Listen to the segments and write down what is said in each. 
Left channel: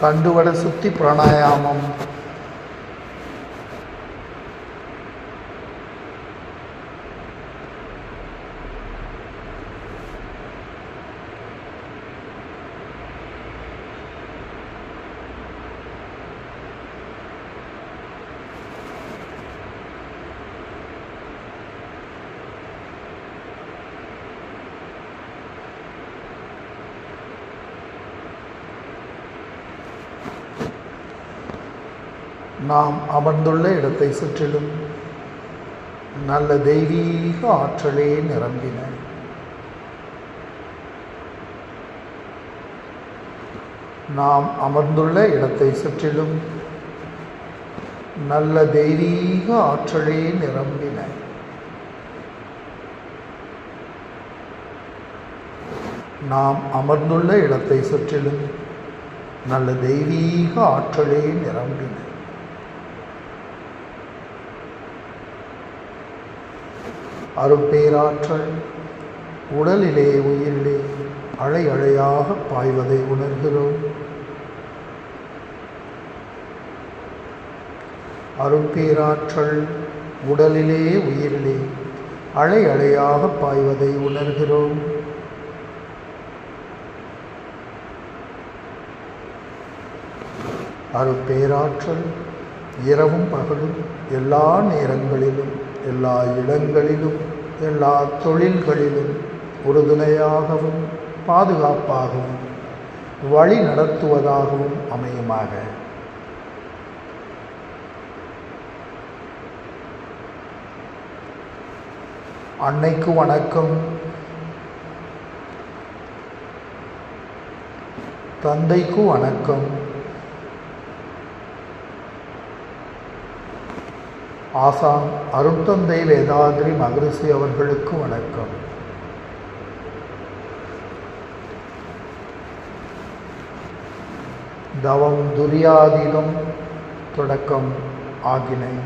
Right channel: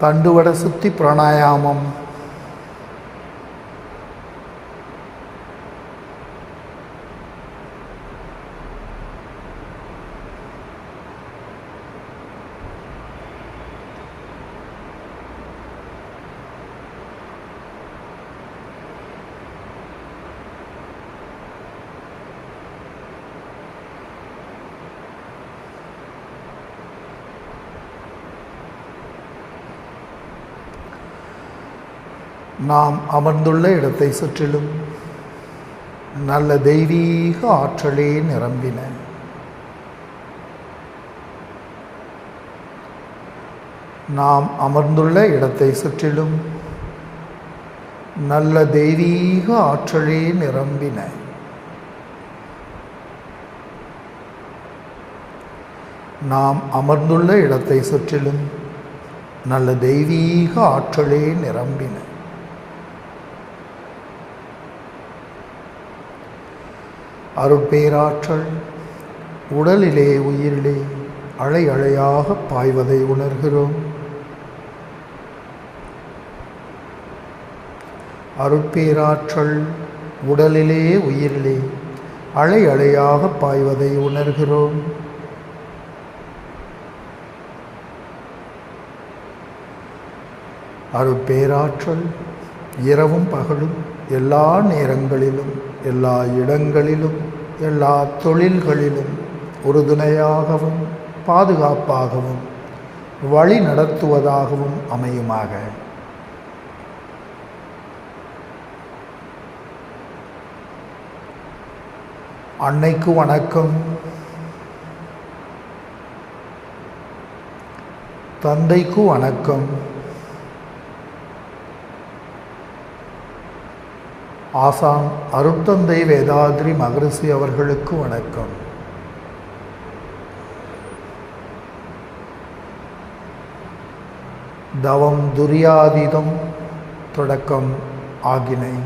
தண்டுவட சுத்தி பிராணாயாமம். நாம் அமர்ந்துள்ள இடத்தை சுற்றிலும் நல்ல தெய்வீக ஆற்றலே நிரம்பின. நாம் அமர்ந்துள்ள இடத்தை சுற்றிலும் நல்ல தெய்வீக ஆற்றலே நிரம்பின. நாம் அமர்ந்துள்ள இடத்தை சுற்றிலும் நல்ல தெய்வீக ஆற்றலே நிரம்பின. அருட்பேராற்றல் உடலிலே உயிரிலே அலை அலையாக பாய்வதை உணர்கிறோம். அருட்பேராற்றல் உடலிலே உயிரிலே அலை அலையாக பாய்வதை உணர்கிறோம். அருட்பேராற்றல் இரவும் பகலும் எல்லா நேரங்களிலும் எல்லா இடங்களிலும் எல்லா தொழில்களிலும் உறுதுணையாகவும் பாதுகாப்பாகவும் வழி நடத்துவதாகவும் அமையுமாக. அன்னைக்கு வணக்கம். தந்தைக்கு வணக்கம். ஆசான் அருட்தந்தை வேதாத்ரி மகரிஷி அவர்களுக்கு வணக்கம். தவம் துரியாதீதம் தொடக்கம் ஆகினை.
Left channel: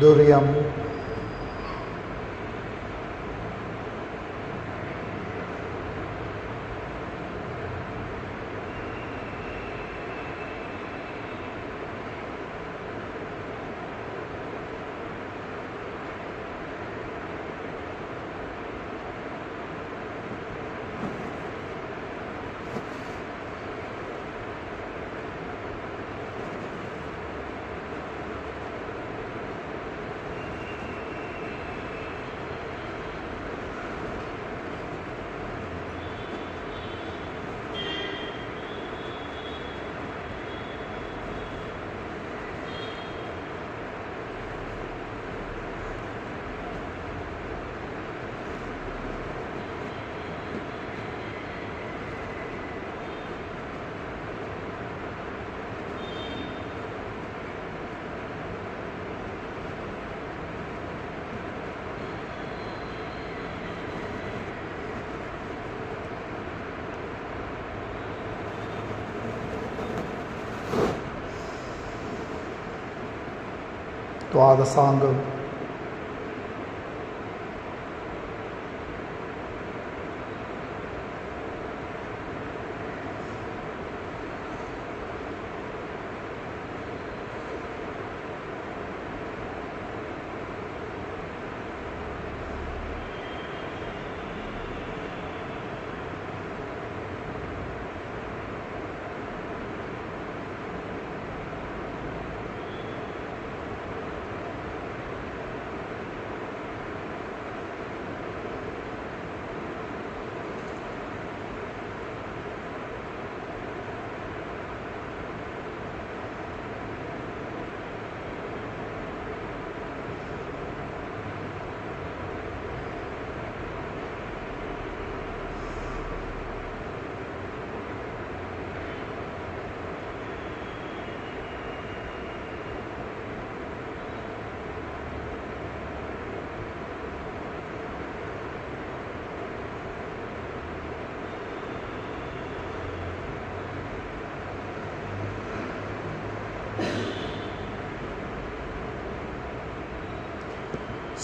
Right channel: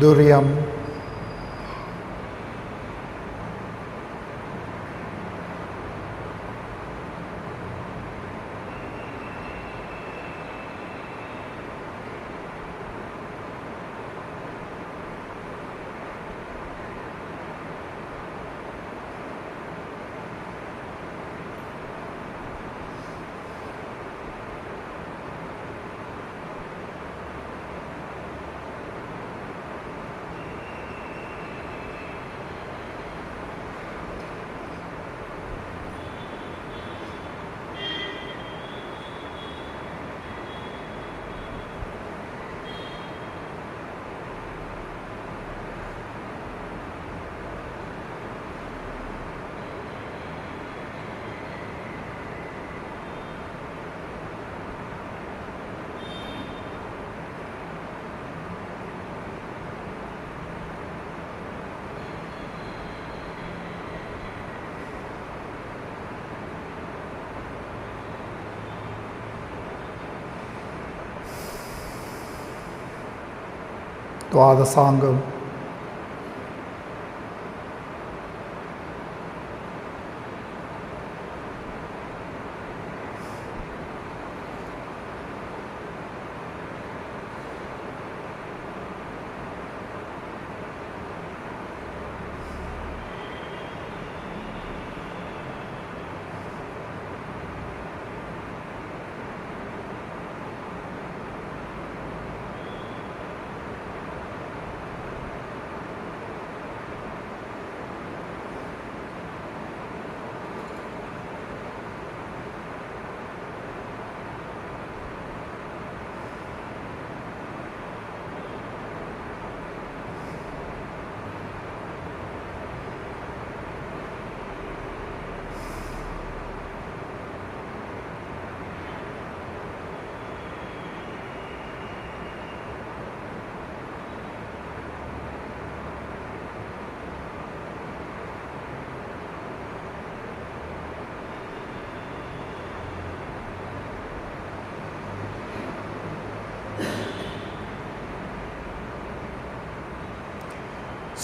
துரியம். துவாதசாங்கம்.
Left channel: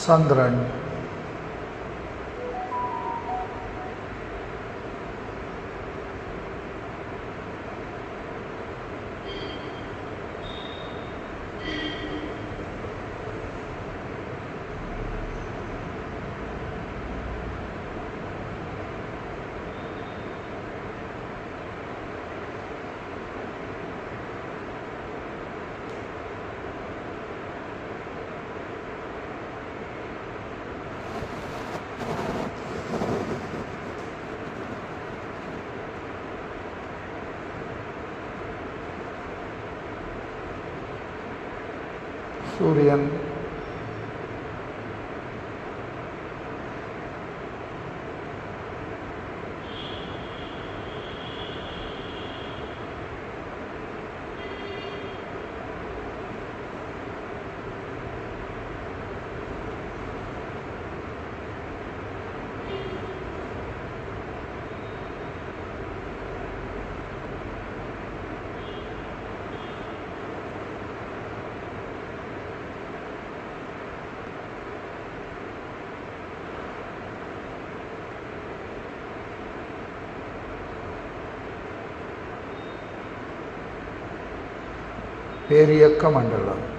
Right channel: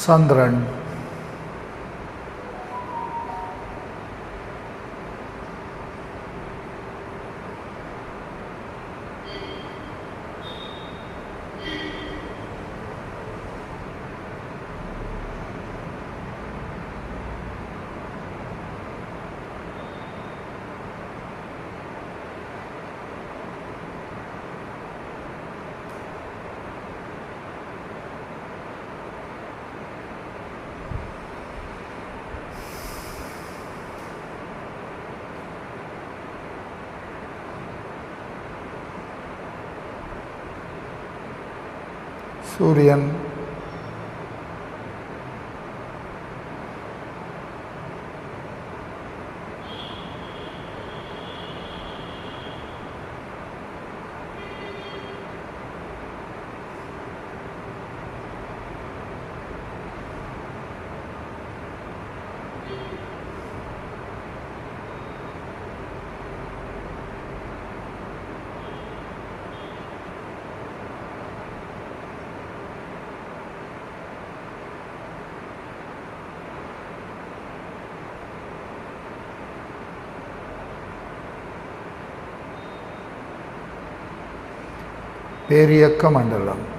சந்திரன். சூரியன். பேரியக்க மண்டலம்.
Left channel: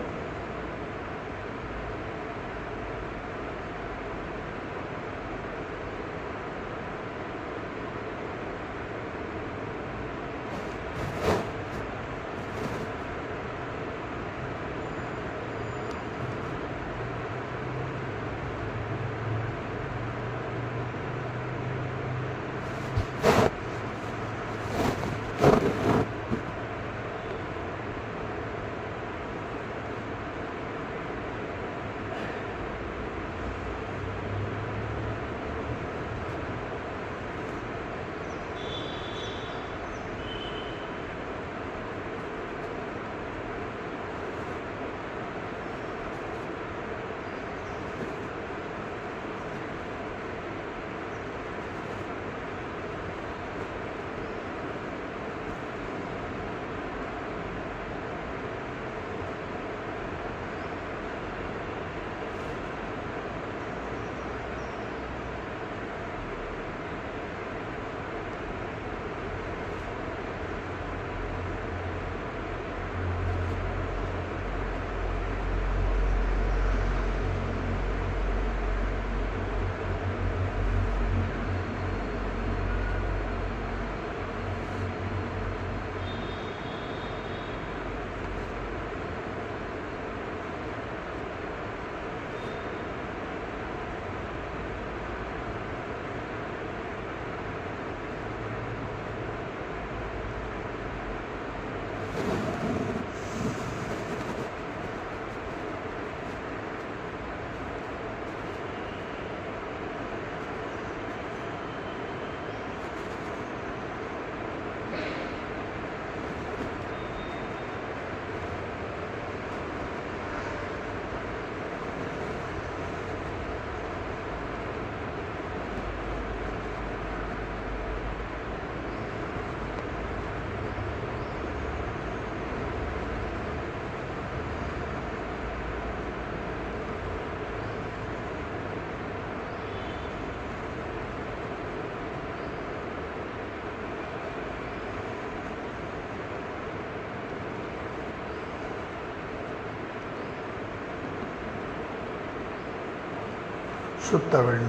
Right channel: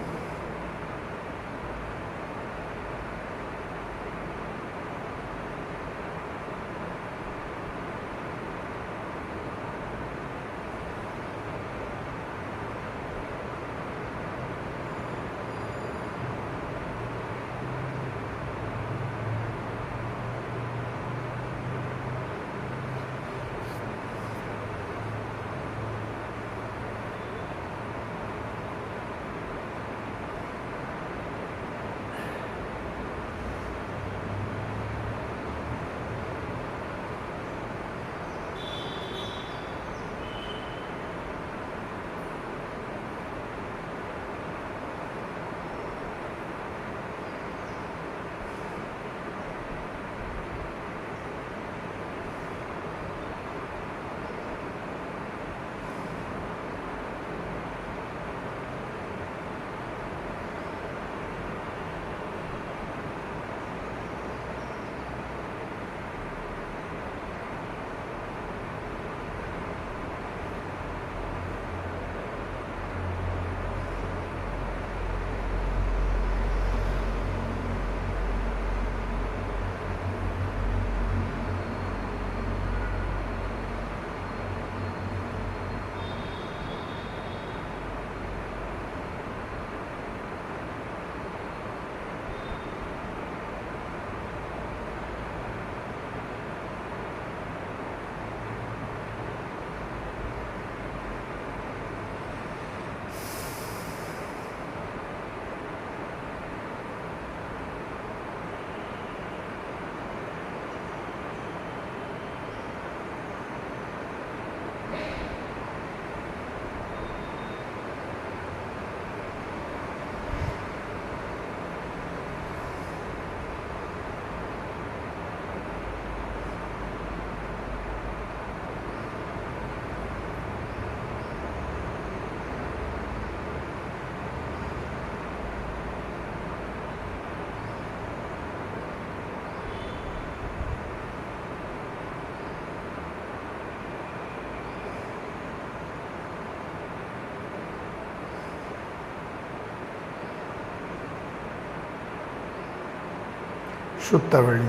சுத்தவழி.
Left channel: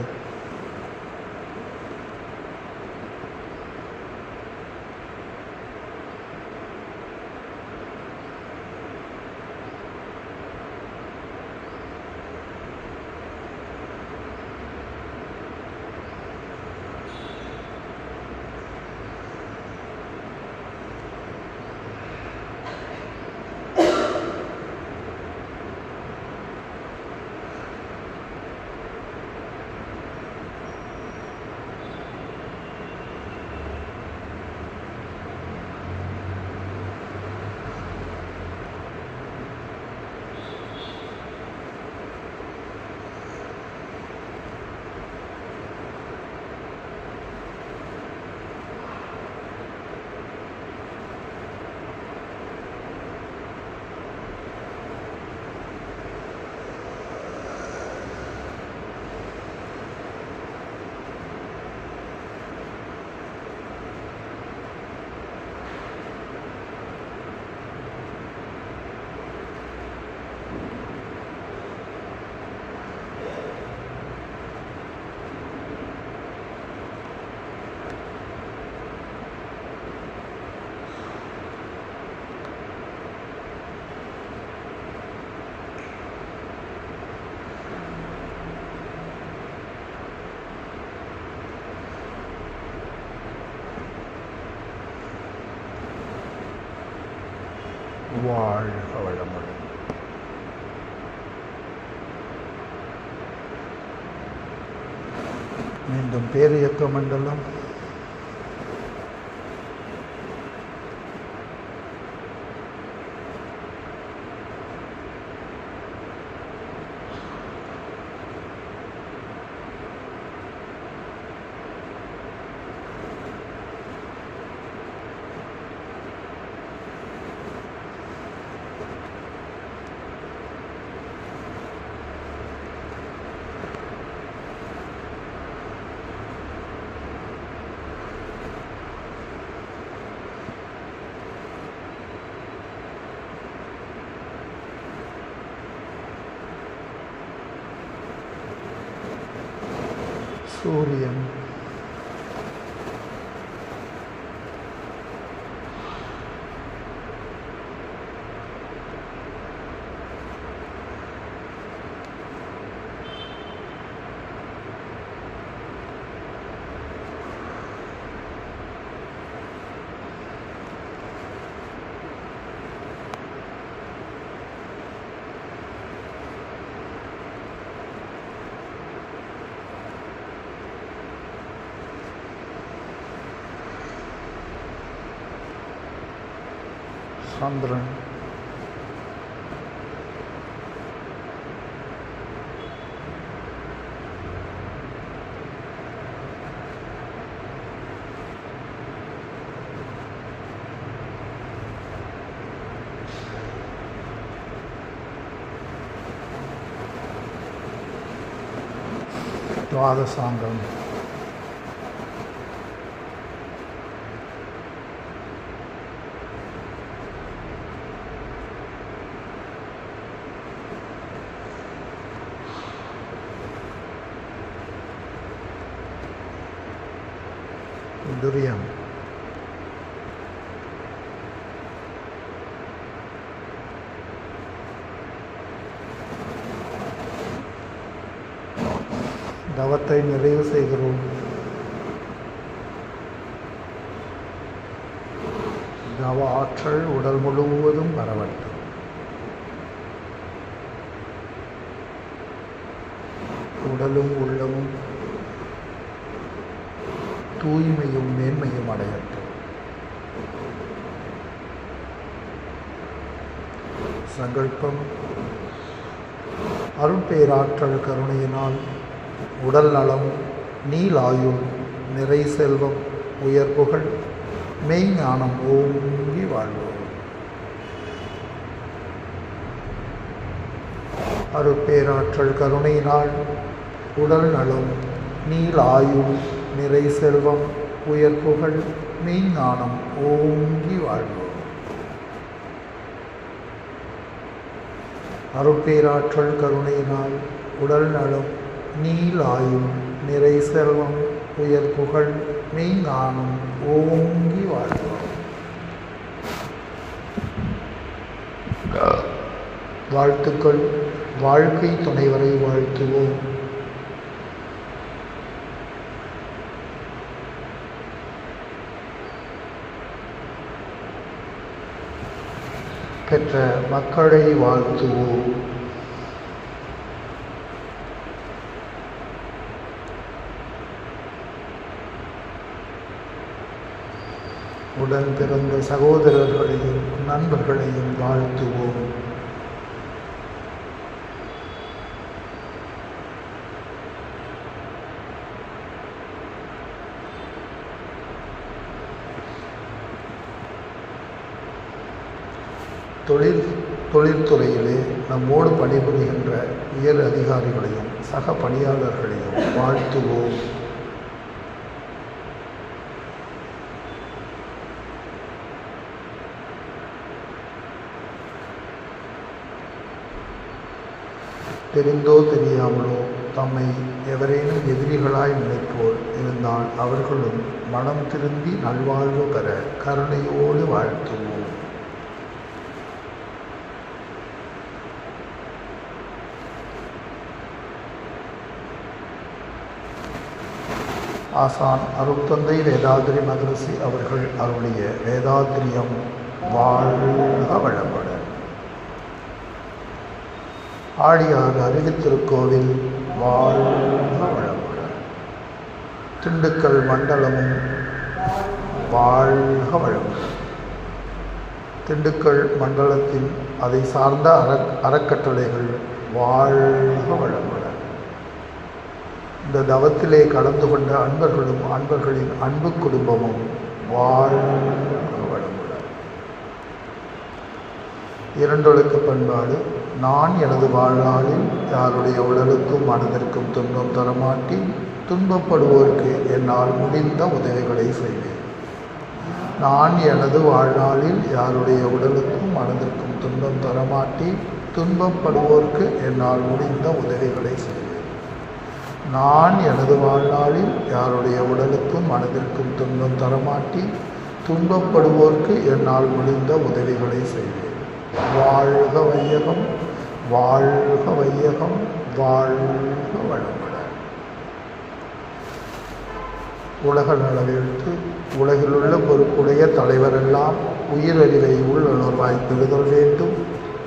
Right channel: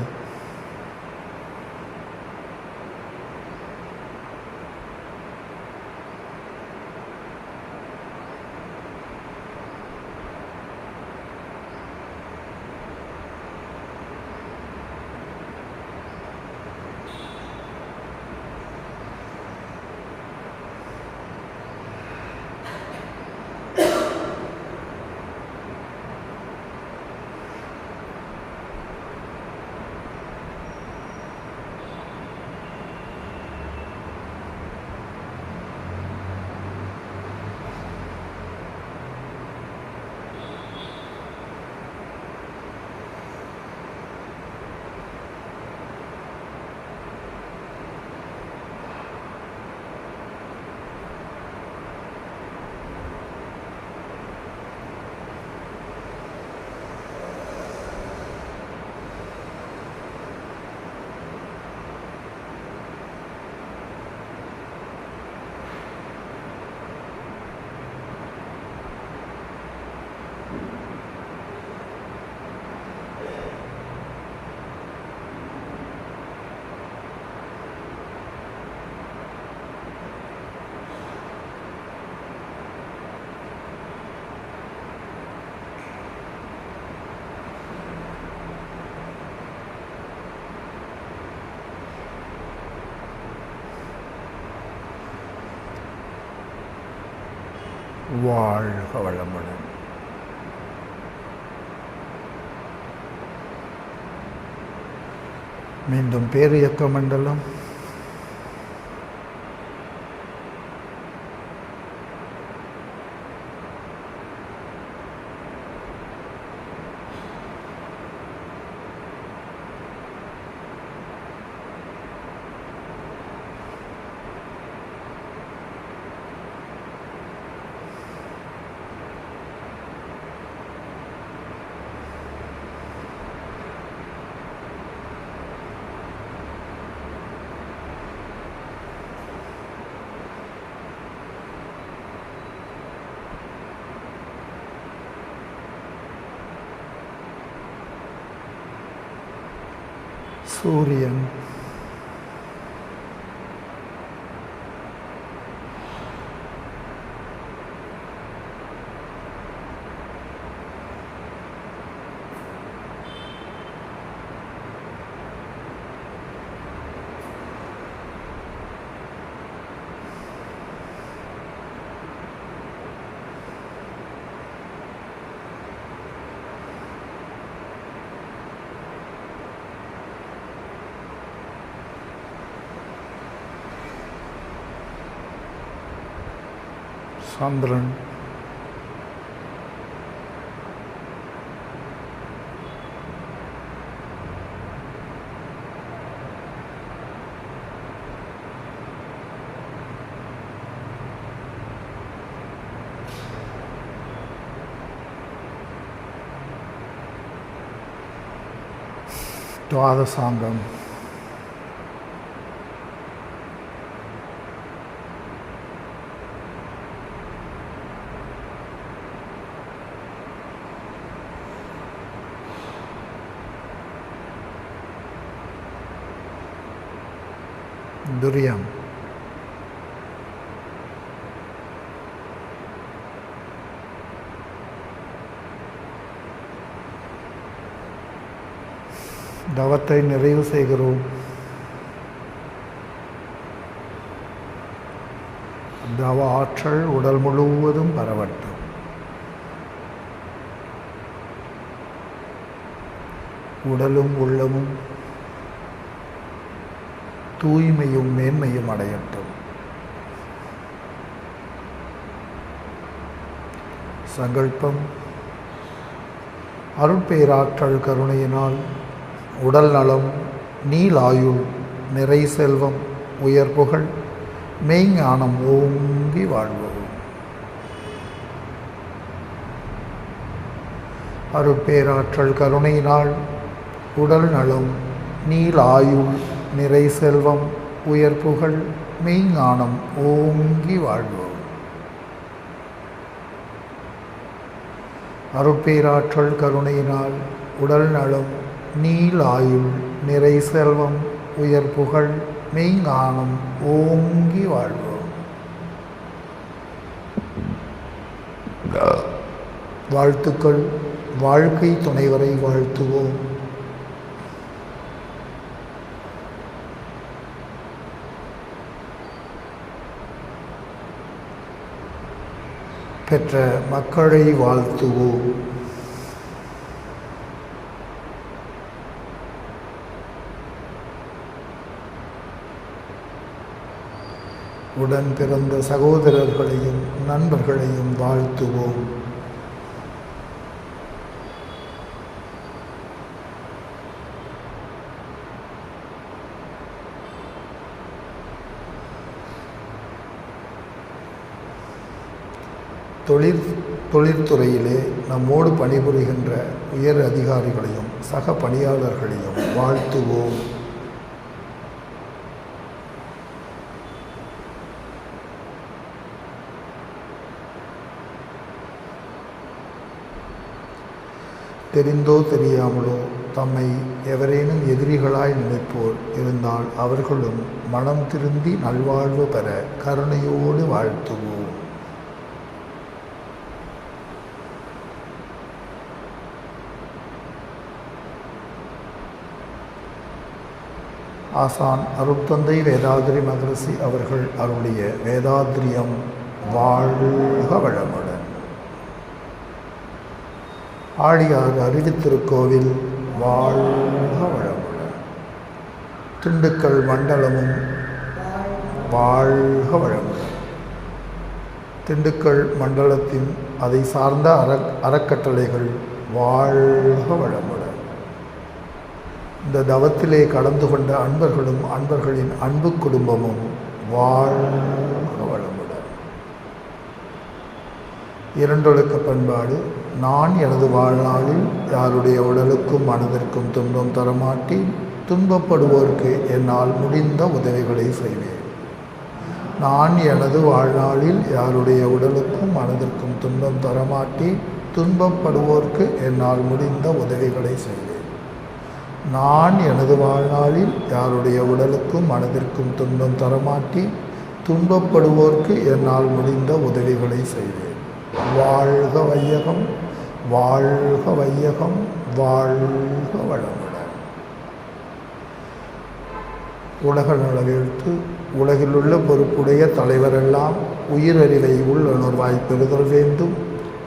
வாழ்க வளமுடன். மீண்டும் பேரியக்க மண்டலம். சூரியன். சந்திரன். துவாதசாங்கம். துரியம். தவத்தை நிறைவு செய்கிறோம். தவ ஆற்றல் உடல் முழுவதும் பரவட்டும். உடலும் உள்ளமும் தூய்மையும் மேன்மையும் அடையட்டும். சங்கல்பம். அருட்பேராற்றல் கருணையினால் உடல் நலம், நீலாயுள், நிறை செல்வம், உயர் புகழ், மெய்ஞானம் ஓங்கி வாழ்வோம். அருட்பேராற்றல் கருணையினால் உடல் நலம், நீலாயுள், நிறை செல்வம், உயர் புகழ், மெய்ஞானம் ஓங்கி வாழ்வோம். அருட்பேராற்றல் கருணையினால் உடல் நலம், நீலாயுள் நிறை செல்வம் உயர் புகழ் மெய்ஞானம் ஓங்கி வாழ்வோம். வாழ்த்துக்கள். வாழ்க்கை துணைவரை வாழ்த்துவோம். பெற்ற மக்களை வாழ்த்துவோம். உடன் பிறந்த சகோதரர்களையும் நண்பர்களையும் வாழ்த்துவோம். தொழில்துறையிலே நம்மோடு பணிபுரிகின்ற உயர் அதிகாரிகளையும் சக பணியாளர்களையும் வாழ்த்துவோம். தெரிந்தோ தெரியாமலோ தம்மை எவரேனும் எதிரிகளாய் நினைப்போர் இருந்தால் அவர்களும் மனம் திருந்தி நல்வாழ்வு பெற கருணையோடு வாழ்த்துவோம். ஆசான் அருட்தந்தை வேதாத்ரி மகரிஷி அவர்கள் அவருடைய வேதாத்ரியம் வாழ்க வளமுடன். ஆழியார் அறிவித்திருக்கோவில் வாழ்க வளமுடன். திண்டுக்கல் மண்டலமும் வாழ்க வளமுடன். திண்டுக்கல் மண்டலத்தின் அதை சார்ந்த அறக்கட்டளைகள் வாழ்க வளமுடன். இந்த தவத்திலே கலந்து கொண்ட அன்பர்களும் அன்பர்களின் அன்பு குடும்பமும் வாழ்க வளமுடன். இரண்டொழுக்க பண்பாடு. நான் எனது வாழ்நாளில் யாருடைய உடலுக்கும் மனதிற்கும் துன்பம் தரமாட்டி துன்பப்படுவோருக்கு என்னால் முடிந்த உதவிகளை செய்வேன். நான் எனது வாழ்நாளில் யாருடைய உடலுக்கும் மனதிற்கும் துன்பம் தரமாட்டி துன்பப்படுவோருக்கு என்னால் முடிந்த உதவிகளை செய்வேன். நான் எனது வாழ்நாளில் யாருடைய உடலுக்கும் மனதிற்கும் துன்பம் தரமாட்டி துன்பப்படுவோர்க்கு என்னால் முடிந்த உதவிகளை செய்வேன். வாழ்க வையகம், வாழ்க வையகம், வாழ்க வளமுடன். உலக நலவேழ்த்து. உலகிலுள்ள பொறுப்புடைய தலைவரெல்லாம் உயிரறிவை உள்ளுணர்வாய் பெறுதல் வேண்டும்.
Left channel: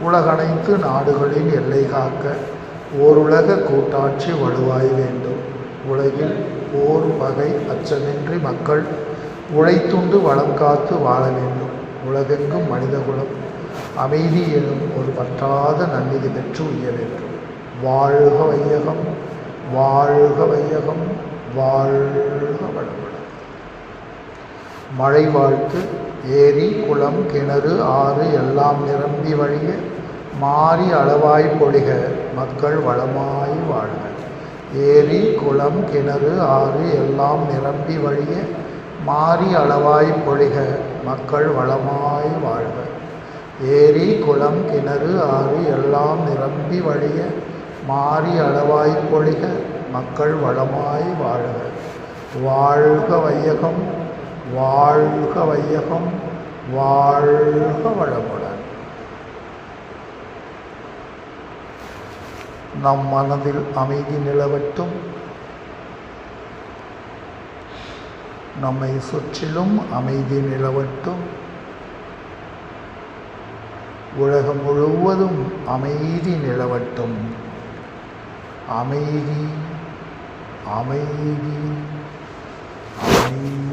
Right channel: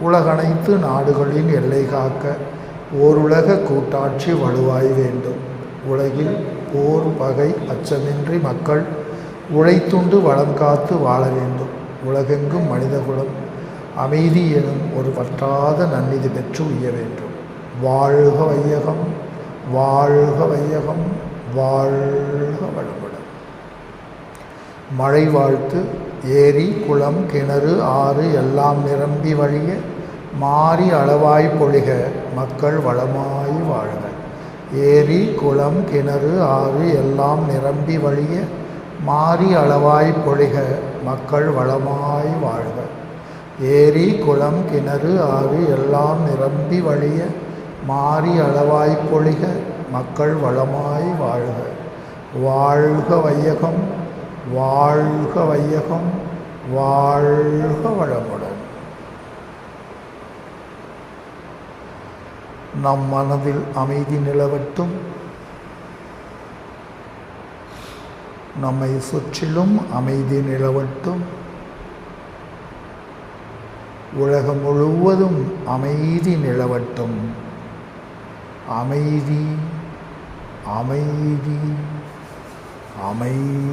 உலகனைத்து நாடுகளின் எல்லை காக்க ஓருலக கூட்டாட்சி வலுவாய் வேண்டும். உலகில் போர் பகை அச்சமின்றி மக்கள் உழைத்துண்டு வளம் காத்து வாழ வேண்டும். உலகெங்கும் மனிதகுலம் அமைதி எனும் ஒரு வற்றாத நன்னிதி பெற்று உய்ய வேண்டும். வாழ்க வையகம், வாழ்க வையகம், வாழ்க வளமுடன். மழை வாழ்த்து. ஏரி குளம் கிணறு ஆறு எல்லாம் நிரம்பி வழிய மாறி அளவாய் பொழிக மக்கள் வளமாய் வாழ்க. ஏரி குளம் கிணறு ஆறு எல்லாம் நிரம்பி வழிய மாறி அளவாய் பொழிக மக்கள் வளமாய் வாழ்க. ஏரி குளம் கிணறு ஆறு எல்லாம் நிரம்பி வழிய மாறி அளவாய் பொழிக மக்கள் வளமாய் வாழ்க. வாழ்க வையகம், வாழ்க வையகம், வாழ்க வளமுடன். நம் மனதில் அமைதி நிலவட்டும். நம்மை சுற்றிலும் அமைதி நிலவட்டும். உலகம் முழுவதும் அமைதி நிலவட்டும். அமைதி, அமைதி, அமைதி.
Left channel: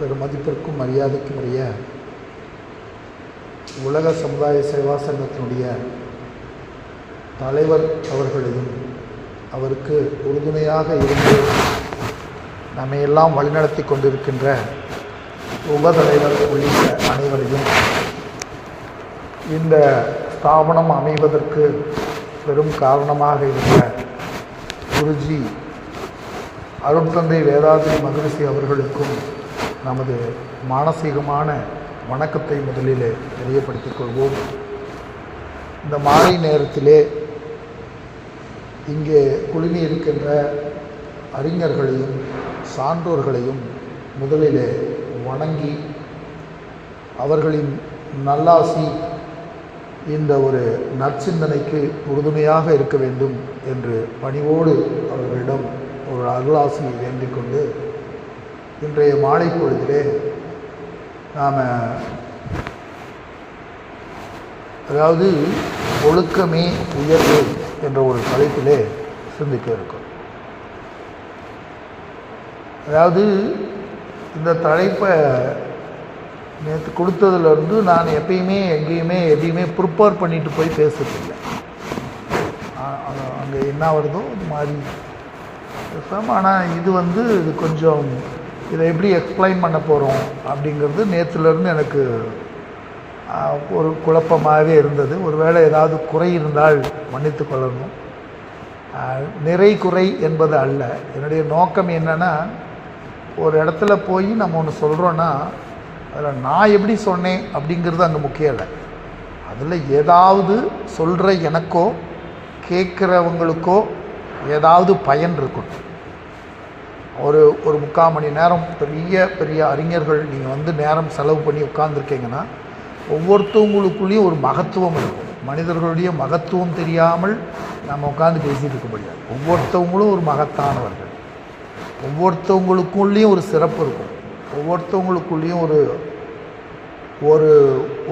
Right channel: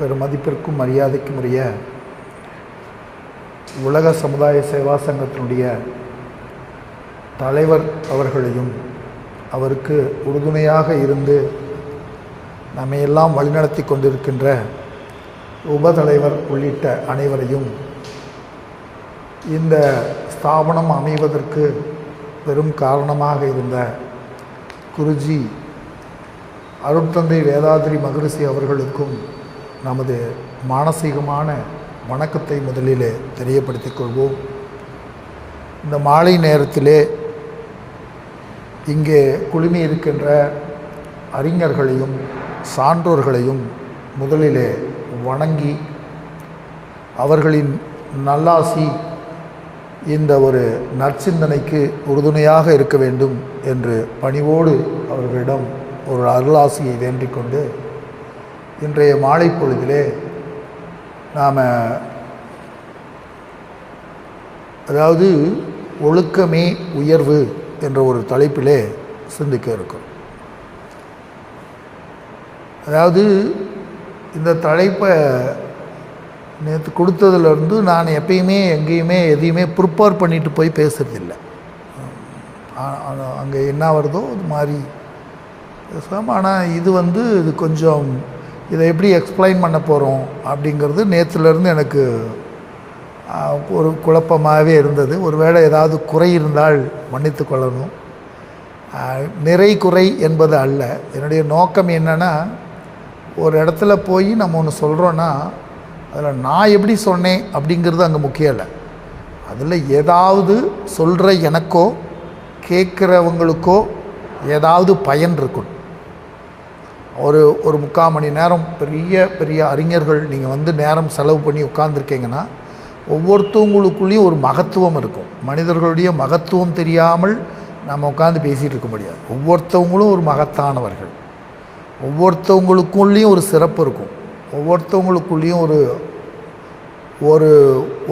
பெரும் மதிப்பிற்கும் மரியாதைக்கும் உரிய உலக சமுதாய சேவா சங்கத்தினுடைய தலைவர் அவர்களையும் அவருக்கு உறுதுணையாக இருந்து நம்மையெல்லாம் வழிநடத்தி கொண்டிருக்கின்ற உபதலைவர் உள்ளிட்ட அனைவரையும் இந்த ஸ்தாபனம் அமைவதற்கு பெரும் காரணமாக இருந்த குருஜி அருட்தந்தை வேதாத்ரி மகரிஷி அவர்களுக்கும் நமது மானசீகமான வணக்கத்தை முதலிலே தெரியப்படுத்திக் கொள்வோம். இந்த மாலை நேரத்திலே இங்கே குழுமி இருக்கின்ற அறிஞர்களையும் சான்றோர்களையும் முதலிலே வணங்கி அவர்களின் நல்லாசி இந்த ஒரு நற்சிந்தனைக்கு உறுதுணையாக இருக்க வேண்டும் என்று பணிவோடு அவர்களிடம் ஒரு அருளாசியை வேண்டிக் கொண்டு இன்றைய மாலை பொழுதிலே நாம் அதாவது ஒழுக்கமே உயர்வு என்ற ஒரு தலைப்பிலே சிந்திக்க இருக்கோம். அதாவது இந்த தலைப்பை நேற்று கொடுத்ததுலேருந்து நான் எப்பயுமே எங்கேயுமே எதையுமே ப்ரிப்பேர் பண்ணிட்டு போய் பேசுறதில்லை. அங்கே என்ன வருதோ அது மாதிரி பேசாமல். ஆனால் இது கொஞ்சம் இதை எப்படி எக்ஸ்பிளைன் பண்ண போகிறோம் அப்படிங்கிறது நேற்றுலேருந்து எனக்கு ஒரு குழப்பமாகவே இருந்தது. ஒருவேளை ஏதாவது குறை இருந்தால் மன்னித்து கொள்ளணும். நிறை குறை என்பது அல்ல. என்னுடைய நோக்கம் என்னென்னா, ஒரு இடத்துல போய் நம்ம ஒன்று சொல்கிறோன்னா அதில் நான் எப்படி சொன்னேன் அப்படிங்கிறது அங்கே முக்கியம் இல்லை. அதில் ஏதாவது சொல்கிற எனக்கோ கேட்குறவங்களுக்கோ ஏதாவது பயன் இருக்கும். ஒரு 3/4 மணி நேரம் பெரிய அறிஞர்கள் நீங்கள் நேரம் செலவு பண்ணி உட்கார்ந்துருக்கீங்கன்னா ஒவ்வொருத்தவங்களுக்குள்ளேயும் ஒரு மகத்துவம் இருக்கும். மனிதர்களுடைய மகத்துவம் தெரியாமல் நம்ம உட்காந்து பேசிகிட்டு இருக்க முடியாது. ஒவ்வொருத்தவங்களும் ஒரு மகத்தானவர்கள். ஒவ்வொருத்தவங்களுக்குள்ளேயும் ஒரு சிறப்பு இருக்கும். ஒவ்வொருத்தவங்களுக்குள்ளேயும் ஒரு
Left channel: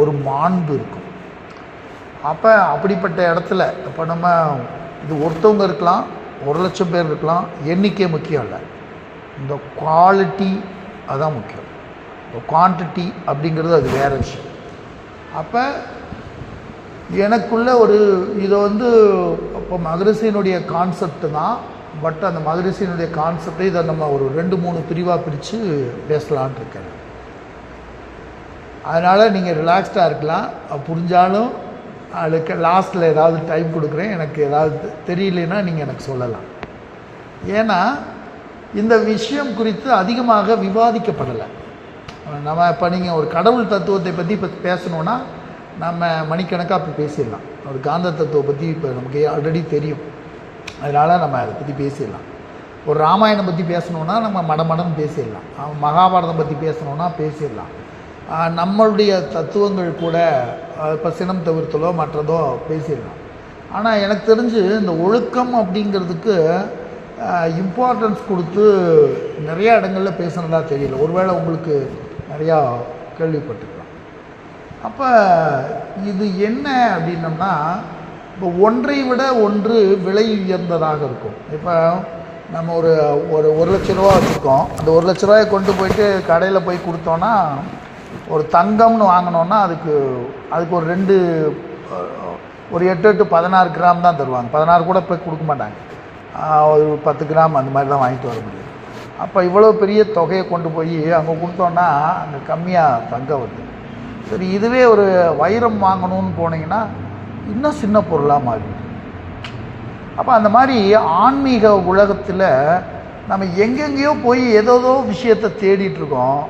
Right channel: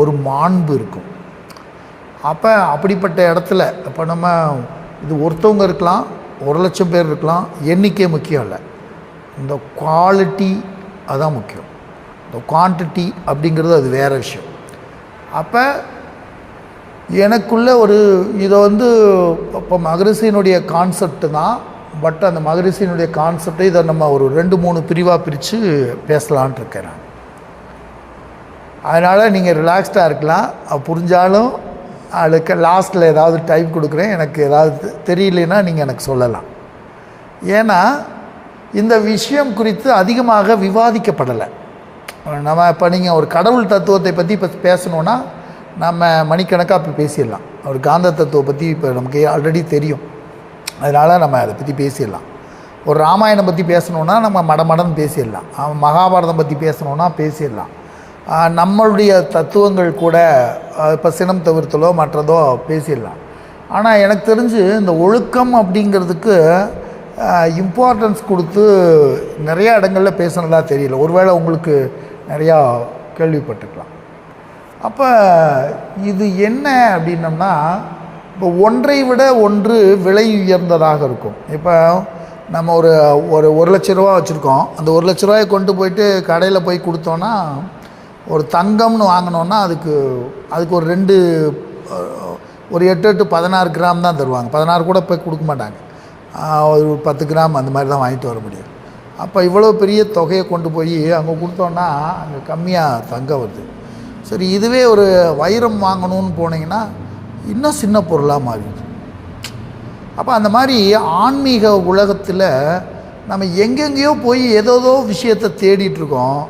ஒரு மாண்பு இருக்கும். அப்படிப்பட்ட இடத்துல இப்போ நம்ம இது ஒருத்தவங்க இருக்கலாம், 1,00,000 பேர் இருக்கலாம், எண்ணிக்கை முக்கியம் இல்லை. இந்த குவாலிட்டி அதுதான் முக்கியம். இந்த குவான்டிட்டி அப்படிங்கிறது அது வேறு விஷயம். அப்போ எனக்குள்ள இதை இப்போ மகரிஷியினுடைய கான்செப்ட் தான். பட் அந்த மகரிஷியினுடைய கான்செப்டை இதை நம்ம ஒரு 2-3 பிரிவாக பிரித்து பேசலான் இருக்கேன் நான். அதனால் நீங்கள் ரிலாக்ஸ்டாக இருக்கலாம். புரிஞ்சாலும் அதுக்கு லாஸ்ட்டில் ஏதாவது டைம் கொடுக்குறேன். எனக்கு ஏதாவது தெரியலனா நீங்கள் எனக்கு சொல்லலாம். ஏன்னா இந்த விஷயம் குறித்து அதிகமாக விவாதிக்கப்படலை. நம்ம இப்போ நீங்கள் ஒரு கடவுள் தத்துவத்தை பற்றி இப்போ பேசணுன்னா நம்ம மணிக்கணக்காக இப்போ பேசிடலாம். ஒரு காந்த தத்துவத்தை பற்றி இப்போ நமக்கு ஆல்ரெடி தெரியும். அதனால் நம்ம அதை பற்றி பேசிடலாம். ஒரு ராமாயணம் பற்றி பேசணுன்னா நம்ம மடமடன்னு பேசிடலாம். மகாபாரதம் பற்றி பேசணுன்னா பேசிடலாம். நம்மளுடைய தத்துவங்கள் கூட இப்போ சினம் தவிர்த்தலோ மற்றதோ பேசிடலாம். ஆனால் எனக்கு தெரிஞ்சு இந்த ஒழுக்கம் அப்படிங்கிறதுக்கு இம்பார்ட்டன்ஸ் கொடுத்து நிறையா இடங்களில் பேசுனதா தெரியல. ஒருவேளை உங்களுக்கு நிறையா கேள்விப்பட்டுக்கலாம். அப்போ இது என்ன அப்படின்னம்னா, இப்போ ஒன்றை விட ஒன்று விலை உயர்ந்ததாக இருக்கும். இப்போ நம்ம ஒரு 1,00,000 ரூபா வச்சுருக்கோம். அந்த 1,00,000 ரூபாயை கொண்டு போயிட்டு கடையில் போய் கொடுத்தோன்னா, ஒரு தங்கம்னு வாங்கினோன்னா அதுக்கு ஒரு 8 16 கிராம் தான் தருவாங்க. 16 கூட போய் கொடுக்க மாட்டாங்க. ஒரு 10 கிராம் அந்த மாதிரி தான் வாங்கிட்டு வர முடியும். அப்போ இவ்வளோ பெரிய தொகையை கொண்டு போய் அங்கே கொடுத்தோன்னா அங்கே கம்மியாக தங்கம் வருது. சரி, இதுவே ஒரு வைரம் வாங்கணும்னு போனீங்கன்னா இன்னும் சின்ன பொருளாக மாறிடுது. அப்போ அந்த மாதிரி ஆன்மீக உலகத்தில் நம்ம எங்கெங்கேயோ போய் ஏதோ விஷயத்தை தேடிட்டுருக்கோம்.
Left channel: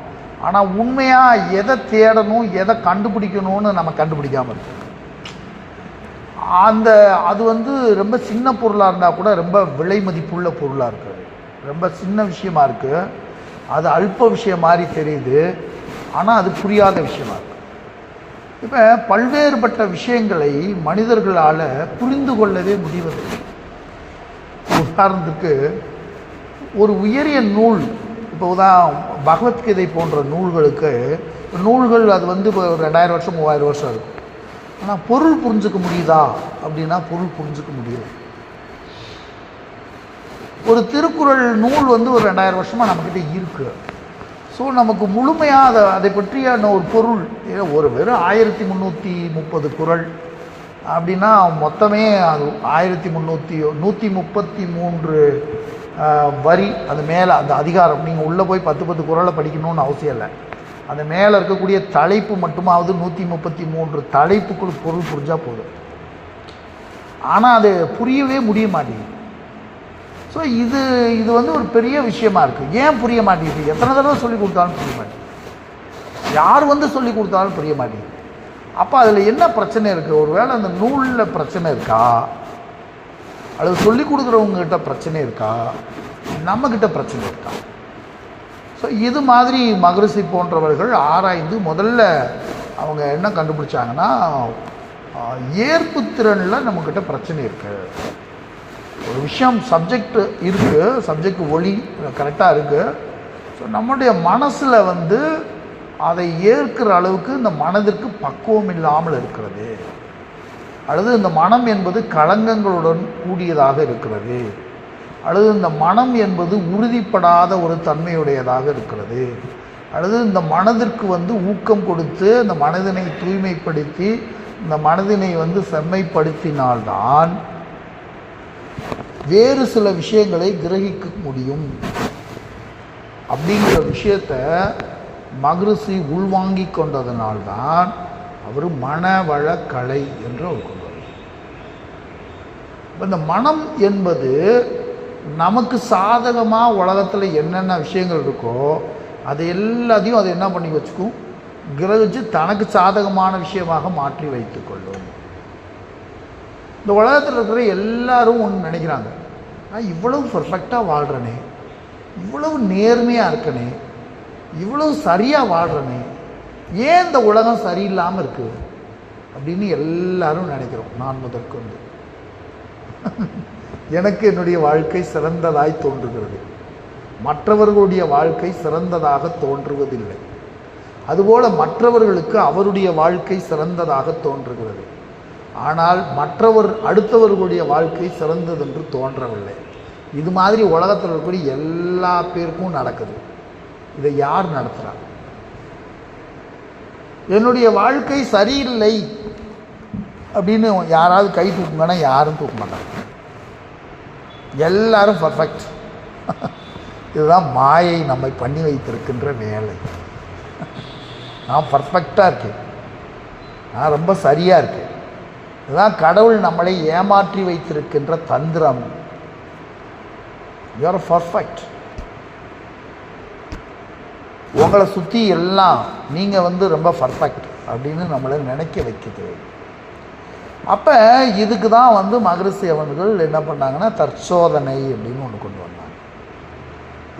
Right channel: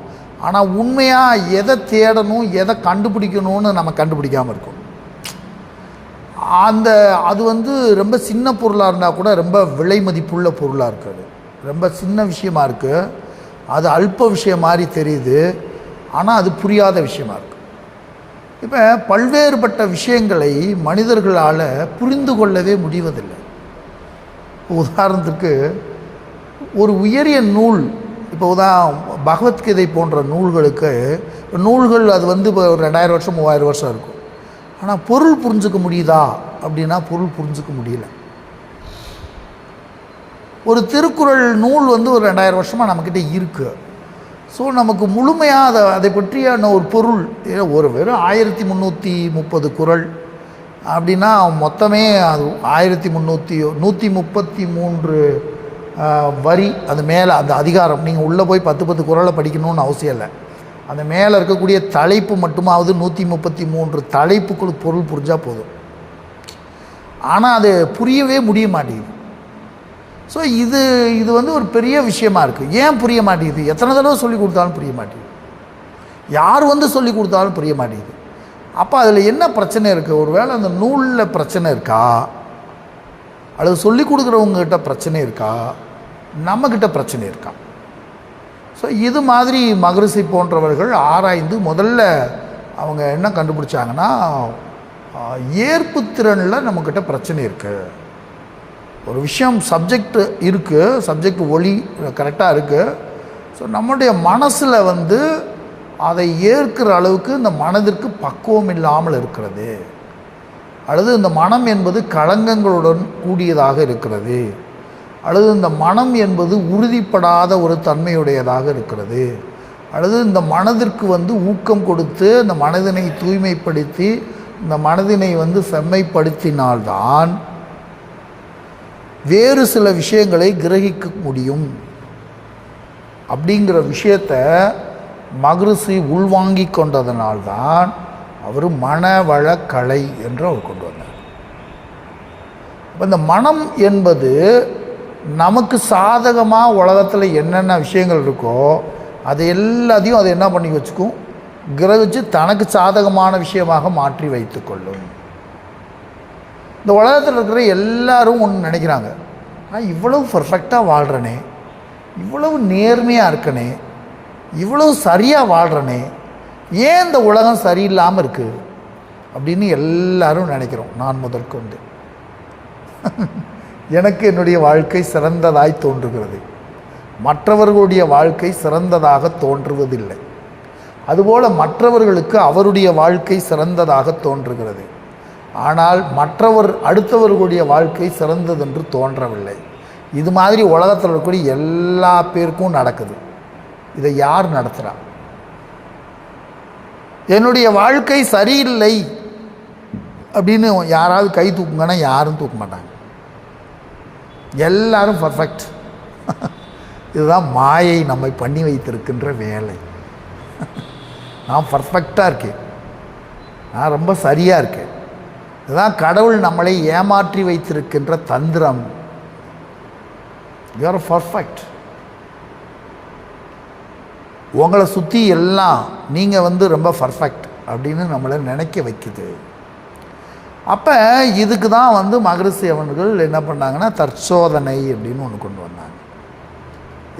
ஆனால் உண்மையாக எதை தேடணும், எதை கண்டுபிடிக்கணும்னு நம்ம கண்டுபிடிக்காமல் இருக்கோம். அது ரொம்ப சின்ன பொருளாக இருந்தால் கூட ரொம்ப விலை மதிப்புள்ள பொருளாக இருக்குது. ரொம்ப சின்ன விஷயமா இருக்குது. அது அல்ப விஷயம் மாதிரி தெரியுது. ஆனால் அது புரியாத விஷயமா இருக்குது. இப்போ பல்வேறுபட்ட விஷயங்களை மனிதர்களால் புரிந்து கொள்ளவே முடிவதில்லை. உதாரணத்துக்கு ஒரு உயரிய நூல், இப்போ பகவத்கீதை போன்ற நூல்களுக்கு நூல்கள் அது இப்போ 2000 வருஷம் 3000 வருஷம் இருக்கும். ஆனால் பொருள் புரிஞ்சுக்க முடியுதா அப்படின்னா பொருள் புரிஞ்சுக்க முடியல. ஒரு திருக்குறள் நூல் ஒரு 2000 வருஷமாக நம்மக்கிட்ட இருக்குது. ஸோ நமக்கு முழுமையாக அதை பற்றியான ஒரு பொருள் வெறும் 1330 குறள் அப்படின்னா மொத்தமே அது 133 வரி. அது மேலே அந்த அதிகாரம் நீங்கள் உள்ளே போய் 10 குறளை படிக்கணும்னு அவசியம் இல்லை. அந்த மேலே இருக்கக்கூடிய தலைப்பு மட்டுமாவது 133 தலைப்புக்குள் பொருள் புரிஞ்சால் போதும். ஆனால் அது புரியவே முடிய மாட்டேங்குது. ஸோ இது வந்து ஒரு பெரிய விஷயமா இருக்குது. ஏன் புரிய மாட்டேங்குது? எத்தனை தடவை சொல்லி கொடுத்தாலும் புரிய மாட்டேங்குது. யார் வந்து சொல்லி கொடுத்தாலும் புரிய மாட்டேங்குது. அப்போ அதில் என்ன பிரச்சனை இருக்குது? ஒருவேளை அந்த நூலில் பிரச்சனை இருக்கா, அல்லது சொல்லி கொடுக்குறவங்ககிட்ட பிரச்சனை இருக்கா, நம்மக்கிட்ட பிரச்சனை இருக்கா? ஸோ இது மாதிரி மகரிஷி போன்றவர்கள் ஆராய்ந்து முதல்ல அவங்க என்ன கண்டுபிடிச்சாங்கன்னா, ஏற்பு திறனில் நம்மக்கிட்ட பிரச்சனை இருக்குது. ஒரு விஷயம் சப்ஜெக்ட் இருக்குது, சப்ஜெக்ட் ஒளி கரெக்டாக இருக்குது. ஸோ நம்முடைய மனசில் வந்து அதை ஏற்கிற அளவுக்கு இந்த மனதிற்கு பக்குவம் இல்லாமல் இருக்கிறது, அல்லது இந்த மனம் என்பது களங்கங்களுடன் கூடியதாக இருக்கிறது, அல்லது இந்த மனம் என்பது உறுதிப்படாத ஒரு தன்மையுடையதாக இருக்கிறது, அல்லது இந்த மனதிற்கு வந்து ஊக்கம் கொடுத்து இந்த மனதினை தூய்மைப்படுத்தி இந்த மனதினை வந்து செம்மைப்படுத்தினால்தான் வேறு சில விஷயங்களை கிரகிக்க முடியும் அப்படிங்கிற விஷயத்தை மகரிஷி உள்வாங்கி கொண்டதனால்தான் அவர் மனவள கலை என்று அவர் கொண்டு வந்தார். இந்த மனம் என்பது நமக்கு சாதகமாக உலகத்தில் என்னென்ன விஷயங்கள் இருக்கோ அது எல்லாத்தையும் அது என்ன பண்ணி வச்சுக்கும், கிரகிச்சு தனக்கு சாதகமான விஷயமாக மாற்றி வைத்து கொள்ளும். இந்த உலகத்தில் இருக்கிற எல்லாரும் ஒன்று நினைக்கிறாங்க, நான் இவ்வளவு பர்ஃபெக்டாக வாழ்கிறேனே, இவ்வளவு நேர்மையாக இருக்கனே, இவ்வளவு சரியாக வாழ்கிறனே, ஏன் இந்த உலகம் சரியில்லாமல் இருக்குது அப்படின்னு எல்லாரும் நினைக்கிறோம். நான் முதற்கொண்டு எனக்கு என்னுடைய வாழ்க்கை சிறந்ததாய் தோன்றுகிறது, மற்றவர்களுடைய வாழ்க்கை சிறந்ததாக தோன்றுவதில்லை. அதுபோல் மற்றவர்களுக்கு அவருடைய வாழ்க்கை சிறந்ததாக தோன்றுகிறது, ஆனால் அடுத்தவர்களுடைய வாழ்க்கை சிறந்ததென்று தோன்றவில்லை. இது மாதிரி உலகத்தில் இருக்கக்கூடிய எல்லா பேருக்கும் நடக்குது. இதை யார் நடத்துகிறா? என்னுடைய வாழ்க்கை சரியில்லை அப்படின்னு யாராவது கை தூக்குங்கன்னா யாரும் தூக்க மாட்டாங்க. எல்லாரும் பர்ஃபெக்ட். இதுதான் மாயை நம்மை பண்ணி வைத்திருக்கின்ற வேலை. நான் பர்ஃபெக்டாக இருக்கேன், நான் ரொம்ப சரியாக இருக்கேன். இதுதான் கடவுள் நம்மளை ஏமாற்றி வைத்திருக்கின்ற தந்திரம். You are perfect. உங்களை சுற்றி எல்லாம் நீங்கள் வந்து ரொம்ப பர்ஃபெக்ட் அப்படின்னு நம்மளை நினைக்க வைக்குது. அப்போ இதுக்கு தான் வந்து மகரிஷி அவர்கள் என்ன பண்ணாங்கன்னா தற்சோதனை அப்படின்னு ஒன்று கொண்டு வந்தாங்க.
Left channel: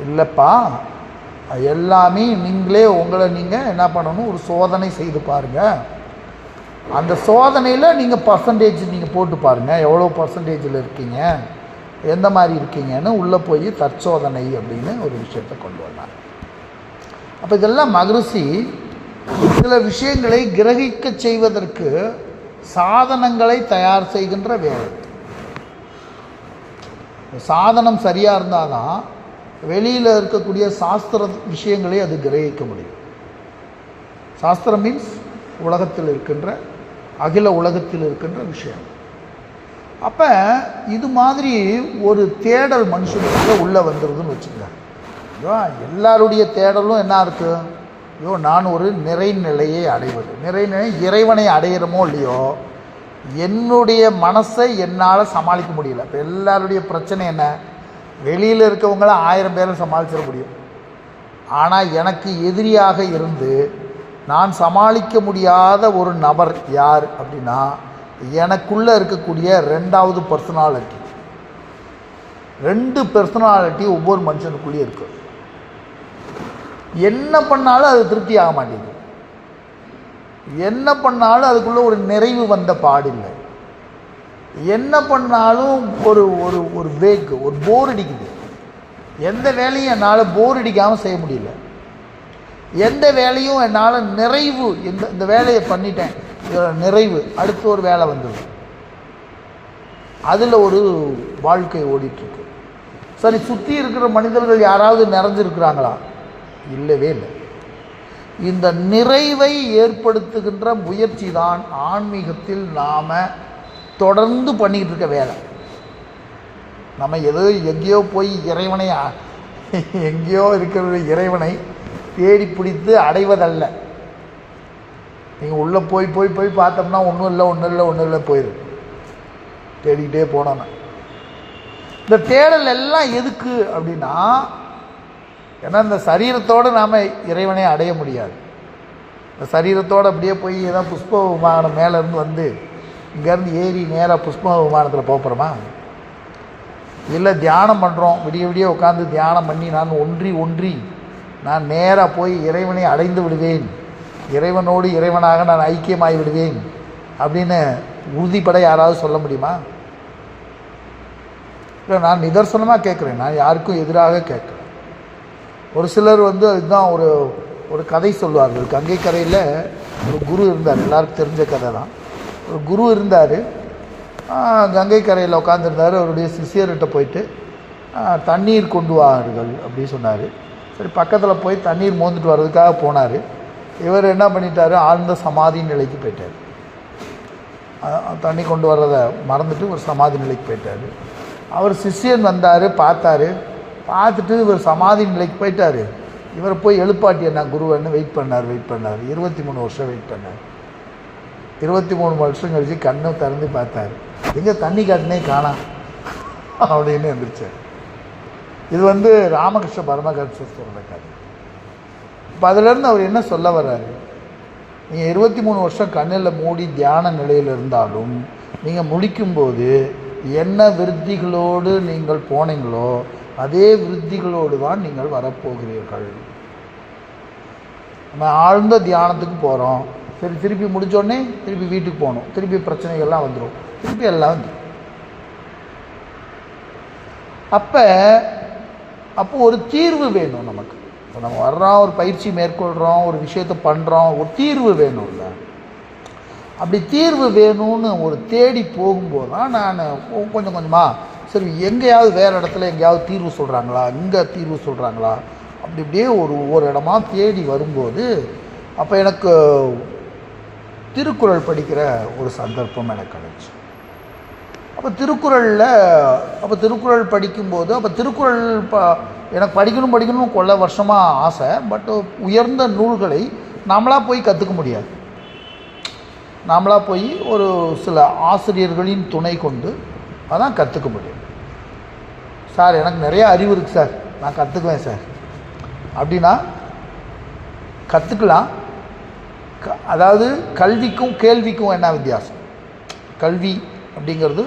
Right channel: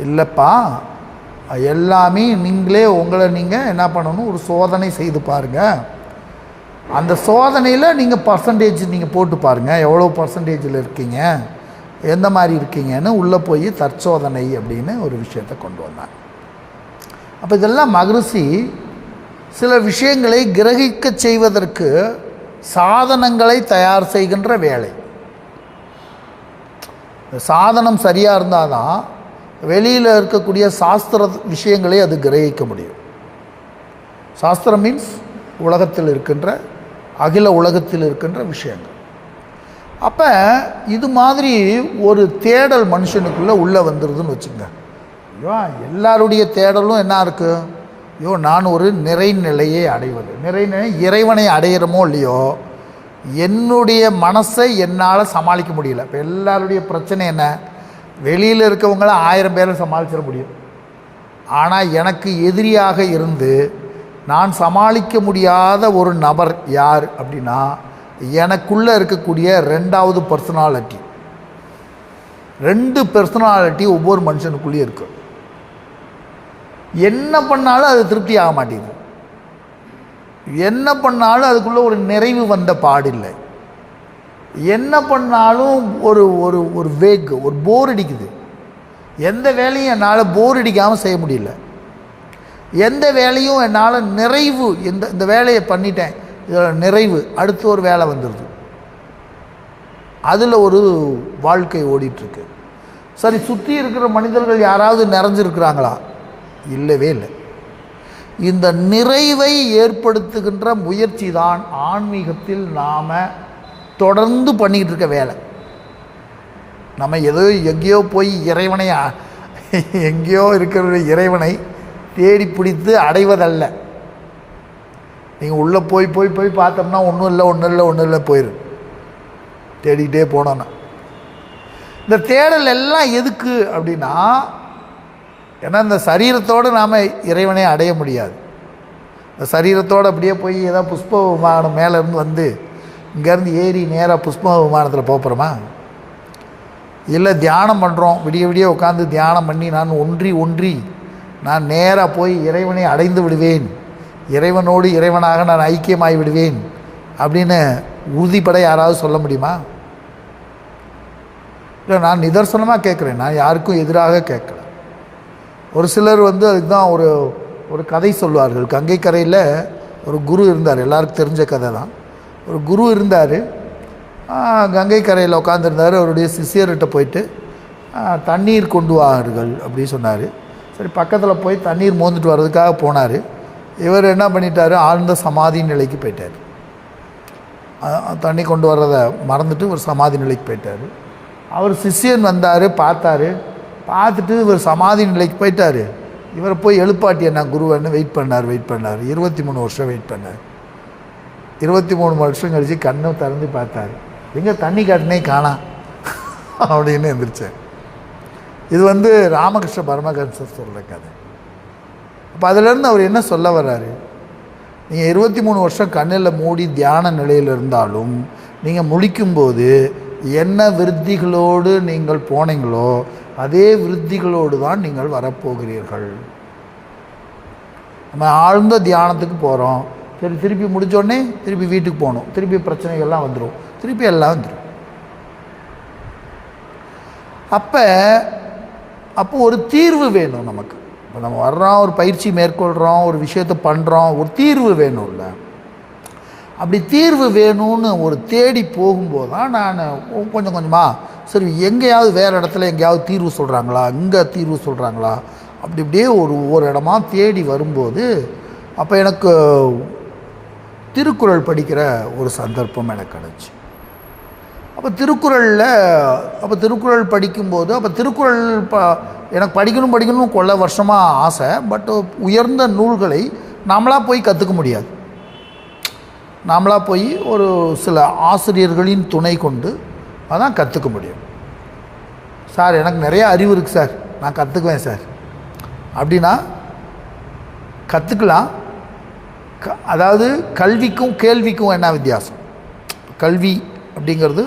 இல்லைப்பா, எல்லாமே நீங்களே உங்களை நீங்கள் என்ன பண்ணணும், ஒரு சோதனை செய்து பாருங்கள். அந்த சோதனையில் நீங்கள் பர்சன்டேஜ் நீங்கள் போட்டு பாருங்கள், எவ்வளோ பர்சன்டேஜில் இருக்கீங்க, எந்த மாதிரி இருக்கீங்கன்னு உள்ளே போய் தற்சோதனை அப்படின்னு ஒரு விஷயத்தை கொண்டு வந்தாங்க. அப்போ இதெல்லாம் மகரிஷி சில விஷயங்களை கிரகிக்க செய்வதற்கு சாதனங்களை தயார் செய்கின்ற வேலை. சாதனம் சரியாக இருந்தால் தான் வெளியில் இருக்கக்கூடிய சாஸ்திர விஷயங்களை அது கிரகிக்க முடியும். சாஸ்திரம் மீன்ஸ் உலகத்தில் இருக்கின்ற, அகில உலகத்தில் இருக்கின்ற விஷயங்கள். அப்போ இது மாதிரி ஒரு தேடல் மனுஷனுக்குள்ளே உள்ளே வந்துடுதுன்னு வச்சுங்க. ஐயோ, எல்லாருடைய தேடலும் என்ன இருக்குது? ஐயோ, நான் ஒரு நிறைநிலையை அடைவது. நிறைநிலை இறைவனை அடையிறமோ இல்லையோ, என்னுடைய மனசை என்னால் சமாளிக்க முடியல. இப்போ எல்லாருடைய பிரச்சனை என்ன? வெளியில் இருக்கவங்கள 1000 பேரை சமாளிச்சிட முடியும், ஆனால் எனக்கு எதிரியாக இருந்து நான் சமாளிக்க முடியாத ஒரு நபர் யார் அப்படின்னா எனக்குள்ளே இருக்கக்கூடிய 2வது பர்சனாலிட்டி. 2 பர்சனாலிட்டி ஒவ்வொரு மனுஷனுக்குள்ளேயும் இருக்குது. என்ன பண்ணாலும் அது திருப்தி ஆக மாட்டேங்குது, என்ன பண்ணாலும் அதுக்குள்ளே ஒரு நிறைவு வந்த பாடில்லை, என்ன பண்ணாலும் ஒரு ஒரு ஒரு வேக், ஒரு போர் அடிக்குது. எந்த வேலையும் என்னால் போர் அடிக்காமல் செய்ய முடியல, எந்த வேலையும் என்னால் நிறைவு, இந்த வேலையை பண்ணிட்டேன் நிறைவு, அடுத்த ஒரு வேலை வந்துடுது. அதில் ஒரு வாழ்க்கை ஓடிட்டுருக்கு. சரி, சுற்றி இருக்கிற மனிதர்கள் யாராவது நிறைஞ்சிருக்கிறாங்களா? இல்லவே இல்லை. இந்த நிறைவை ஏற்படுத்துகின்ற முயற்சி தான் ஆன்மீகத்தில் நாம் தொடர்ந்து பண்ணிக்கிட்டு இருக்க வேலை. நம்ம ஏதோ எங்கேயோ போய் இறைவனை, எங்கேயோ இருக்கிற இறைவனை தேடி பிடித்து அடைவதல்ல. நீங்கள் உள்ளே போய் போய் போய் பார்த்தோம்னா ஒன்றும் இல்லை போயிடும். தேடிக்கிட்டே போனோன்னா. இந்த தேடல் எல்லாம் எதுக்கு அப்படின்னா, ஏன்னா இந்த சரீரத்தோடு நாம் இறைவனை அடைய முடியாது. இந்த சரீரத்தோடு அப்படியே போய் ஏதாவது புஷ்ப விமானம் மேலேருந்து வந்து இங்கேருந்து ஏறி நேராக புஷ்ப விமானத்தில் போகிறோமா? இல்லை தியானம் பண்ணுறோம், விடிய விடிய உட்காந்து தியானம் பண்ணி நான் ஒன்றி நான் நேராக போய் இறைவனை அடைந்து விடுவேன், இறைவனோடு இறைவனாக நான் ஐக்கியமாகி விடுவேன் அப்படின்னு உறுதிப்பட யாராவது சொல்ல முடியுமா? இல்லை, நான் நிதர்சனமாக கேட்குறேன், நான் யாருக்கும் எதிராக கேட்குறேன். ஒரு சிலர் வந்து அதுதான் ஒரு கதை சொல்லுவார்கள். கங்கை கரையில் ஒரு குரு இருந்தார், எல்லாருக்கும் தெரிஞ்ச கதை தான். ஒரு குரு இருந்தார், கங்கை கரையில் உட்காந்துருந்தார். அவருடைய சிஷியர்கிட்ட போயிட்டு தண்ணீர் கொண்டு வார்கள் அப்படின்னு சொன்னார். சரி, பக்கத்தில் போய் தண்ணீர் மோந்துட்டு வர்றதுக்காக போனார். இவர் என்ன பண்ணிட்டார், ஆழ்ந்த சமாதி நிலைக்கு போயிட்டார். தண்ணி கொண்டு வர்றதை மறந்துட்டு ஒரு சமாதி நிலைக்கு போயிட்டார். அவர் சிஷியன் வந்தார், பார்த்துட்டு இவர் சமாதி நிலைக்கு போயிட்டார். இவரை போய் எழுப்பாட்டி என்ன குருவன்னு வெயிட் பண்ணார். 23 வருஷம் வெயிட் பண்ணார். 23 வருஷம் கழிச்சு கண்ணு திறந்து பார்த்தார், எங்கே தண்ணி காட்டினே காணாம் அப்படின்னு எழுந்திரிச்சார். இது வந்து ராமகிருஷ்ண பரமஹம்சர் சொல்கிற கதை. இப்போ அதிலேருந்து அவர் என்ன சொல்ல வர்றாரு, நீங்கள் 23 வருஷம் கண்ணில் மூடி தியான நிலையில் இருந்தாலும் நீங்கள் முழிக்கும்போது என்ன விருத்திகளோடு நீங்கள் போனீங்களோ அதே விருத்திகளோடு தான் நீங்கள் வரப்போகிறீர்கள். நம்ம ஆழ்ந்த தியானத்துக்கு போகிறோம், சரி திருப்பி முடித்தோடனே திருப்பி வீட்டுக்கு போகணும், திருப்பி பிரச்சனைகள்லாம் வந்துடும், திருப்பி எல்லாம் வந்துடும். அப்போ ஒரு தீர்வு வேணும் நமக்கு. இப்போ நம்ம வர்றோம், ஒரு பயிற்சி மேற்கொள்கிறோம், ஒரு விஷயத்தை பண்ணுறோம், ஒரு தீர்வு வேணும்ல. அப்படி தீர்வு வேணும்னு ஒரு தேடி போகும்போது தான் நான் கொஞ்சம் கொஞ்சமாக சரி எங்கேயாவது வேறு இடத்துல எங்கேயாவது தீர்வு சொல்கிறாங்களா, இங்கே தீர்வு சொல்கிறாங்களா, அப்படியே ஒவ்வொரு இடமா தேடி வரும்போது அப்போ எனக்கு திருக்குறள் படிக்கிற ஒரு சந்தர்ப்பம் எனக்கு கிடச்சி. அப்போ திருக்குறள் படிக்கும்போது திருக்குறள் எனக்கு படிக்கணும் கொள்ள வருஷமாக ஆசை. பட் உயர்ந்த நூல்களை நாமளாக போய் கற்றுக்க முடியாது. நாமளாக போய் ஒரு சில ஆசிரியர்களின் துணை கொண்டு அதான் கற்றுக்க முடியும். சார் எனக்கு நிறைய அறிவு இருக்குது சார், நான் கற்றுக்குவேன் சார் அப்படின்னா கற்றுக்கலாம். அதாவது கல்விக்கும் கேள்விக்கும் என்ன வித்தியாசம்? கல்வி அப்படிங்கிறது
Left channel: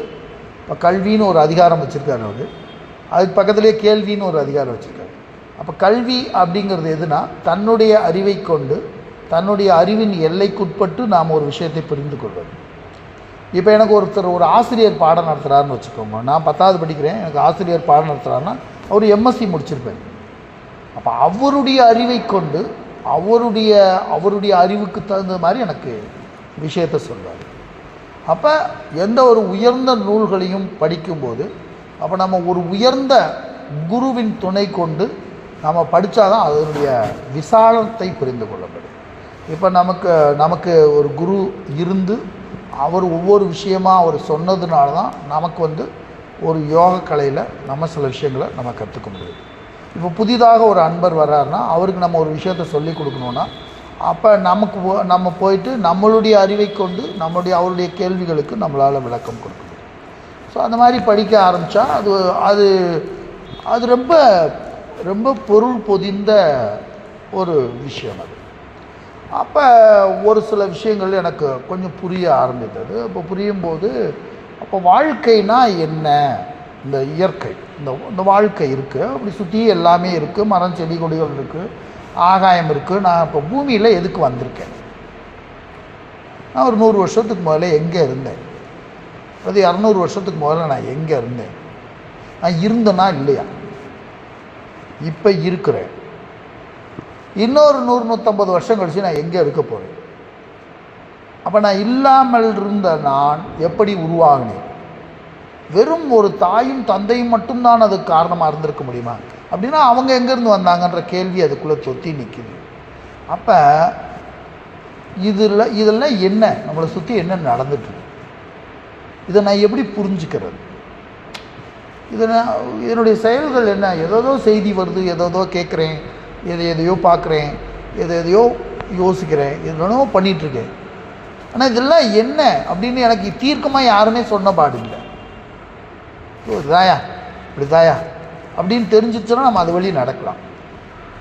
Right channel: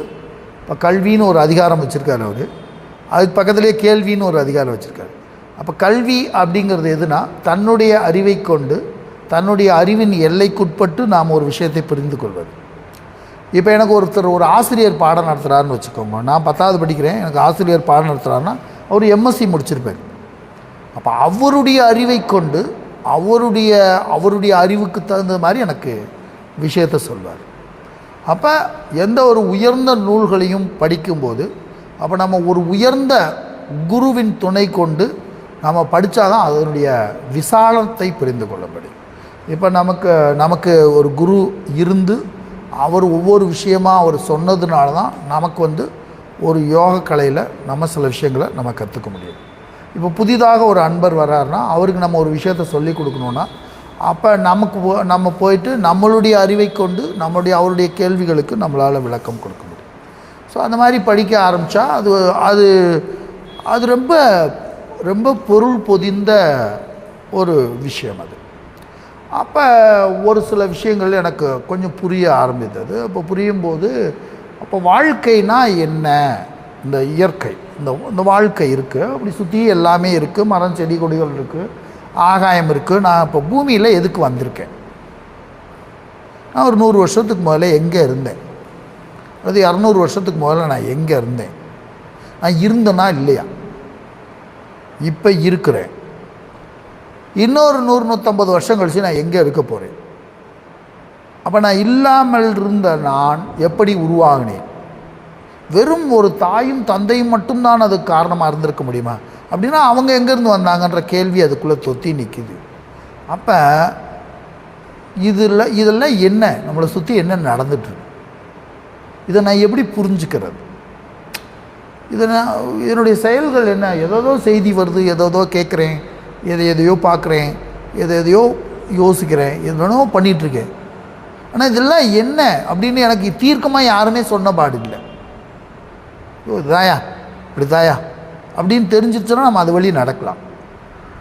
இப்போ கல்வின்னு ஒரு அதிகாரம் வச்சுருக்காரு அவர், அதுக்கு பக்கத்துலேயே கேள்வின்னு ஒரு அதிகாரம் வச்சுருக்காரு. அப்போ கல்வி அப்படிங்கிறது எதுனா, தன்னுடைய அறிவை கொண்டு தன்னுடைய அறிவின் எல்லைக்குட்பட்டு நாம் ஒரு விஷயத்தை புரிந்து கொள்வது. இப்போ எனக்கு ஒரு ஆசிரியர் பாடம் நடத்துகிறாருன்னு வச்சுக்கோங்க. நான் 10வது படிக்கிறேன், எனக்கு ஆசிரியர் பாடம் நடத்துகிறாருன்னா அவர் எம்எஸ்சி முடிச்சிருப்பேன். அப்போ அவருடைய அறிவை கொண்டு அவருடைய அறிவுக்கு தகுந்த மாதிரி எனக்கு விஷயத்தை சொல்வார். அப்போ எந்த ஒரு உயர்ந்த நூல்களையும் படிக்கும்போது அப்போ நம்ம ஒரு உயர்ந்த குருவின் துணை கொண்டு நம்ம படித்தாதான் அதனுடைய விசாலத்தை புரிந்து கொள்ளப்படும். இப்போ நமக்கு ஒரு குரு இருந்து அவர் ஒவ்வொரு விஷயமாக அவர் சொன்னதுனால தான் நமக்கு வந்து ஒரு யோக கலையில் நம்ம சில விஷயங்களை நம்ம கற்றுக்க முடியும். இப்போ புதிதாக ஒரு அன்பர் வர்றாருன்னா அவருக்கு நம்ம ஒரு விஷயத்தை சொல்லி கொடுக்கணுன்னா அப்போ நம்ம போயிட்டு நம்மளுடைய அறிவை கொண்டு அவருடைய கேள்விகளுக்கு நம்மளால் விளக்கம் கொடுக்க முடியும். ஸோ அந்த மாதிரி படிக்க ஆரம்பித்தா அது ரொம்ப ரொம்ப பொருள் பொதிந்த ஒரு விஷயம் அது. அப்போ ஒரு சில விஷயங்கள் எனக்கு கொஞ்சம் புரிய ஆரம்பித்தது. அப்போ புரியும்போது அப்போ வாழ்க்கைனா என்ன, இந்த இயற்கை இந்த வாழ்க்கை இருக்குது, அப்படி சுற்றி எல்லாமே இருக்குது, மரம் செடி கொடிகள் இருக்குது, ஆகாயம் இருக்குது. நான் இப்போ பூமியில் எதுக்கு வந்திருக்கேன்? நான் ஒரு 100 வருஷத்துக்கு முதல்ல எங்கே இருந்தேன், அது 200 வருஷத்துக்கு முதல்ல நான் எங்கே இருந்தேன், நான் இருந்தேனா இல்லையா, இப்போ இருக்கிறேன், இன்னொரு 100-150 வருஷம் கழிச்சு நான் எங்கே இருக்க போகிறேன், அப்போ நான் இல்லாமல் இருந்த நான் எப்படி உருவாகினேன், வெறும் ஒரு தாயும் தந்தையும் மட்டும்தான் அதுக்கு காரணமாக இருந்திருக்க முடியுமா அப்படின்னா அவங்க எங்கேருந்து வந்தாங்கன்ற கேள்வி அதுக்குள்ளே தொத்தி நிற்கிது. அப்போ இதெல்லாம் என்ன, நம்மளை சுற்றி என்ன நடந்துட்டுருக்கு, இதை நான் எப்படி புரிஞ்சுக்கிறது, இதனுடைய செயல்கள் என்ன, ஏதோ செய்தி வருது, ஏதோ கேட்குறேன், எதையோ பார்க்குறேன், எதையோ யோசிக்கிறேன், எதுனோ பண்ணிகிட்ருக்கேன். ஆனால் இதெல்லாம் என்ன அப்படின்னு எனக்கு தீர்க்கமாக யாருமே சொன்ன பாடு இல்லை. இதாயா இப்படி தாயா அப்படின்னு தெரிஞ்சிச்சுன்னா நம்ம அது வழி நடக்கலாம்.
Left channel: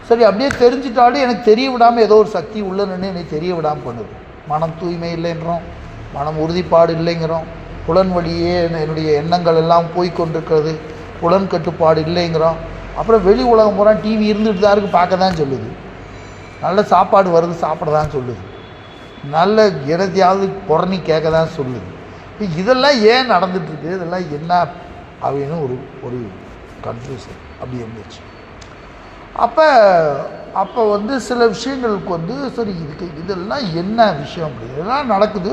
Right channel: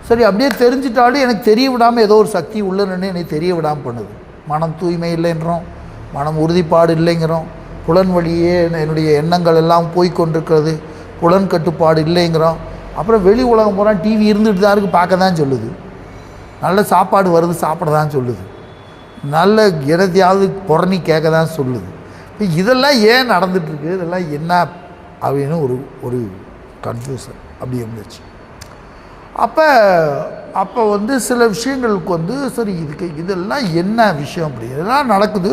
சரி, அப்படியே தெரிஞ்சிட்டாலும் எனக்கு தெரிய விடாமல் ஏதோ ஒரு சக்தி உள்ள நின்று எனக்கு தெரிய விடாமல் பண்ணுது. மனம் தூய்மை இல்லைன்றோம், மனம் உறுதிப்பாடு இல்லைங்கிறோம், புலன் வழியே என்னுடைய எண்ணங்கள் எல்லாம் போய்கொண்டிருக்கிறது, புலன் கட்டுப்பாடு இல்லைங்கிறோம். அப்புறம் வெளி உலகம் பூரா டிவி இருந்துகிட்டு தான் இருக்குது, பார்க்க தான் சொல்லுது. நல்ல சாப்பாடு வருது, சாப்பிட தான் சொல்லுது. நல்ல இடத்தையாவது புறணி கேட்க தான் சொல்லுது. இப்போ இதெல்லாம் ஏன் நடந்துகிட்ருக்கு, இதெல்லாம் என்ன அப்படின்னு ஒரு கன்ஃபியூஷன் அப்படி இருந்துச்சு. அப்போ சில விஷயங்களுக்கு சரி இதெல்லாம் என்ன விஷயம், அப்படி இதெல்லாம் நடக்குது.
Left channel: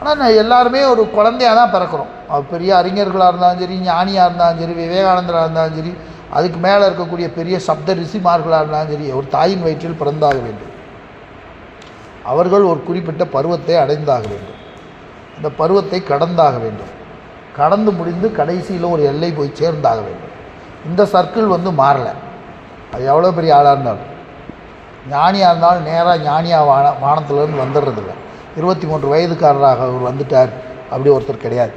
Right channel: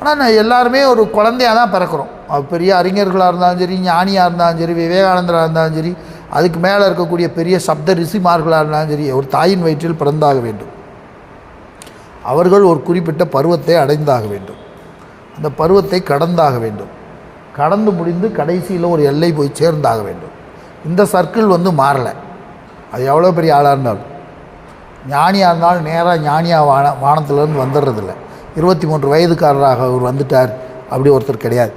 ஆனால் எல்லாருமே ஒரு குழந்தையாக தான் பிறக்கிறோம். பெரிய அறிஞர்களாக இருந்தாலும் சரி, ஞானியாக இருந்தாலும் சரி, விவேகானந்தராக இருந்தாலும் சரி, அதுக்கு மேலே இருக்கக்கூடிய பெரிய சப்த ரிஷிமார்களாக இருந்தாலும் சரி, ஒரு தாயின் வயிற்றில் பிறந்தாக வேண்டும். அவர்கள் ஒரு குறிப்பிட்ட பருவத்தை அடைந்தாக வேண்டும். அந்த பருவத்தை கடந்தாக வேண்டும். கடந்து முடிந்து கடைசியில் ஒரு எல்லை போய் சேர்ந்தாக வேண்டும். இந்த சர்க்கிள் மாறலை. அது எவ்வளோ பெரிய ஆளாக இருந்தாலும், ஞானியாக இருந்தாலும் நேராக ஞானியாக வானத்திலேருந்து வந்துடுறதில்ல. 23 வயதுக்காரராக அவர் வந்துட்டார் அப்படி ஒருத்தர் கிடையாது.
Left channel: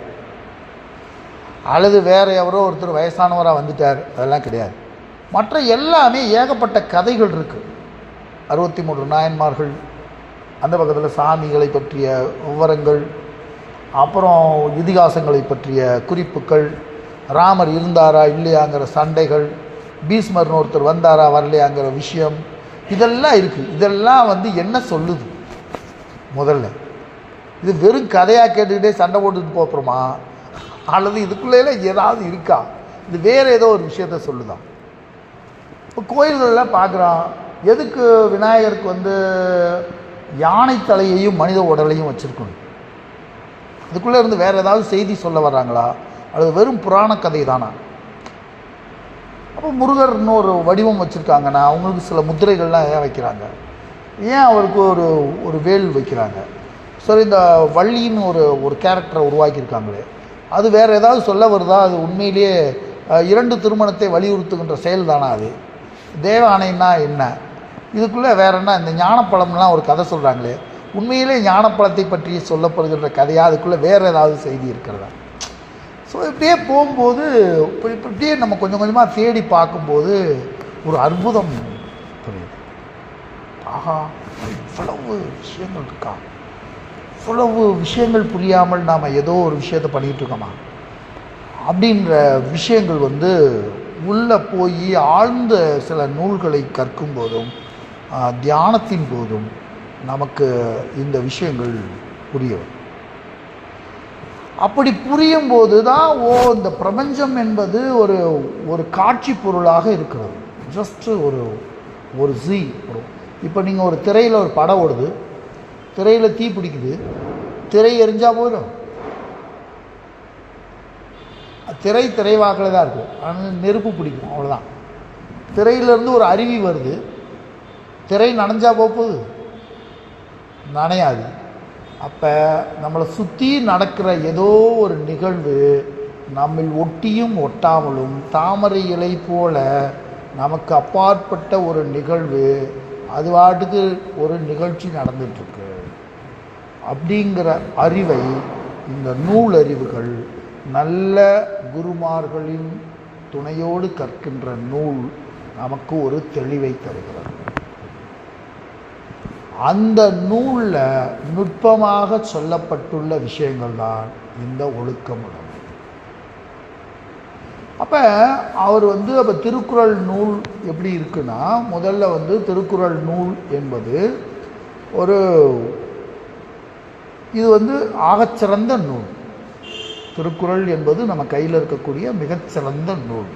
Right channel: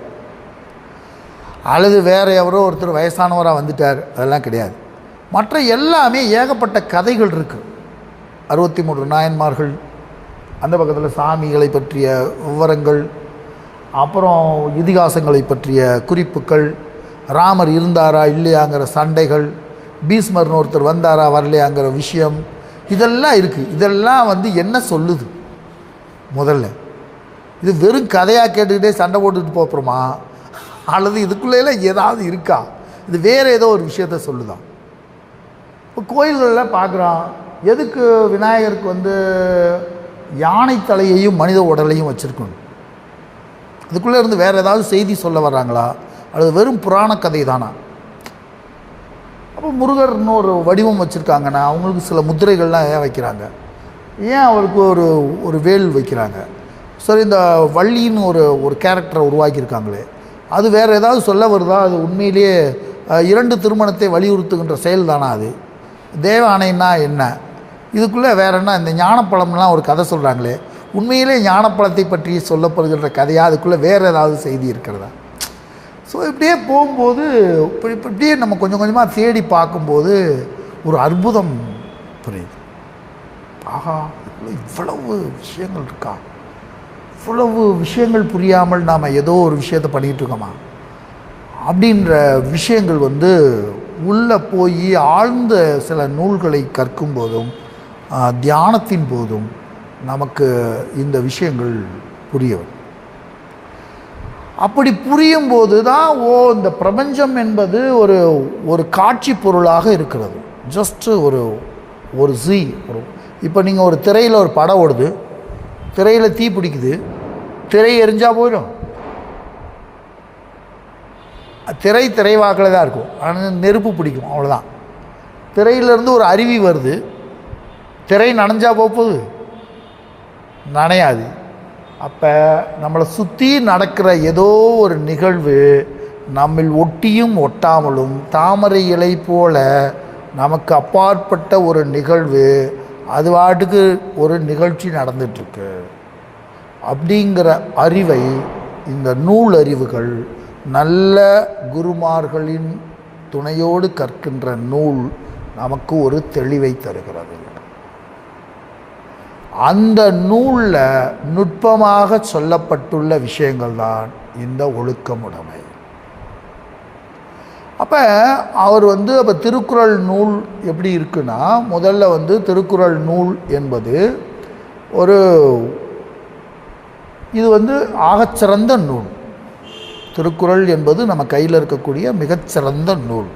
அல்லது வேறு எவரோ ஒருத்தர் வயசானவராக வந்துட்டார், அதெல்லாம் கிடையாது. மற்ற எல்லாமே ஏகப்பட்ட கதைகள் இருக்குது. 63 நாயன்மார்கள், அந்த பக்கத்தில் சாமிகளை பற்றிய விவரங்கள், அப்புறம் இதிகாசங்களை பற்றிய குறிப்புகள், ராமர் இருந்தாரா இல்லையாங்கிற சண்டைகள், பீஷ்மர்னு ஒருத்தர் வந்தாரா வரலையாங்கிற விஷயம், இதெல்லாம் இருக்குது. இதெல்லாம் என்ன சொல்லுது? முதல்ல இது வெறும் கதையாக கேட்டுக்கிட்டே சண்டை போட்டுக்கிட்டு போகிறோமா, அல்லது இதுக்குள்ளேலாம் ஏதாவது இருக்கா? இது வேறு ஏதோ ஒரு விஷயத்த சொல்லுதான். இப்போ கோயில்களெலாம் பார்க்குறோம், எதுக்கு விநாயகருக்கு யானை தலையையும் மனித உடலையும் வச்சுருக்கணும்? அதுக்குள்ளே இருந்து வேறு ஏதாவது செய்தி சொல்ல வர்றாங்களா, அல்லது வெறும் புராண கதை தானா? அப்போ முருகர்னு ஒரு வடிவம் வச்சுருக்காங்கன்னா அவங்களுக்கு சில முத்திரைகள்லாம் ஏன் வைக்கிறாங்க? ஏன் அவருக்கு ஒரு வேல் வைக்கிறாங்க? சரி, இந்த வள்ளின்னு ஒரு கேரக்டரை உருவாக்கியிருக்காங்களே, அது வேறு ஏதாவது சொல்ல வருதா? அது உண்மையிலேயே 2 திருமணத்தை வலியுறுத்துகின்ற செயல் தானா? அது தேவ ஆணைன்னா என்ன? இதுக்குள்ளே வேறு என்ன? இந்த ஞானப்பழம்லாம் ஒரு கதை சொல்கிறாங்களே, உண்மையிலே ஞானப்பழத்தை பற்றி சொல்லப்படுகின்ற கதையாக? அதுக்குள்ளே வேறு ஏதாவது செய்தி இருக்கிறதா? ஸோ இப்படியே போகும்போது இப்படியே நம்ம கொஞ்சம் கொஞ்சமாக தேடி பார்க்கும்போது ஒரு அற்புதம் புரியுது. ஆஹா, இவ்வளவு விஷயங்கள் இருக்கா, இவ்வளவு விஷயங்கள் புரியாமல் நாம் ஏதோ ஒரு விஷயத்தை பண்ணிகிட்டு இருக்கோமா அப்படின்ற விஷயங்கள் உள்ளே போய் ஆழ்ந்த சில நூல்களை கற்கும் போதும் தியானத்தின் போதும் நமக்கு இந்த விஷயங்கள் புரிய வரும். அப்படி புரியும் போது தான் இந்த பிரபஞ்சம் என்பது ஒரு காட்சி பொருளாக இருக்கிறது. ஜஸ்ட்டு ஒரு இப்போ நீங்கள் ஒரு திரையில் ஒரு படம் ஓடுது, திரையில் தீ பிடிக்குது, திரை எரிஞ்சால் போயிடும். திரைவாக்கில் தான் இருக்கும், ஆனால் நெருப்பு பிடிக்கும், அவ்வளோதான். திரையிலேருந்து ஒரு அருவி வருது, திரை நனைஞ்சா போகுது? நனையாது. அப்போ நம்மளை சுற்றி நடக்கிற ஏதோ ஒரு நிகழ்வு நம்மில் ஒட்டியும் ஒட்டாமலும் தாமரை இலை போல நமக்கு அப்பாற்பட்ட ஒரு நிகழ்வு, அது பாட்டுக்கு ஒரு நிகழ்ச்சி நடந்துகிட்ருக்கு அப்படிங்கிற அறிவை இந்த நூல் அறிவுகள், நல்ல குருமார்களின் துணையோடு கற்கின்ற நூல் நமக்கு ஒரு தெளிவை தருகிறது. அந்த நூலில் நுட்பமாக சொல்லப்பட்டுள்ள விஷயங்கள் தான் இந்த ஒழுக்கமுடைமை. அப்போ அவர் அப்போ திருக்குறள் நூல் எப்படி இருக்குன்னா, முதல்ல திருக்குறள் நூல் என்பது இது ஆகச்சிறந்த நூல். திருக்குறள் என்பது நம்ம கையில் இருக்கக்கூடிய மிகச்சிறந்த நூல்.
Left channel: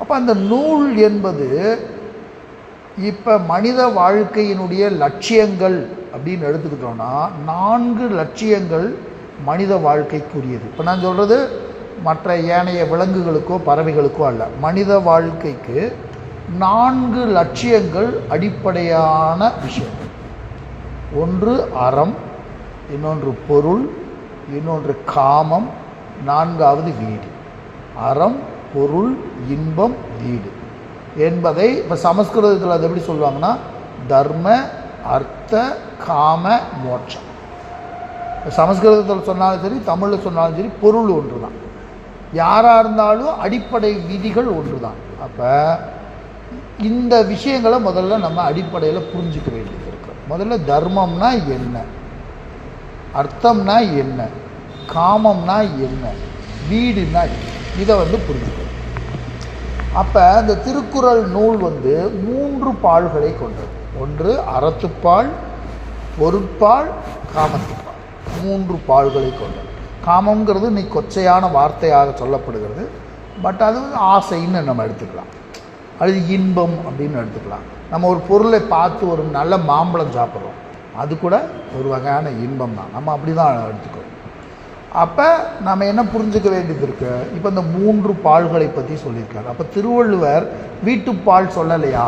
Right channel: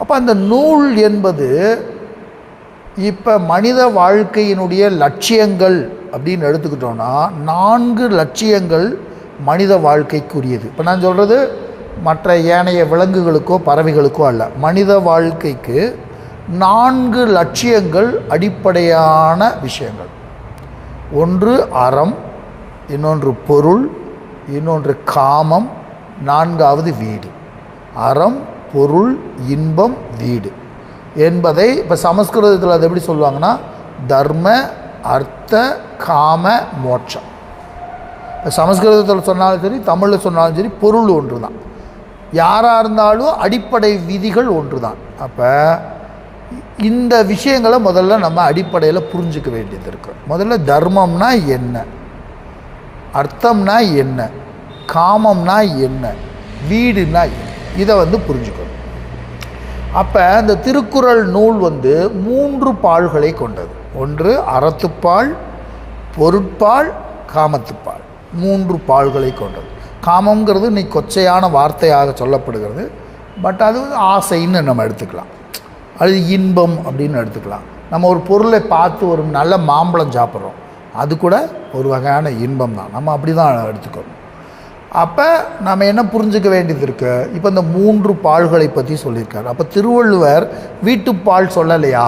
அப்போ அந்த நூல் என்பது இப்போ மனித வாழ்க்கையினுடைய லட்சியங்கள் அப்படின்னு எடுத்துக்கிட்டோன்னா 4 லட்சியங்கள் மனித வாழ்க்கைக்குரியது. இப்போ நான் சொல்கிறது மற்ற ஏனைய விலங்குகளுக்கோ பறவைகளுக்கோ அல்ல, மனித வாழ்க்கைக்கு 4 லட்சியங்கள் அடிப்படையான விஷயங்கள். ஒன்று அறம், இன்னொன்று பொருள், இன்னொன்று காமம், 4வது வீடு. அறம், பொருள், இன்பம், வீடு என்பதை இப்போ சமஸ்கிருதத்தில் அது எப்படி சொல்லுவாங்கன்னா தர்ம, அர்த்த, காம, மோட்சம். இப்போ சமஸ்கிருதத்தில் சொன்னாலும் சரி, தமிழில் சொன்னாலும் சரி, பொருள் ஒன்று தான். யாராக இருந்தாலும் அடிப்படை விதிகள் ஒன்று தான். அப்போ இந்த விஷயங்களை முதல்ல நம்ம அடிப்படையில் புரிஞ்சுக்க வேண்டியது இருக்கு. முதல்ல தர்மம்னா என்ன, அர்த்தம்னா என்ன, காமம்னா என்ன, வீடுனா இதை புரிஞ்சுக்கணும். அப்போ அந்த திருக்குறள் நூல் 3 பால்களை கொண்டது. ஒன்று அறத்துப்பால், பொருட்பால், காமத்துப்பால். 3 பால்களை கொண்டது. காமங்கிறது இன்னைக்கு கொச்சையான வார்த்தையாக சொல்லப்படுகிறது. பட் அது ஆசைன்னு நம்ம எடுத்துக்கலாம், அது இன்பம் அப்படின்னு எடுத்துக்கலாம். நம்ம ஒரு பொருளை பார்த்து ஒரு நல்ல மாம்பழம் சாப்பிட்றோம், அது கூட ஒரு வகையான இன்பம் தான். நம்ம அப்படி தான் எடுத்துக்கணும். அப்போ நம்ம என்ன புரிஞ்சுக்க வேண்டியது இருக்கு, இப்போ இந்த 3 பால்களை பற்றி சொல்லியிருக்காரு. அப்போ திருவள்ளுவர் வீட்டுப்பால் சொல்லலையா,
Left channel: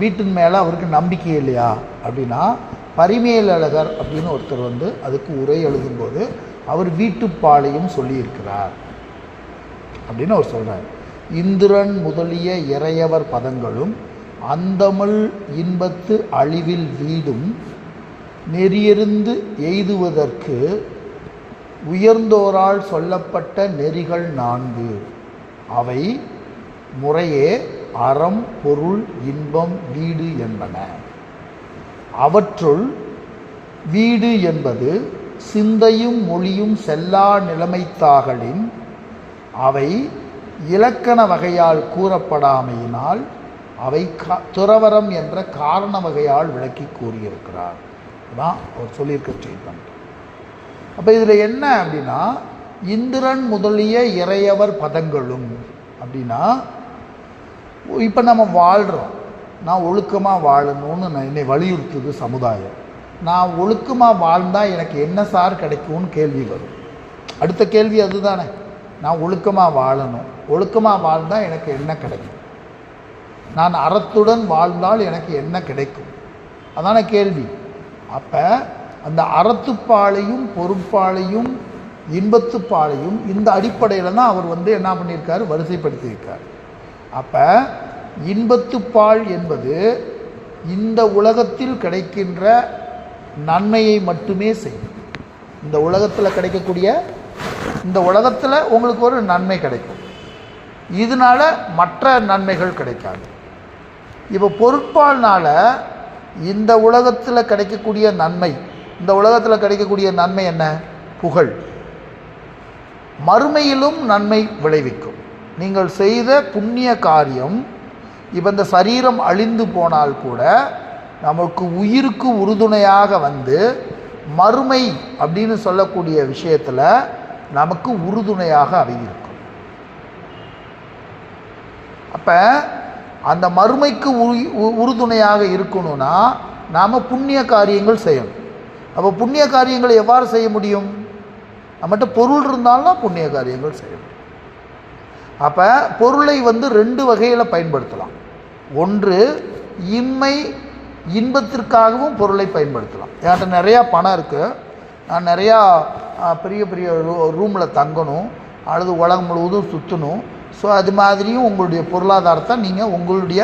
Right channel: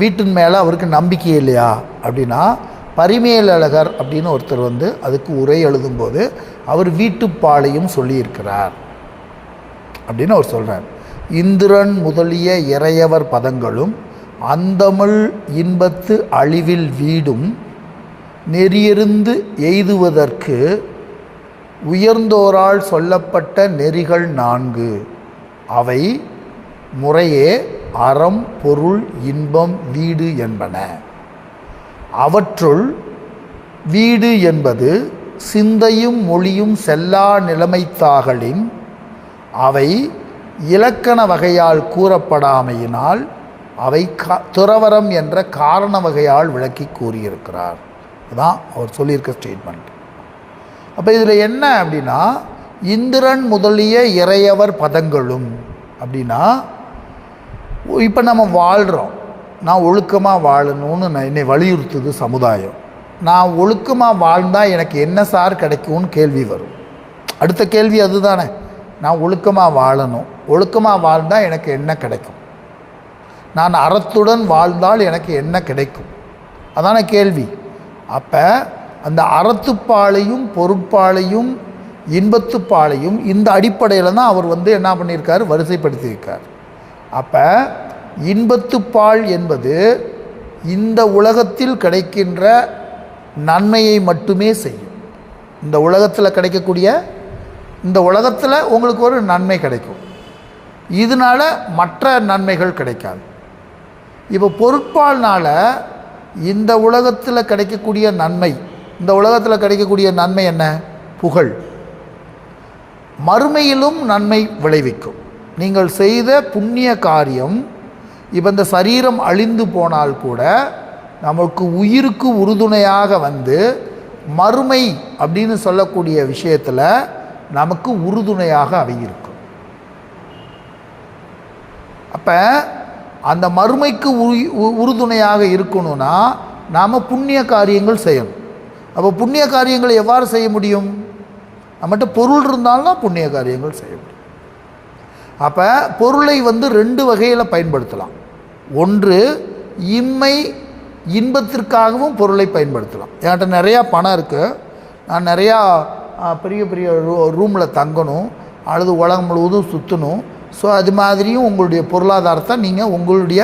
வீட்டின் மேலே அவருக்கு நம்பிக்கை இல்லையா அப்படின்னா, பரிமேலழகர் அப்படின்னு ஒருத்தர் அதுக்கு உரை எழுதும்போது அவர் வீட்டுப்பாலையும் சொல்லியிருக்கிறார் அப்படின்னு அவர் சொல்கிறார். இந்திரன் முதலிய இறையவர் பதங்களும் அந்தமிழ் இன்பத்து அழிவில் வீடும் நெறியறிந்து எய்துவதற்கு உயர்ந்தோரால் சொல்லப்பட்ட நெறிகள் 4. அவை முறையே அறம், பொருள், இன்பம், வீடு என்பன. அவற்றுள் வீடு என்பது சிந்தையும் மொழியும் செல்லா நிலைமைத்தாகலின் அவை இலக்கண வகையால் கூறப்படாமையினால் அவை துறவரம் என்ற காரண வகையால் விளக்கி கூறியிருக்கிறார். அதுதான் அவர் சொல்லியிருக்க ஸ்டேட்மெண்ட். அப்போ இதில் என்ன அப்படின்னா, இந்திரன் முதலிய இறையவர் பதங்களும் அப்படின்னா, இப்போ நம்ம வாழ்கிறோம், நான் ஒழுக்கமாக வாழணும்னு என்னை வலியுறுத்துது சமுதாயம். நான் ஒழுக்கமாக வாழ்ந்தால் எனக்கு என்ன சார் கிடைக்கும்னு கேள்வி வரும். அடுத்த கேள்வி அதுதானே, நான் ஒழுக்கமாக வாழணும், ஒழுக்கமாக வாழ்ந்தால் எனக்கு என்ன கிடைக்கும், நான் அறத்துடன் வாழ்ந்தால் எனக்கு என்ன கிடைக்கும், அதான கேள்வி. அப்போ அந்த அறத்துப்பாலையும் பொருட்பாலையும் இன்பத்துப்பாலையும் இந்த அடிப்படையில் தான் அவர் என்ன பண்ணியிருக்காரு, வரிசைப்படுத்தியிருக்கார். அப்போ இன்பத்துப்பால் என்பது இந்த உலகத்தில் கிடைக்கின்ற நன்மையை மட்டுமே செய்யும். இந்த உலகத்தில் கிடைக்கக்கூடிய, இந்த உலகத்தில் உங்களுக்கு ஒரு நன்மை கிடைக்கும், இதனால் மற்ற நன்மைகள் கிடைக்காது. இப்போ பொருட்பால்னால் இந்த உலகத்தில் கிடைக்கக்கூடிய நன்மை, இந்த உலகத்தில் கிடைக்கக்கூடிய நன்மை என்ன, புகழ். மறுமையிலும் நன்மை விளைவிக்கும். நீங்கள் செய்த புண்ணிய காரியம் இப்போ இந்த சரீரம் அழிந்து போனால் கூட நமக்கு உயிருக்கு உறுதுணையாக மறுமை அப்படின்னு சொல்லக்கூடிய விஷயத்தில் நமக்கு உறுதுணையாக அவை இருக்கும். அப்போ அந்த மறுமைக்கு உறுதுணையாக இருக்கணும்னா நாம் புண்ணிய காரியங்கள் செய்யணும். அப்போ புண்ணிய காரியங்களை எவ்வாறு செய்ய முடியும், நம்மகிட்ட பொருள் இருந்தால்தான் புண்ணிய காரியங்கள் செய்ய முடியும். அப்போ பொருளை 2 வகையில் பயன்படுத்தலாம். ஒன்று, இம்மை இன்பத்திற்காகவும் பொருளை பயன்படுத்தலாம். என்கிட்ட நிறையா பணம் இருக்குது, நான் நிறையா பெரிய பெரிய ரூமில் தங்கணும் அல்லது உலகம் முழுவதும் சுற்றணும். ஸோ அது மாதிரியும் உங்களுடைய பொருளாதாரத்தை நீங்கள் உங்களுடைய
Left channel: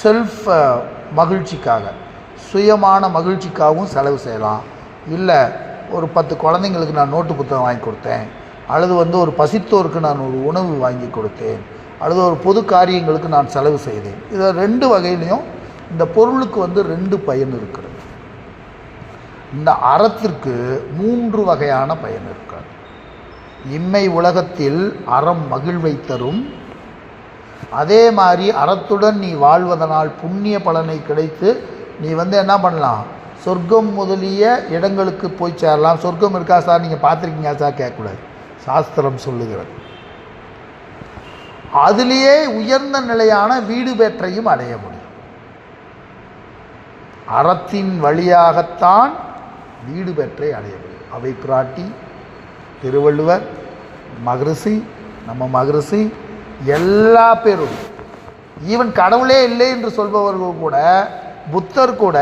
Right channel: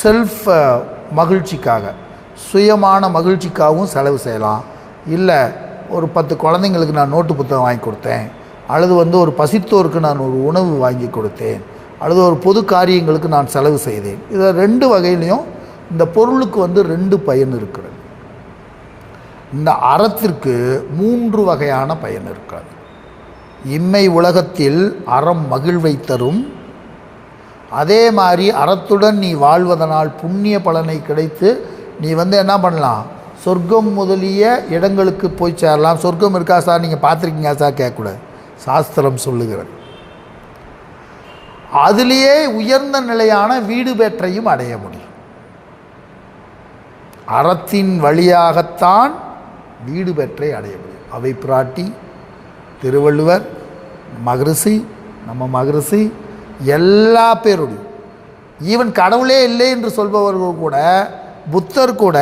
செல்ஃப் மகிழ்ச்சிக்காக, சுயமான மகிழ்ச்சிக்காகவும் செலவு செய்யலாம். இல்லை, ஒரு 10 குழந்தைங்களுக்கு நான் நோட்டு புத்தகம் வாங்கி கொடுத்தேன், அல்லது ஒரு பசித்தோருக்கு நான் ஒரு உணவு வாங்கி கொடுத்தேன், அல்லது ஒரு பொது காரியங்களுக்கு நான் செலவு செய்தேன். இதில் 2 வகையிலையும் இந்த பொருளுக்கு 2 பயன் இருக்கிறது. இந்த அறத்திற்கு 3 வகையான பயன் இருக்கிறது. இம்மை உலகத்தில் அறம் மகிழ்வை தரும், அதே மாதிரி அறத்துடன் நீ வாழ்வதனால் புண்ணிய பலனை கிடைத்து நீ என்ன பண்ணலாம், சொர்க்கம் முதலிய இடங்களுக்கு போய் சேரலாம். சொர்க்கம் இருக்கா சார், நீங்கள் பார்த்துருக்கீங்க சார் கேட்கக்கூடாது, சாஸ்திரம் சொல்லுகிறது. அதிலேயே உயர்ந்த நிலையான வீடு பெற்றையும் அடைய முடியும். அறத்தின் வழியாகத்தான் வீடு பெற்றை அடைய முடியும். அவை பிராட்டி, திருவள்ளுவர், மகரிஷி, நம்ம மகரிஷி, எல்லா பேரும், ஈவன் கடவுளே இல்லை என்று சொல்பவர்கள் கூட, புத்தர் கூட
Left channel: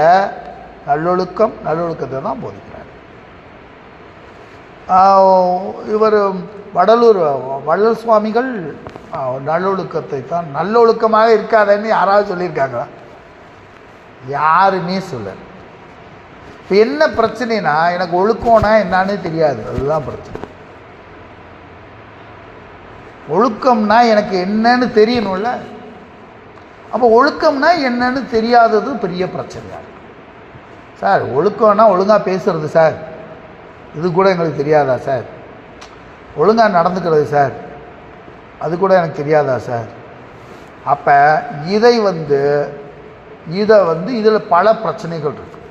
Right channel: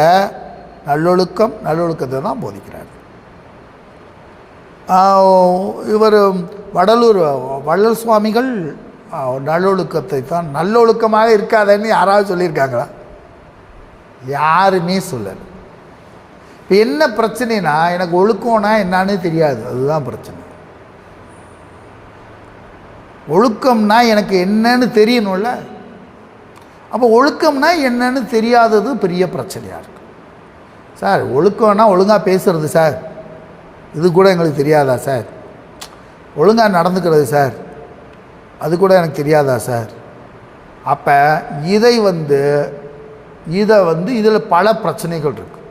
நல்லொழுக்கத்தை தான் போதிக்கிறார். இவர் வள்ளல் சுவாமிகள் நல்லொழுக்கத்தை தான், நல்லொழுக்கமாக இருக்காதன்னு யாராவது சொல்லியிருக்காங்களா? யாருமே சொல்லலை. இப்போ என்ன பிரச்சனைனா, எனக்கு ஒழுக்கம்னா என்னான்னு தெரியாது, அதுதான் பிரச்சனை. ஒழுக்கம்னா எனக்கு என்னன்னு தெரியணும்ல. அப்போ ஒழுக்கம்னா என்னன்னு தெரியாதது பெரிய பிரச்சனையாக இருக்குது. சார் ஒழுக்கம்னா ஒழுங்காக பேசுகிறது சார், இது கூட எங்களுக்கு தெரியாதா சார்? ஒழுங்காக நடந்துக்கிறது சார், அது கூட எனக்கு தெரியாதா சார்? அப்போ இதில் பல பிரச்சனைகள் இருக்குது.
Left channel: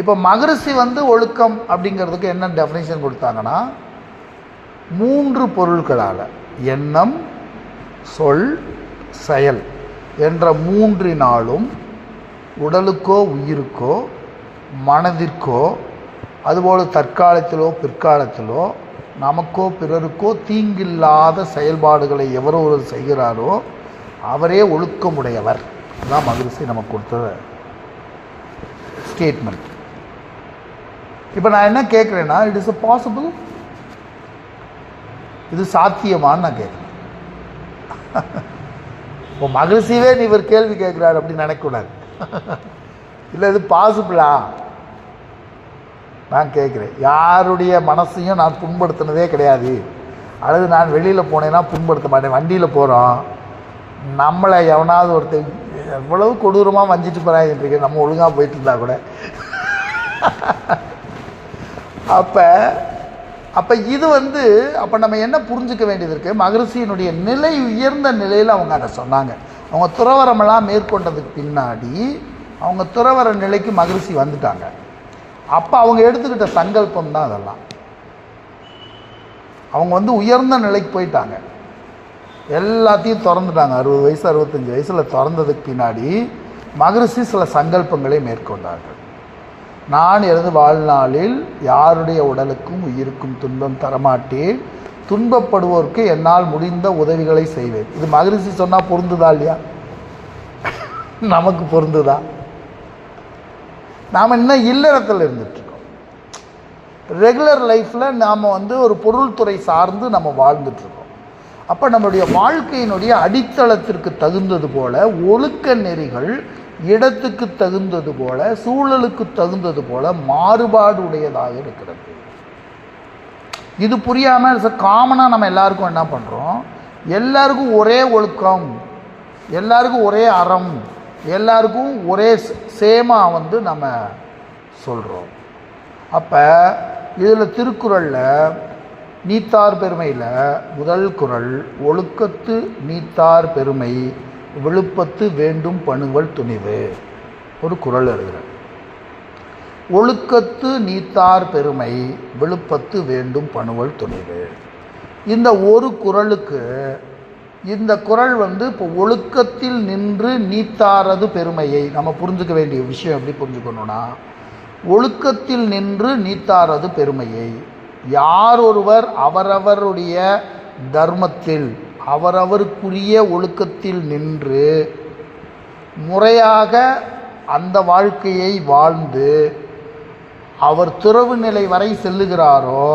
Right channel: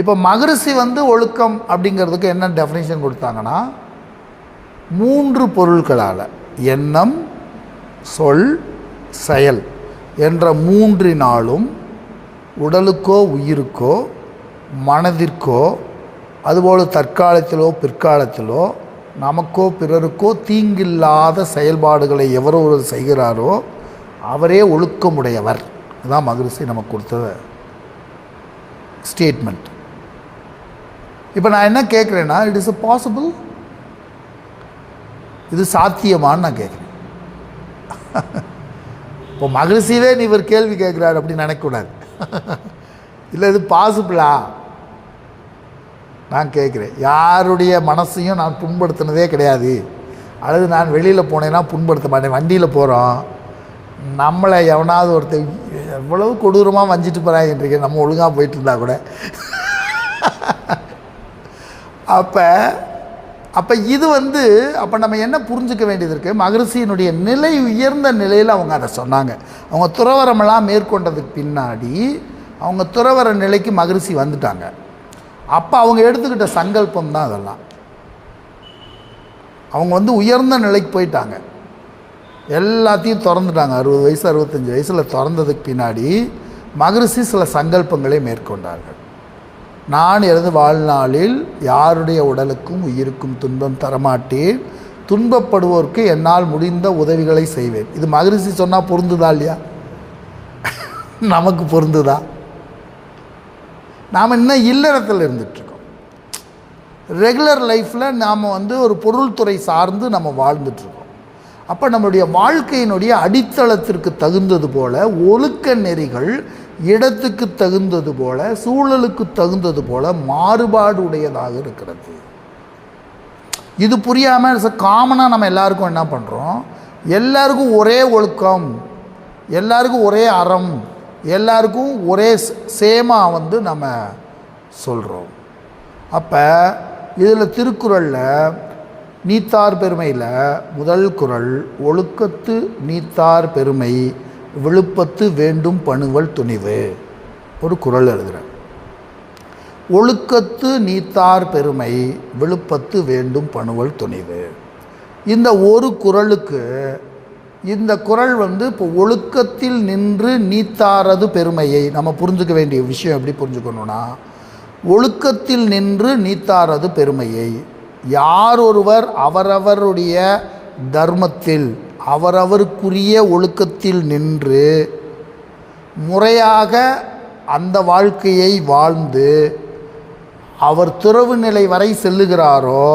இப்போ மகரிஷி ஒழுக்கம் அப்படிங்கிறதுக்கு என்ன டெஃபினேஷன் கொடுத்தாங்கன்னா, 3 பொருட்களால் எண்ணம், சொல், செயல் என்ற 3னாலும் உடலுக்கோ உயிருக்கோ மனதிற்கோ அதுபோல் தற்காலத்திலோ பிற்காலத்திலோ நமக்கோ பிறருக்கோ தீங்கில்லாத செயல்பாடுகளை எவரொரு செய்கிறாரோ அவரே ஒழுக்கமுடையவர். அதுதான் மகரிஷி நமக்கு கொடுத்த ஸ்டேட்மெண்ட். இப்போ நான் என்ன கேட்குறேன்னா, இட் இஸ் பாசிபிள், இது சாத்தியமான்னு நான் கேட்குறேன். இப்போ மகரிஷியே நீ இவர் கேள்வி கேட்குறாரு அப்படின்னு நினைக்கக்கூடாது. இல்லை இது பாசிபிளா நான் கேட்குறேன். யாருடைய மனசையும் நான் புண்படுத்தினதே கிடையாது, அல்லது நான் வெளியில் போனேன்னா புண்படுத்த மாட்டேன். வண்டியில் போகிறோம், நம்மளை எவனாவது ஒருத்தர் எவ்வளவு கொடூரமாக வஞ்சிட்டு போகிறாங்கன்றீங்க, நம்ம ஒழுங்காக போயிட்டு இருந்தா கூட. அப்போ இது அப்போ நம்ம என்ன புரிஞ்சுக்க வேண்டியது இருக்குது, மகரிஷியினுடைய நிலை உயர்ந்த நிலையில் அவங்க அதை சொன்னாங்க. அவங்க துறவரமெல்லாம் மேற்கொண்டதுக்கு பின்னாடி அவங்க துறவர நிலைக்கு மகரிஷி வந்துட்டாங்க. அப்போ அவங்க எடுத்துக்கிட்ட சங்கல்பம் தான் அதெல்லாம். அவங்க உயர்ந்த நிலைக்கு போயிட்டாங்க, எல்லாத்தையும் திறந்துட்டாங்க. 60 வயசு 65 வயசில் திறந்ததுக்கு பின்னாடி மகரிஷி சில சங்கல்பங்களை மேற்கொண்டார்கள். நான் எனது வாழ்நாளில் யாருடைய உடலுக்கும் உயிருக்கும் துன்பம் தரமாட்டேன், துன்பப்படுவோருக்கு என்னால் முடிந்த உதவிகளை செய்வேன். இது மகரிஷி சொன்னால் பொருந்துதா இல்லையா? நமக்கு பொருந்துதா? நாம் இன்னும் இல்லறத்தில் இருந்துகிட்ருக்கோம். ரெகுலர் லைஃப்பில் நாம் ஒரு பொருள்துறை சார்ந்து நம்ம வாழ்ந்துட்டுருக்கோம். அப்போ நம்மளுடைய வாழ்க்கையினுடைய அடித்தளத்திற்கு தகுந்தது போல் ஒழுக்க நெறிகள் இடத்துக்கு தகுந்தது போல சூழலுக்கு தகுந்தது போல மாறுபாடுடையதாக இருக்கிறது. இது புரியாமல் காமனாக நம்ம எல்லாருக்கும் என்ன பண்ணுறோம், எல்லாருக்கும் ஒரே ஒழுக்கம், எல்லாருக்கும் ஒரே அறம், எல்லாருக்கும் ஒரே சேமாக நம்ம சொல்கிறோம். அப்போ இதில் திருக்குறளில் நீத்தார் பெருமையில் முதல் குறள், ஒழுக்கத்து நீத்தார் பெருமை விழுப்பத்து வேண்டும் பணுவல் துணிவு, ஒரு குறள் எழுதுகிறேன். ஒழுக்கத்து நீத்தார் பெருமை விழுப்பத்து வேண்டும் பணுவல் துணிவு. இந்த ஒரு குறளுக்கு இந்த குறள் இப்போ ஒழுக்கத்தில் நின்று நீத்தாரது பெருமையை நம்ம புரிஞ்சுக்க வேண்டிய விஷயம் எப்படி புரிஞ்சுக்கணும்னா, ஒழுக்கத்தில் நின்று நீத்தாரது பெருமையை யார் ஒருவர் அவரவருடைய தர்மத்தில் அவரவருக்குரிய ஒழுக்கத்தில் நின்று முறையாக அந்த வாழ்க்கையை வாழ்ந்து அவர் துறவு நிலை வரை செல்லுகிறாரோ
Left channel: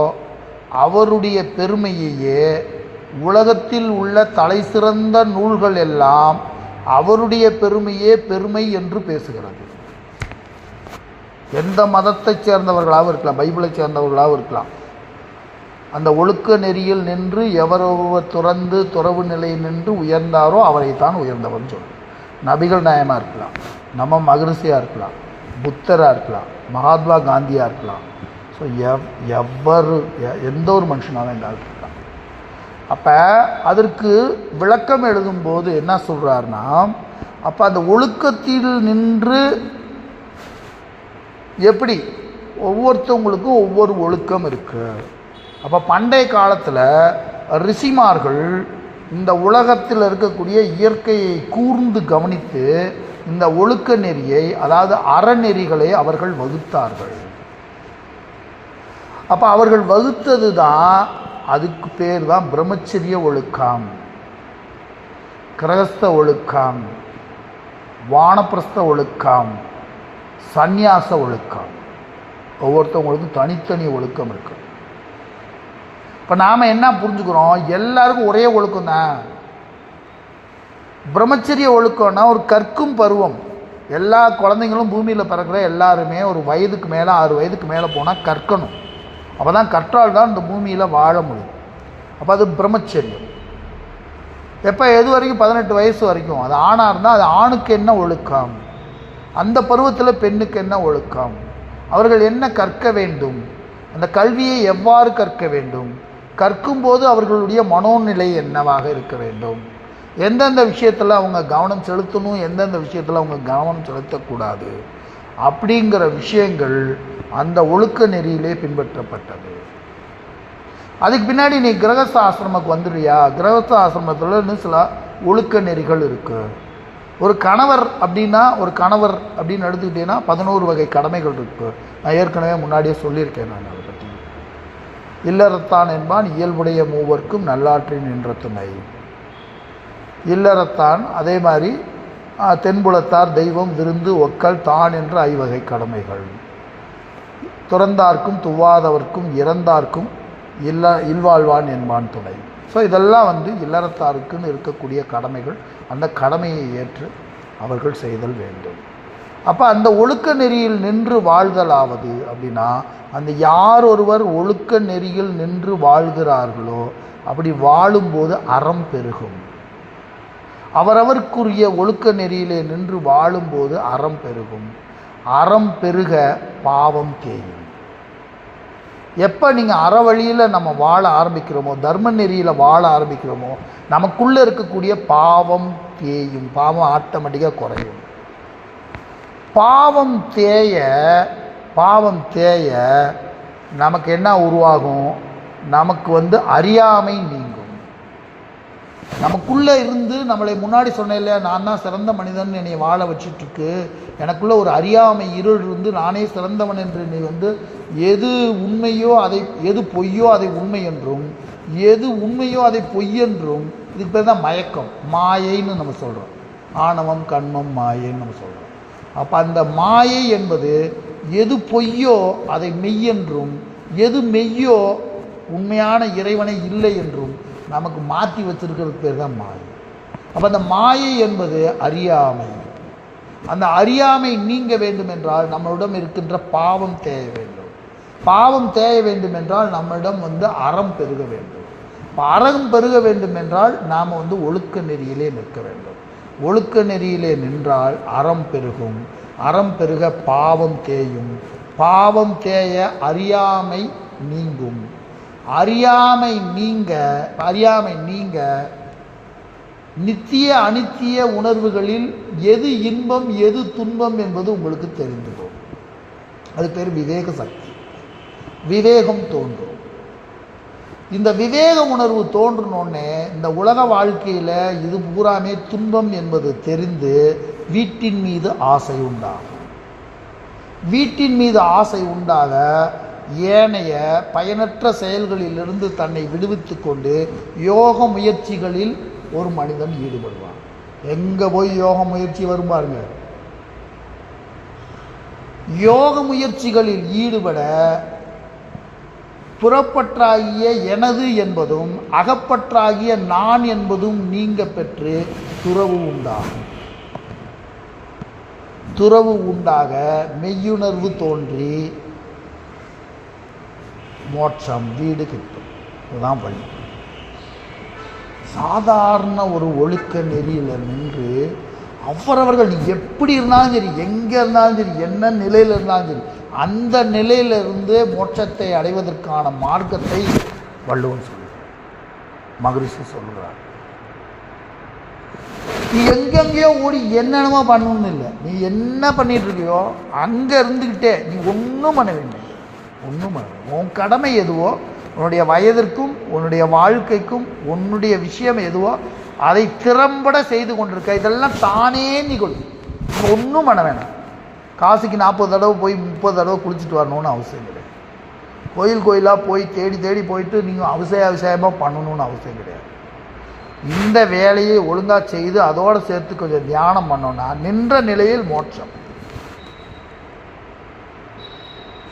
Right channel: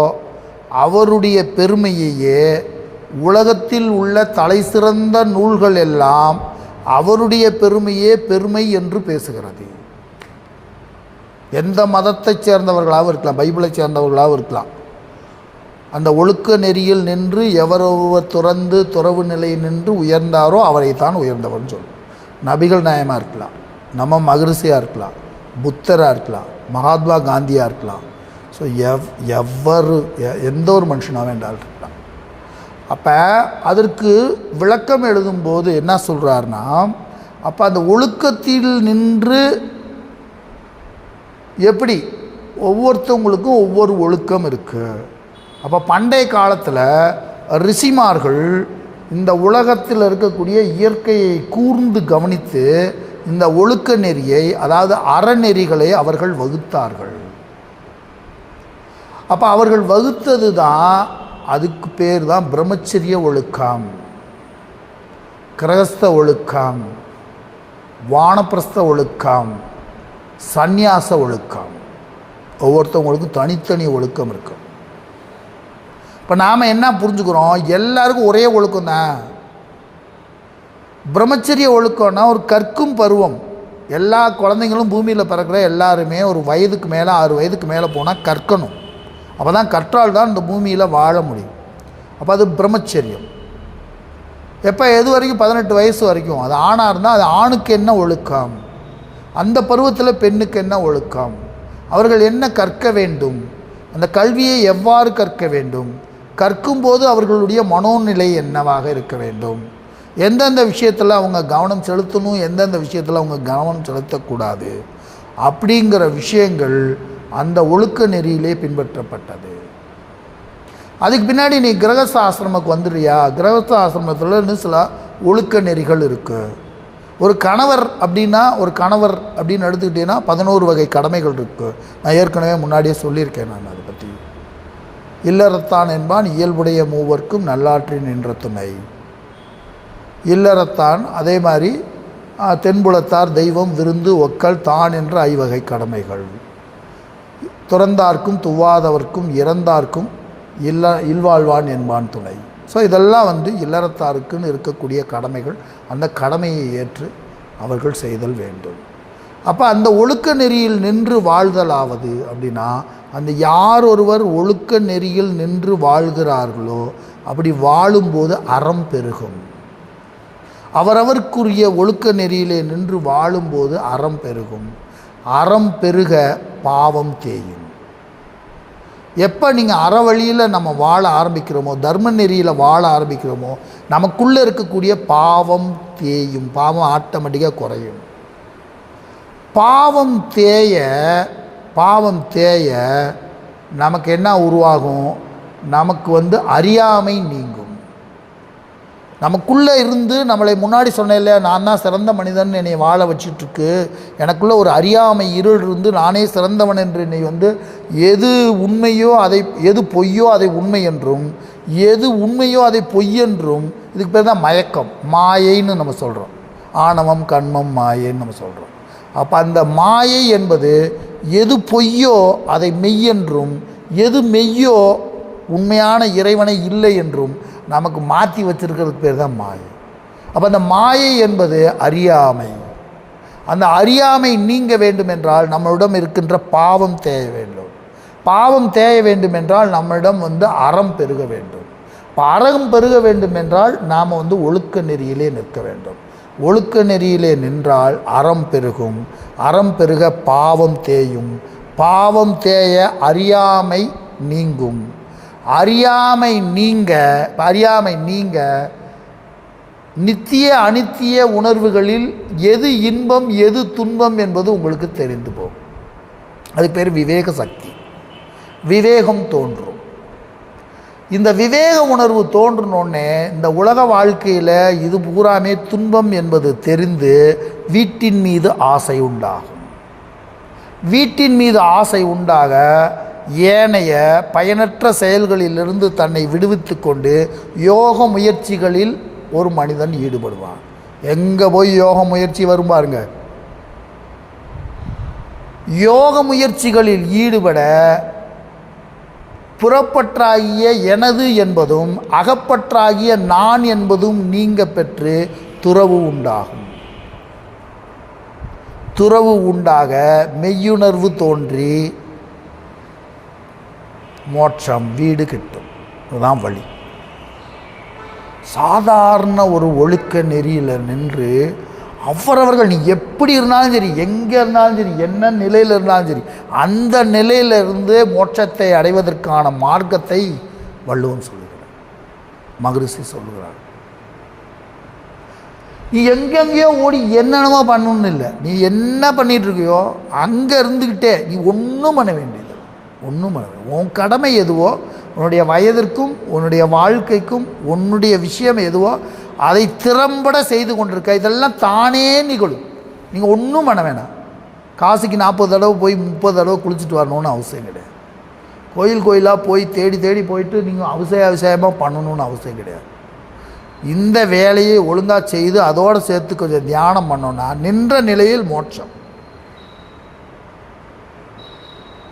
அவருடைய பெருமையையே உலகத்தில் உள்ள தலை சிறந்த நூல்கள் எல்லாம் அவருடைய பெருமையே பெருமை என்று பேசுகிறது. எந்த மதத்தைச் சேர்ந்தவர்களாகவும் இருக்கலாம், பைபிளை சேர்ந்தவர்களாகவும் இருக்கலாம், அந்த ஒழுக்க நெறியில் நின்று எவரொருவர் துறந்து துறவு நிலையில் நின்று உயர்ந்தாரோ அவரைத்தான் உயர்ந்தவர்னு சொல்லுவோம். நபிகள் நாயகமாக இருக்கலாம், நம்ம மகரிஷியாக இருக்கலாம், புத்தராக இருக்கலாம், மகாத்மா காந்தியாக இருக்கலாம். ஸோ எந்த ஒரு மனுஷனாக வேண்டாலும் இருக்கலாம். அப்போ அதற்கு விளக்கம் எழுதும்போது என்ன சொல்கிறாருன்னா, அப்போ அந்த ஒழுக்கத்தில் நின்று எப்படி ஒவ்வொருத்தவங்களுக்கும் ஒவ்வொரு ஒழுக்கம் இருக்குது. அப்போ பண்டைய காலத்தில் ரிஷிமார்கள் இந்த உலகத்தில் இருக்கக்கூடிய இயற்கையை கூர்ந்து கவனித்து இந்த ஒழுக்க நெறியை, அதாவது அறநெறிகளை அவர்கள் வகுத்தார்கள். அப்போ அவர்கள் வகுத்தது தான், அதுக்கு பேர் தான் பிரம்மச்சரிய ஒழுக்கம், கிரகஸ்த ஒழுக்கம், வானப்பிரஸ்த ஒழுக்கம், சந்நியாச ஒழுக்கம். ஒவ்வொருத்தவங்களுக்கும் தனித்தனி ஒழுக்கம் இருக்கு. இப்போ நாம் என்ன புரிஞ்சுக்கிறோம், எல்லாருக்கும் ஒரே ஒழுக்கம் தான். பிரம்மச்சரிய ஒழுக்கம்னா ஒரு கற்கும் பருவம். எல்லா குழந்தைங்களும் பூமியில் பிறக்கிற எல்லாருமே ஒரு வயதுக்கு மேலே 6 வயதுக்கு மேலே போனால் கற்கணும். அப்போ தான் கற்றால் தான் இந்த பூமியில் வாழ முடியும். அப்போ அது பிரம்மச்சரியம். எப்போ எது வரைக்கும்? 18 வயசு வரைக்கும். அது ஆணாக இருந்தால் அது ஆணுக்கு என்ன ஒழுக்கம், அந்த பருவத்தில் பெண்ணுக்கு என்ன ஒழுக்கம், அவர்கள் என்ன கற்க வேண்டும், அந்த கல்வியை எவ்வாறு கற்க வேண்டும், கற்கும்போது அவர்களுடைய மனோநிலை என்னவாக இருக்க வேண்டும், எந்தெந்த விஷயத்தில் அவங்க கவனம் செலுத்தணும், எந்தெந்த விஷயத்தில் அவங்க கவனம் செலுத்தக்கூடாது, அப்படிங்கிற விஷயங்கள் அந்த ஒழுக்க நெறியிலே பின்பற்றப்பட்டது. அதுக்கு பின்னாடி நீ கிரகஸ்த ஆசிரமத்துக்கு வந்துடுறியா? கிரகஸ்த ஆசிரமத்தில் இன்னும் சில ஒழுக்க நெறிகள் இருக்குது. ஒரு கணவர் அப்படின்னு எடுத்துக்கிட்டீங்கன்னா 11 வகை கடமைகள் இருக்குது. நான் ஏற்கனவே முன்னாடியே சொல்லியிருக்கேன். நான் அதை பற்றி இல்லறத்தான் என்பான் இயல்புடைய மூவர்க்கும் நல்லாற்றின் என்ற துணை. இல்லறத்தான் அதே மாதிரி தென்புலத்தார் தெய்வம் விருந்து ஒக்கல் தான் என்ற 5 வகை கடமைகள். துறந்தார்க்கும் துவாதவர்க்கும் இறந்தார்க்கும் இல்வாழ்வான் என்பான் துணை. ஸோ இதெல்லாம் இல்லறத்தாருக்குன்னு இருக்கக்கூடிய கடமைகள். அந்த கடமையை ஏற்று அவர்கள் செய்தல் வேண்டும். அப்போ அந்த ஒழுக்க நெறியில் நின்று வாழ்தலாவது அப்படின்னா, அந்த யார் ஒருவர் ஒழுக்க நெறியில் நின்று வாழ்கிறார்களோ அப்படி வாழும்போது அறம் பெருகும். அவரவருக்குரிய ஒழுக்க நெறியிலே நின்று வாழும்போது அறம் பெருகும். அறம் பெருக பாவம் தேயும். எப்போ நீங்கள் அறவழியில் நம்ம வாழ ஆரம்பிக்கிறோமோ, தர்ம நெறியில் வாழ ஆரம்பிக்கிறோமோ, நமக்குள்ளே இருக்கக்கூடிய பாவம் தேயும். பாவம் ஆட்டோமேட்டிக்காக குறையும். பாவம் தேய நமக்கு என்ன உருவாகும்? நமக்கு அறியாமை நீங்கும். நமக்குள்ளே இருந்து நம்மளை முன்னாடி சொன்னேன் இல்லையா, நான் தான் சிறந்த மனிதன் என்னை வாழ வச்சிட்ருக்கு, எனக்குள்ளே ஒரு அறியாமை இருள் இருந்து நானே சிறந்தவன் என்று என்னை எது உண்மையோ அதை, எது பொய்யோ அதை உண்மை என்றும், எது உண்மையோ அதை பொய் என்றும், இதுக்கு பேர் தான் மயக்கம், மாயைன்னு நம்ம சொல்கிறோம். ஆணவம் கண்மம் மாயைன்னு நம்ம சொல்கிறோம். அப்போ அந்த மாயை என்பது எது பொய்யோ அதை மெய்யென்றும், எது மெய்யோ உண்மையான இறைவனை இல்லை என்றும் நமக்கு மாற்றி வச்சிருக்கிறதுக்கு பேர் தான் மாயை. அப்போ அந்த மாயை என்பது அறியாமை. அந்த அறியாமை நீங்க வேண்டும் என்றால் நம்மளிடம் இருக்கின்ற பாவம் தேய வேண்டும். பாவம் தேய வேண்டும் என்றால் நம்மளிடம் அறம் பெருக வேண்டும். இப்போ அறம் பெருக வேண்டும் என்றால் நாம் ஒழுக்க நெறியிலே நிற்க வேண்டும். ஒழுக்க நெறியிலே நின்றால் அறம் பெருகும். அறம் பெருக பாவம் தேயும். பாவம் தேய அறியாமை நீங்கும். அறியாமை நீங்க நித்திய அனித்திய உணர்வுகளில் எது இன்பம் எது துன்பம் என்பது உங்களுக்கு தெரிந்து போகும். அது பேர் விவேக சக்தி. விவேகம் தோன்றும். இந்த விவேக உணர்வு தோன்றினோடனே இந்த உலக வாழ்க்கையில் இது பூராமே துன்பம் என்பது தெரிந்து வீட்டின் மீது ஆசை உண்டாகும். வீட்டின் மீது ஆசை உண்டாக ஏனைய பயனற்ற செயல்களிலிருந்து தன்னை விடுவித்து கொண்டு யோக முயற்சிகளில் ஒரு மனிதன் ஈடுபடுவான். எங்கே போய் யோக முயற்சி வரும் பாருங்க. யோக முயற்சிகளில் ஈடுபட புறப்பற்றாகிய எனது என்பதும் அகப்பற்றாகிய நான் என்பதும் நீங்க பெற்று துறவு உண்டாகும். துறவு உண்டாக மெய்யுணர்வு தோன்றி மோட்சம் வீடு கிட்டும். இதுதான் வழி. சாதாரண ஒரு ஒழுக்க நெறியில் நின்று அவரவர்கள் நீ எப்படி இருந்தாலும் சரி, எங்கே இருந்தாலும் சரி, என்ன நிலையில் இருந்தாலும் சரி, அந்த நிலையிலிருந்து மோட்சத்தை அடைவதற்கான மார்க்கத்தை வள்ளுவன் சொல்லுகிறார், மகரிஷி சொல்லுகிறார். நீ எங்கெங்கேயோ ஓடி என்னென்னமோ பண்ணணும்னு இல்லை. நீ என்ன பண்ணிகிட்டு இருக்கியோ அங்கே இருந்துக்கிட்டே நீ ஒன்றும் பண்ண வேண்டியது. ஒன்றும் பண்ண வேண்டியது. உன் கடமை எதுவோ, உன்னுடைய வயதிற்கும் உன்னுடைய வாழ்க்கைக்கும் உன்னுடைய விஷயம் எதுவோ அதை திறம்பட செய்து கொண்டிருக்க. இதெல்லாம் தானே நிகழும். நீங்கள் ஒன்றும் பண்ண வேணாம். காசிக்கு 40 தடவை போய் 30 தடவை குளிச்சுட்டு வரணும்னு அவசியம் கிடையாது. கோயிலாக போய் தேடி தேடி போயிட்டு நீங்கள் அவசியமாக பண்ணணும்னு அவசியம் கிடையாது. இந்த வேலையை ஒழுங்காக செய்து அதோடு சேர்த்து கொஞ்சம் தியானம் பண்ணோன்னா நின்ற நிலையில் மோட்சம்.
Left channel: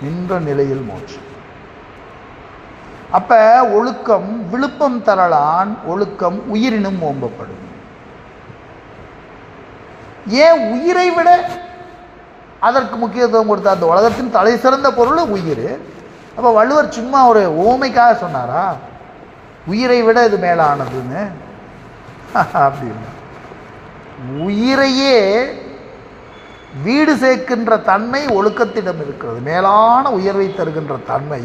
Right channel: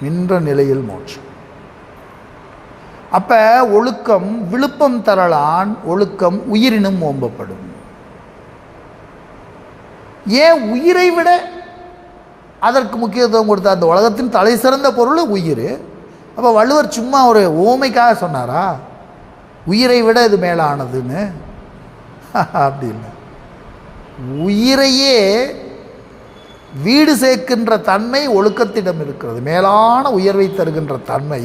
நின்ற நிலையில் மோட்சம். அப்போ ஒழுக்கம் விழுப்பம் தரலான், ஒழுக்கம் உயிரினும் ஓம்பப்படும். ஏன் உயிரை விட அதற்கு முக்கியத்துவம் கொடுத்தா? அந்த உலகத்தின் தலை சிறந்த பொருள் உயிர். அப்போ வள்ளுவர் சும்மா ஒரு ஓமைக்காக சொன்னாரா உயிரை விட இது மேலானதுன்னு? அப்படின்னா உயிரையே வீடு சேர்க்கின்ற தன்மை ஒழுக்கத்திடம் இருக்கிறது. மேலான உயர்வை தருகின்ற தன்மை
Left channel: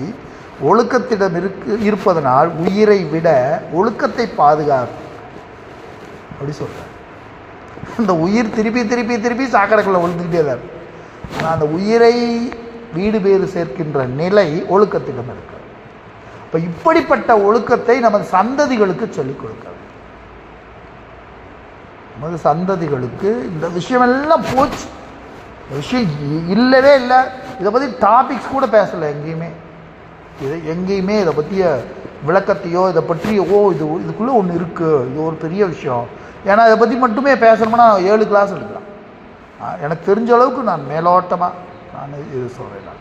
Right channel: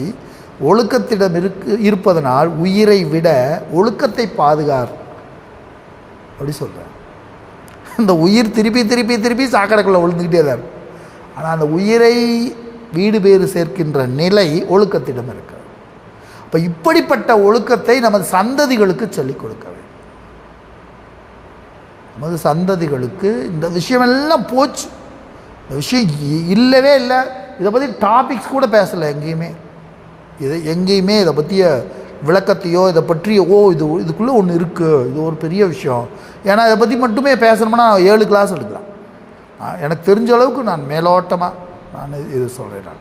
ஒழுக்கத்திடம் இருப்பதனால் உயிரை விட ஒழுக்கத்தை பாதுகார் அப்படி சொல்கிறார். இந்த உயிர் திருப்பி திருப்பி திருப்பி சாக்கடைக்குள்ளே விழுந்துக்கிட்டே தான் இருக்கும். ஆனால் அந்த உயிரை வீடு பேறு சேர்க்கின்ற நிலை ஒழுக்கத்திடம் இருக்கிறது. இப்போ இப்படிப்பட்ட ஒழுக்கத்தை நமது சந்ததிகளுக்கு சொல்லிக் கொடுக்க வேண்டும். நமது சந்ததிகளுக்கு இந்த விஷயமெல்லாம் போச்சு. இந்த விஷயம் இல்லவே இல்லை. இதை பற்றி டாபிக்ஸ் கூட பேசலை எங்கேயுமே. எங்கேயுமே இதை பற்றிய விளக்கத்தையோ இதை பற்றிய இதுக்குள்ளே ஒன்று இருக்குது, இது ஒரு பெரிய விஷயம். ஏன்னா இதை பற்றி மட்டுமே பேசணும்னா 7 கிளாஸ் எடுக்கலாம். எனக்கு தெரிஞ்ச அளவுக்கு நான் மேலோட்டமாக நான் இது சொல்கிறேன்.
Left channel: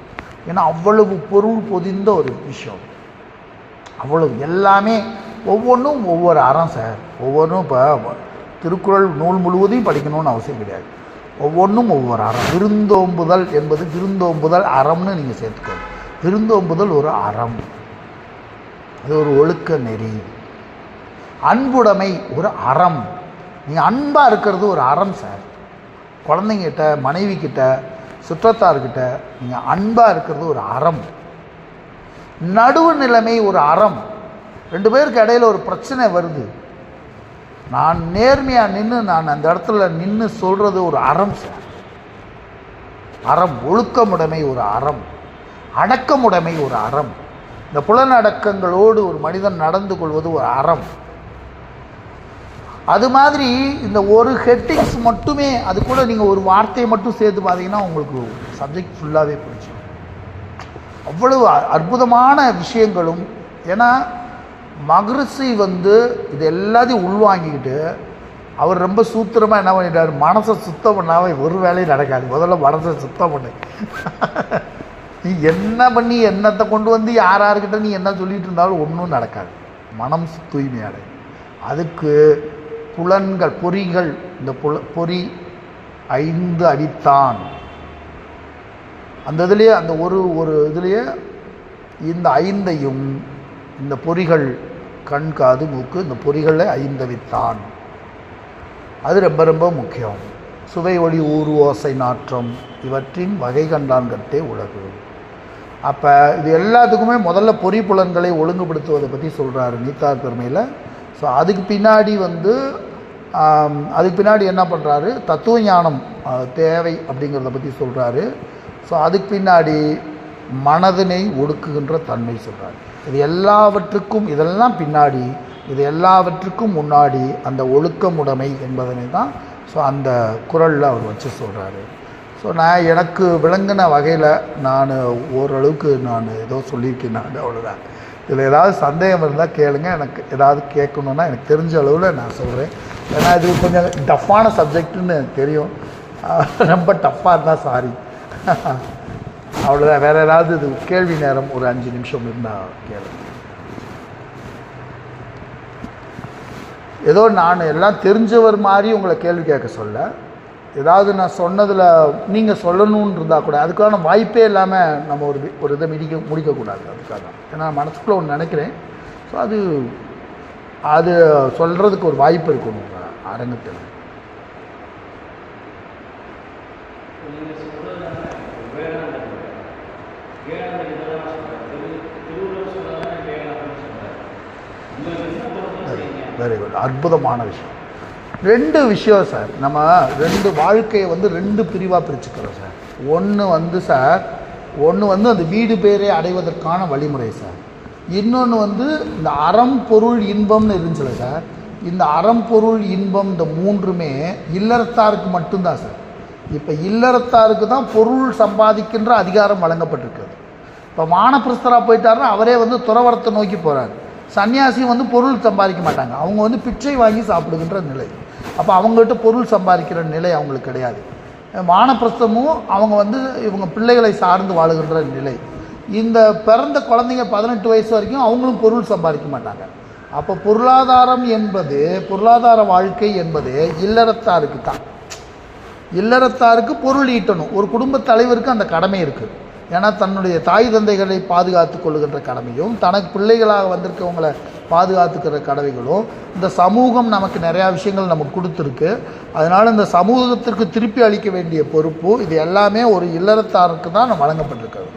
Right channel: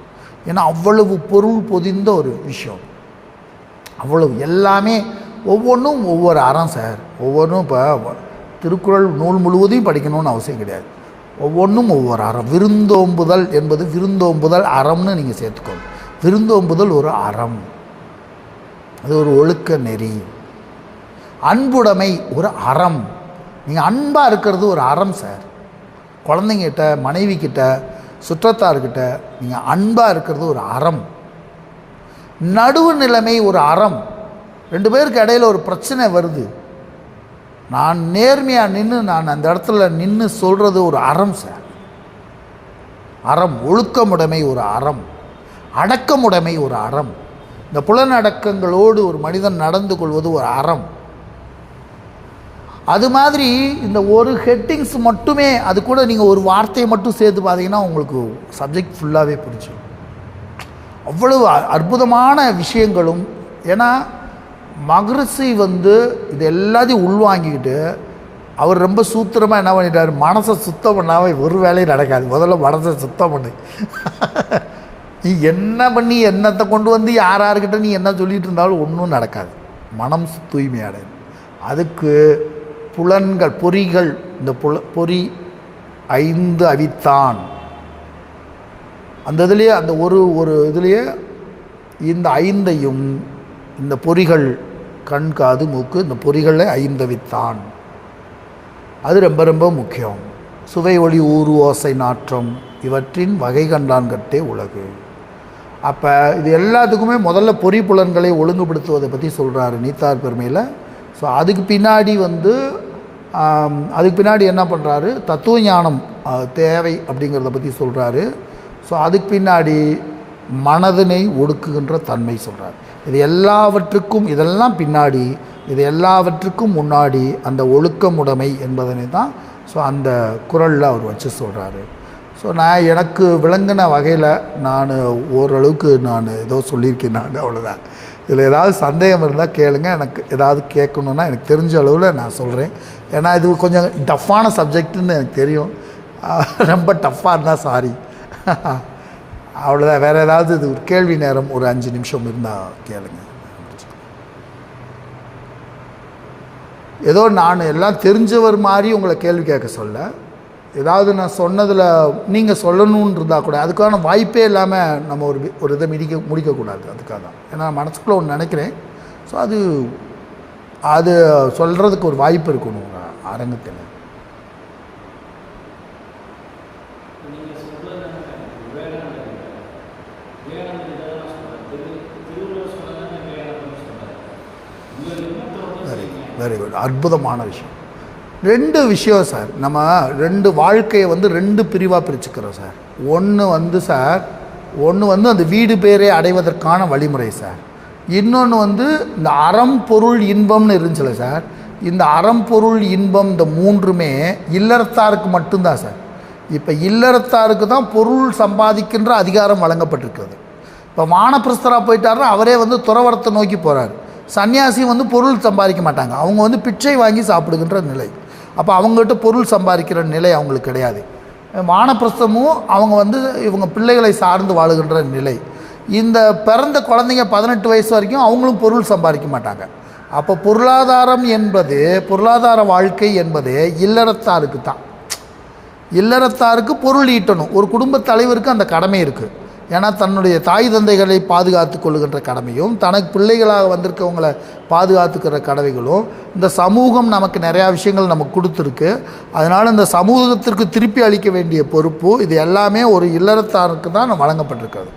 ஏன்னா அவ்வளவு பொருள் பொதிந்த ஒரு விஷயம். அவ்வளவு எல்லாமே ஒவ்வொன்றும் ஒவ்வொரு அறம் சார். ஒவ்வொன்றும் இப்போ திருக்குறள் நூல் முழுவதையும் படிக்கணும்னு அவசியம் கிடையாது. ஒவ்வொன்றும் ஒவ்வொரு அறம். விருந்தோம்புதல் என்பது விருந்தோம்புதல் அறம்னு நீங்கள் சேர்த்துக்கணும். விருந்தோம்புதல் ஒரு அறம், அது ஒரு ஒழுக்க நெறி. அன்புடைமை ஒரு அறம். நீங்கள் அன்பாக இருக்கிறது ஒரு அறம் சார். குழந்தைங்கிட்ட, மனைவிக்கிட்ட, சுற்றத்தார்கிட்ட நீங்கள் அன்பாக இருக்கிறது ஒரு அறம். நடுவு நிலைமை ஒரு அறம். 2 பேருக்கு இடையில ஒரு பிரச்சனை வருது, நான் நேர்மையாக நின்று நான் அந்த இடத்துல நின்று சொல்கிறது ஒரு அறம் சார். அறம். ஒழுக்கமுடைமை ஒரு அறம். அடக்கமுடைமை ஒரு அறம். இந்த புலனடக்கங்களோடு ஒரு மனிதன் நடந்து கொள்வது ஒரு அறம். அது மாதிரி இந்த ஒரு ஹெட்டிங்ஸ் மட்டுமே, அது கூட நீங்கள் ஒரு வார்த்தையை மட்டும் சேர்த்து பார்த்தீங்கன்னா உங்களுக்கு சப்ஜெக்ட் ஃபுல்லாகவே பிடிச்சி. அவ்வளவு அற்புதமான விஷயங்களும். ஏன்னா மகரிஷி இது எல்லாத்தையும் உள்வாங்கிக்கிட்டு அவர் ரொம்ப சூத்திரமாக என்ன பண்ணிட்டார், மனசை சுத்தம் பண்ணாமல் ஒரு வேலையும் நடக்காது. முதல்ல மனசை சுத்தம் பண்ணு. நீ என்ன பண்ணி என்னத்தை கொண்டு வந்து யார்கிட்ட நீ என்ன சொல்லிகிட்டு இருந்தாலும் ஒன்றும் நடக்காது. மனம் தூய்மையாடை. அதுக்கு புலன்கள், பொறிகள், இந்த பொறி 5 அவித்தான். அந்த இதுலேயே அந்த ஒரு இதுலேயே இந்த 5ஐயும், இந்த பொறிகள் கண் காது மூக்கு, இந்த பொறிகளில் 5 அவித்தான். அது ரொம்ப ரொம்ப முக்கியம். சுவை ஒளி ஊறு ஓசை நாற்றம் இவற்றின் வகை கண்டான் கட்டே உலகு. அப்போ இது எல்லாத்துக்குமே முதல்ல பொறி புலன்களை ஒழுங்குபடுத்துவதை பற்றி சொல்கிறாரு நீத்தார் பெருமையில். ஸோ அதுக்கு பின்னாடி என்ன பண்ணுறாரு, தத்துவ ஞானம் தேவை அப்படிங்கிறத பற்றி சொல்கிறாரு. ஸோ அதுக்கு பின்னாடி மனதினை ஒடுக்குகின்ற தன்மை சொல்கிறார். இது எல்லாவற்றுக்கும், இதெல்லாம் பின்னாடி, இது எல்லாவற்றுக்கும் முன்னாடி அந்த ஒழுக்கமுடைமை என்பதனை தான் ஸோ அந்த குறளில் அவர் வச்சு சொல்கிறாரு. ஸோ நான் எனக்கு விளங்கின வகையில் நான் ஓரளவுக்கு நான் ஏதோ சொல்லியிருக்கேன். நான் அவ்வளோதான். இதில் ஏதாவது சந்தேகம் இருந்தால் கேளுங்க. எனக்கு ஏதாவது கேட்கணுன்னா எனக்கு தெரிஞ்ச அளவில் நான் சொல்கிறேன். ஏன்னா இது கொஞ்சம் டஃப்பான சப்ஜெக்டுன்னு எனக்கு தெரியும். ரொம்ப டஃப்பாக இருந்தால் சாரி. அவ்வளோதான். வேறு ஏதாவது இது கேள்வி நேரம் ஒரு 5 நிமிஷம் இருந்தால் கேளுங்க. ஏதோ நான் எல்லாம் தெரிஞ்சவர் மாதிரி உங்களை கேள்வி கேட்க சொல்ல, ஏதாவது நான் சொன்னதில் நீங்கள் சொல்லணுன்னு இருந்தால் கூட அதுக்கான வாய்ப்பே இல்லாமல் நம்ம ஒரு இதை முடிக்கக்கூடாது. அதுக்காக ஏன்னா மனசுக்குள்ளே ஒன்று நினைக்கிறேன். ஸோ அது சொல்கிறதுக்கு ஒரு வாய்ப்பு இருக்கணும் அரங்கத்தில். Very good. அற்புதமான விஷயம். 2 விஷயம் சார். நம்ம 2 வாழ்க்கையை 2 பிரிவாக பிரிச்சுக்கிறோம் சார். ஒன்று அந்த வீடு பேரே அடைவதற்கான வழிமுறை சார். இன்னொன்று இந்த அறம் பொருள் இன்பம்னு இருந்துச்சுல சார். இந்த அறம் பொருள் இன்பம் இந்த 3மே இல்லறத்தாருக்கு மட்டும்தான் சார். இப்போ இல்லறத்தாருக்கு தான் பொருள் சம்பாதிக்கின்ற அதிகாரம் வழங்கப்பட்டிருக்கிறது. இப்போ வானப்பிரஸ்தராக போயிட்டாருன்னா அவரே துறவரத்தை நோக்கி போகிறார். சன்னியாசி பொருள் சம்பாதிக்க மாட்டாங்க. அவங்க பிச்சை வாங்கி சாப்பிடுகின்ற நிலை. அப்போ அவங்ககிட்ட பொருள் சம்பாதிக்கிற நிலை அவங்களுக்கு கிடையாது. வானப்பிரஸ்தமும் அவங்க இவங்க பிள்ளைகளை சார்ந்து வாழுகின்ற நிலை. இந்த பிறந்த குழந்தைங்க 18 வயசு வரைக்கும் அவங்களும் பொருள் சம்பாதிக்க மாட்டாங்க. அப்போ பொருளாதார வாழ்க்கை என்பது இல்லறத்தாருக்கு தான். இல்லறத்தாருக்கு பொருள் ஈட்டணும். ஒரு குடும்ப தலைவருக்கு அந்த கடமை இருக்குது. ஏன்னா தன்னுடைய தாய் தந்தைகளை பாதுகாத்து கொள்ளுகின்ற கடமையும் தனக்கு பிள்ளைகளாக வந்திருக்கவங்களை பாதுகாத்துக்கிற கடமைகளும் இந்த சமூகம் நமக்கு நிறையா விஷயங்கள் நமக்கு கொடுத்துருக்கு. அதனால் இந்த சமூகத்திற்கு திருப்பி அளிக்க வேண்டிய பொறுப்பு இது எல்லாமே ஒரு இல்லறத்தாருக்கு தான் வழங்கப்பட்டிருக்கிறது.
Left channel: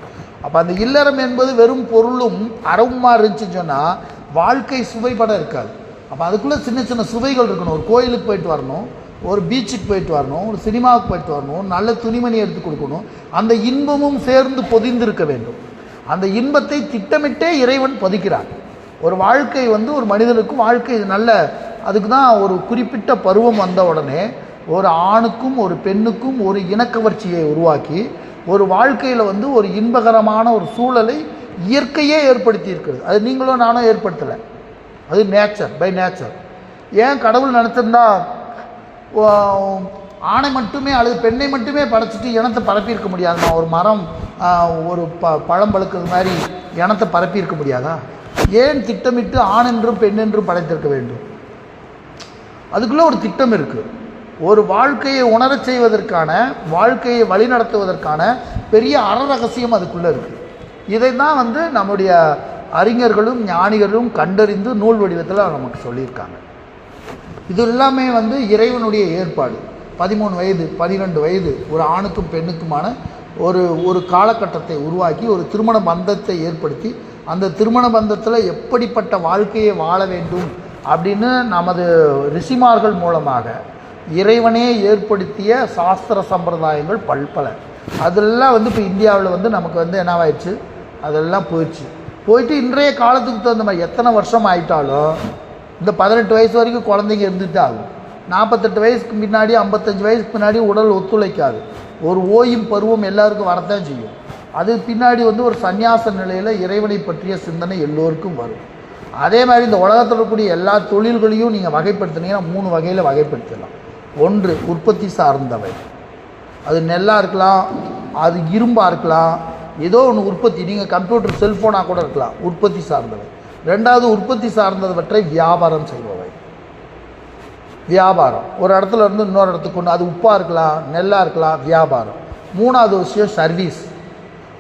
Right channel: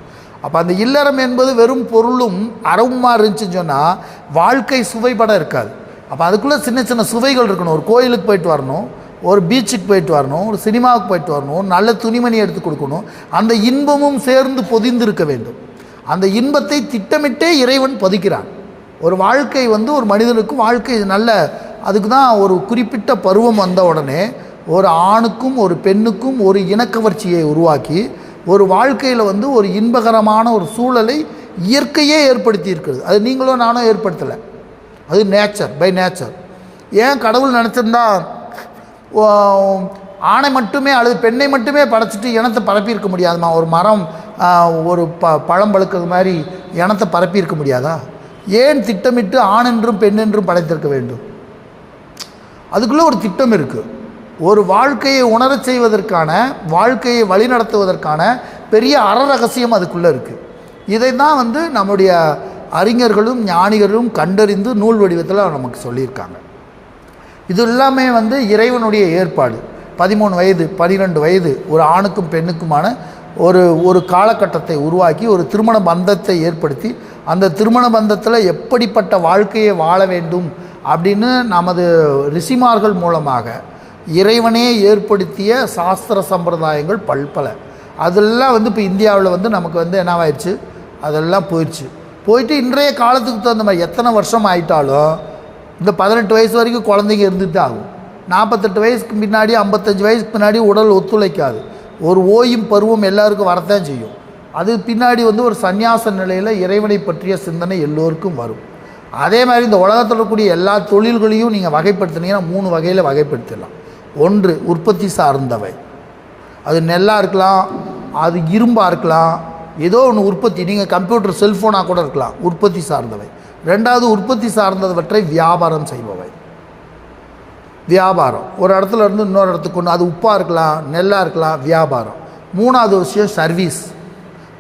அப்போ அந்த இல்லறம் என்பது வெறும் பொருளும் அறவுமா இருந்துச்சுன்னு சொன்னால் வாழ்க்கை சுவைபட இருக்காது. அப்போ அதுக்குள்ளே சின்ன சின்ன சுவைகள் இருக்கணும். ஒரு கோயிலுக்கு போயிட்டு வரணும், ஒரு பீச்சுக்கு போயிட்டு வரணும், ஒரு சினிமாவுக்கு போயிட்டு வரணும், நல்ல துணிமணி எடுத்து கொடுக்கணும். அந்த இன்பமும் சேர்ந்து பொதிந்து இருக்க வேண்டும். அந்த இன்பத்தை திட்டமிட்டே இறைவன் பொதிக்கிறான். ஒரு வாழ்க்கை ஒரு மனிதனுக்கும் வாழ்க்கை நல்ல, அதுக்கு தான் ஒரு குறிப்பிட்ட பருவம் வந்த உடனே ஒரு ஆணுக்கும் ஒரு பெண்ணுக்கும் ஒரு இனக்கவர்ச்சியை உருவாக்கி ஒரு வாழ்க்கையில் ஒரு இன்பகரமான ஒரு சூழலை இயற்கையே ஏற்படுத்தி இருக்கிறது. அது நீங்களும் நானும் ஏற்படுத்தலை, அது நேச்சர், பை நேச்சர். ஏன் கடவுள் நினச்சிருந்தா ஆணை மட்டுமே அல்லது பெண்ணை மட்டுமே படைச்சிட்டு இனத்தை பரப்பியிருக்க முடியாதுமா? ஒரு மரம் ஒரு பழம் பழுக்கிறது மாதிரி இனத்தை பரப்பியிருக்க முடியாதா? ஏன் திட்டமிட்டு ஆண் என்றும் பெண் என்றும் படைத்திருக்க வேண்டும்? அதுக்குள்ளே ஒரு திட்டம் இருக்குது. ஒரு வாழ்க்கையை உணரச் செய்வதற்கான, வாழ்க்கையை வழிநடத்துவதற்கான பெரிய அறரகசியம் அதுக்குள்ளே இருக்குது. இதை தான் நம்முடைய அறிஞர்களும் ஞானிகளும் கண்டறிந்து நூல் வடிவத்தில் நமக்கு சொல்லியிருக்காங்க. இது எல்லாமே இறைவனுடைய ஏற்பாடு. 13 வயது 12 வயது ஒரு ஆணுக்கும் பெண்ணுக்குமான ஒரு காலகட்டத்தை உருவாக்கி ஒரு திருமண பந்தத்தை ஏற்படுத்தி அந்த திருமண பந்தத்தில் எப்படிப்பட்ட வாழ்க்கையை வாழ வேண்டும் அப்படின்னு நமது ரிஷிமார்கள் மூலமாக இறைவனே ஏற்படுத்திய சாஸ்திர சம்பிரதாயங்கள் பல்பல. அதெல்லாம் இப்போ இந்தியாவில் நமக்கு என்னவாயிடுச்சு, அதெல்லாம் போயிட்டு இன்றைய காலத்துக்கு தகுந்த மாதிரி எத்தனை வருஷம் ஆயிட்டாலும் இந்த 18 வயசு வரைக்கும் குழந்தைங்க இருந்துட்டு ஆகும். 48 வயசுக்கு முன்னாடி 55 வயசுக்கு பின்னாடி உடல் ஒத்துழைக்காது. ஒரு ஓயும் பருவம் எல்லாருக்கும் வரத்தான் செய்யும். அது பின்னாடி ஒரு சந்நியாச நிலையில் இறைவனை பற்றிய சிந்தனை எல்லோருக்கும் வரும். அதே மாதிரி இந்த உலகத்தில் இருக்கக்கூடிய எல்லா தொழில்களையும் நீங்கள் வகைப்படுத்தினீங்கன்னா 3 வகையில் வகைப்படுத்தலாம். ஒன்று உற்பத்தி சார்ந்தவை, அது நெல்லாக இருக்கலாம், அது இரும்பாக இருக்கலாம், ஏதோ ஒன்று உற்பத்தி, நீங்கள் கம்ப்யூட்டர் செல்ஃபோனாக கூட இருக்கலாம், உற்பத்தி சார்ந்தவை. ரெண்டாவது உற்பத்தி சார்ந்தவற்றை வியாபாரம் செய்பவை. வியாபாரம் ஒரு இடத்துல இருந்து இன்னொரு இடத்துக்கு கொண்டு, அது உப்பாக இருக்கலாம், நெல்லாக இருக்கலாம், வியாபாரம். மூணாவது விஷயம் சர்வீஸ்.